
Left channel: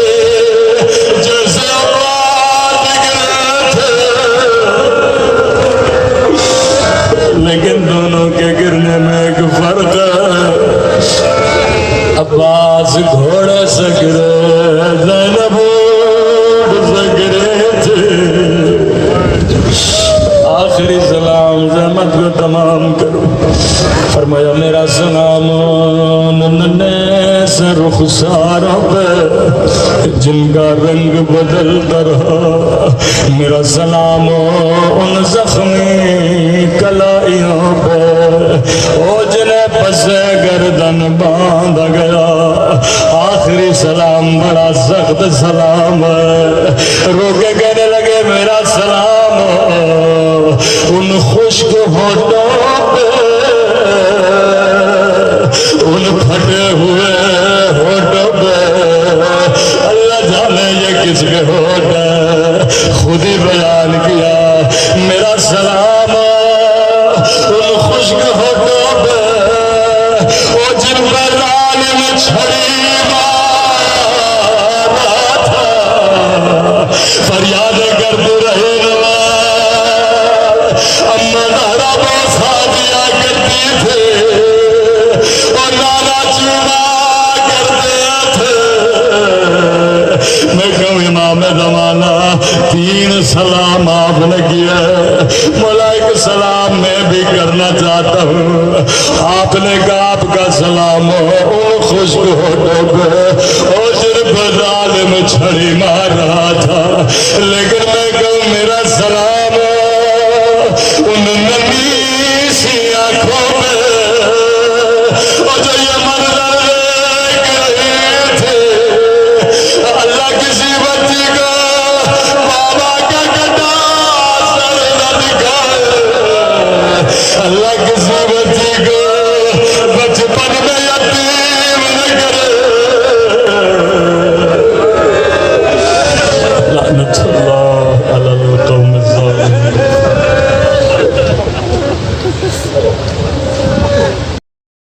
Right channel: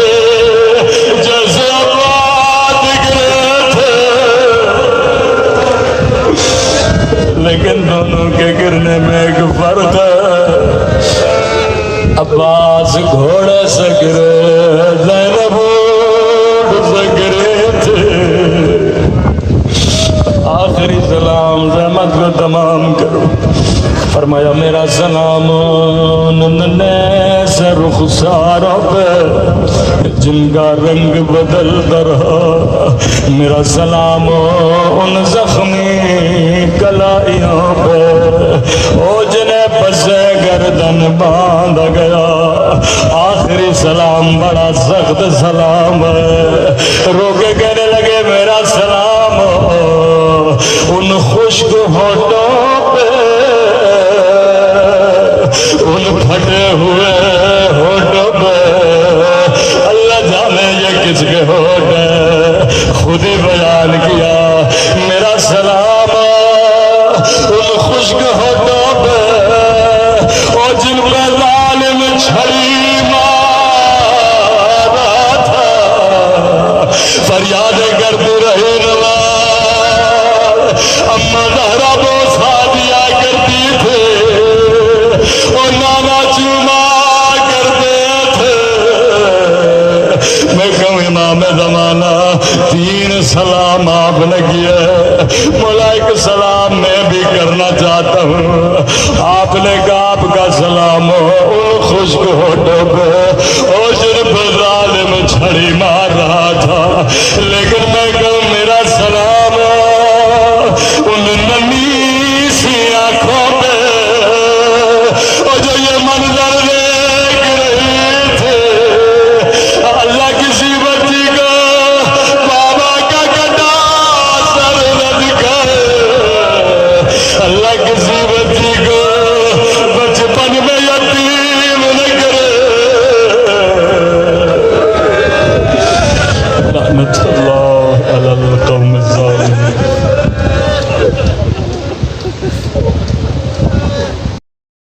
جیسے عباس گرے تھے، لیکن دونوں کے گرنے میں ایک فرق ہے، عباس گھوڑے سے گرے، زینب اونٹ سے گرے تھے۔ آخری سلام زحمت کو تمام کرو، فرمایا میرا سلام ننھے سے رخساروں پہ جن کا رنگ بدلتا رہا، میرا سلام ان زخمی کلائیوں پہ او جنہیں پسے گردن باندھا گیا۔ آخری سلام بڑا سخت سلام ہے، رو کے کہنے لگے میرا سلام ان خشک ہونٹوں پہ، ان پھٹے ہوئے ہونٹوں پہ، اللہ جانے یہ کس کے ہونٹ ہے، خود ہی بیان کیا میرا سلام اپنے گاپ کا سلام ہو ان خشک ہوٹوں پہ اور جن پر ظالم چھڑی مار رہا تھا، لیکن میں کہوں میرا سلام ہو ان نمی سی آنکھوں پہ اور جو یہ منظر دیکھ رہے تھے۔ اللہ کسی بچی کا بابا کا کٹا سر نہ دکھائے، اللہ کسی بچی کو بچپن میں یتیم نہ کرے۔ لعنت اللہ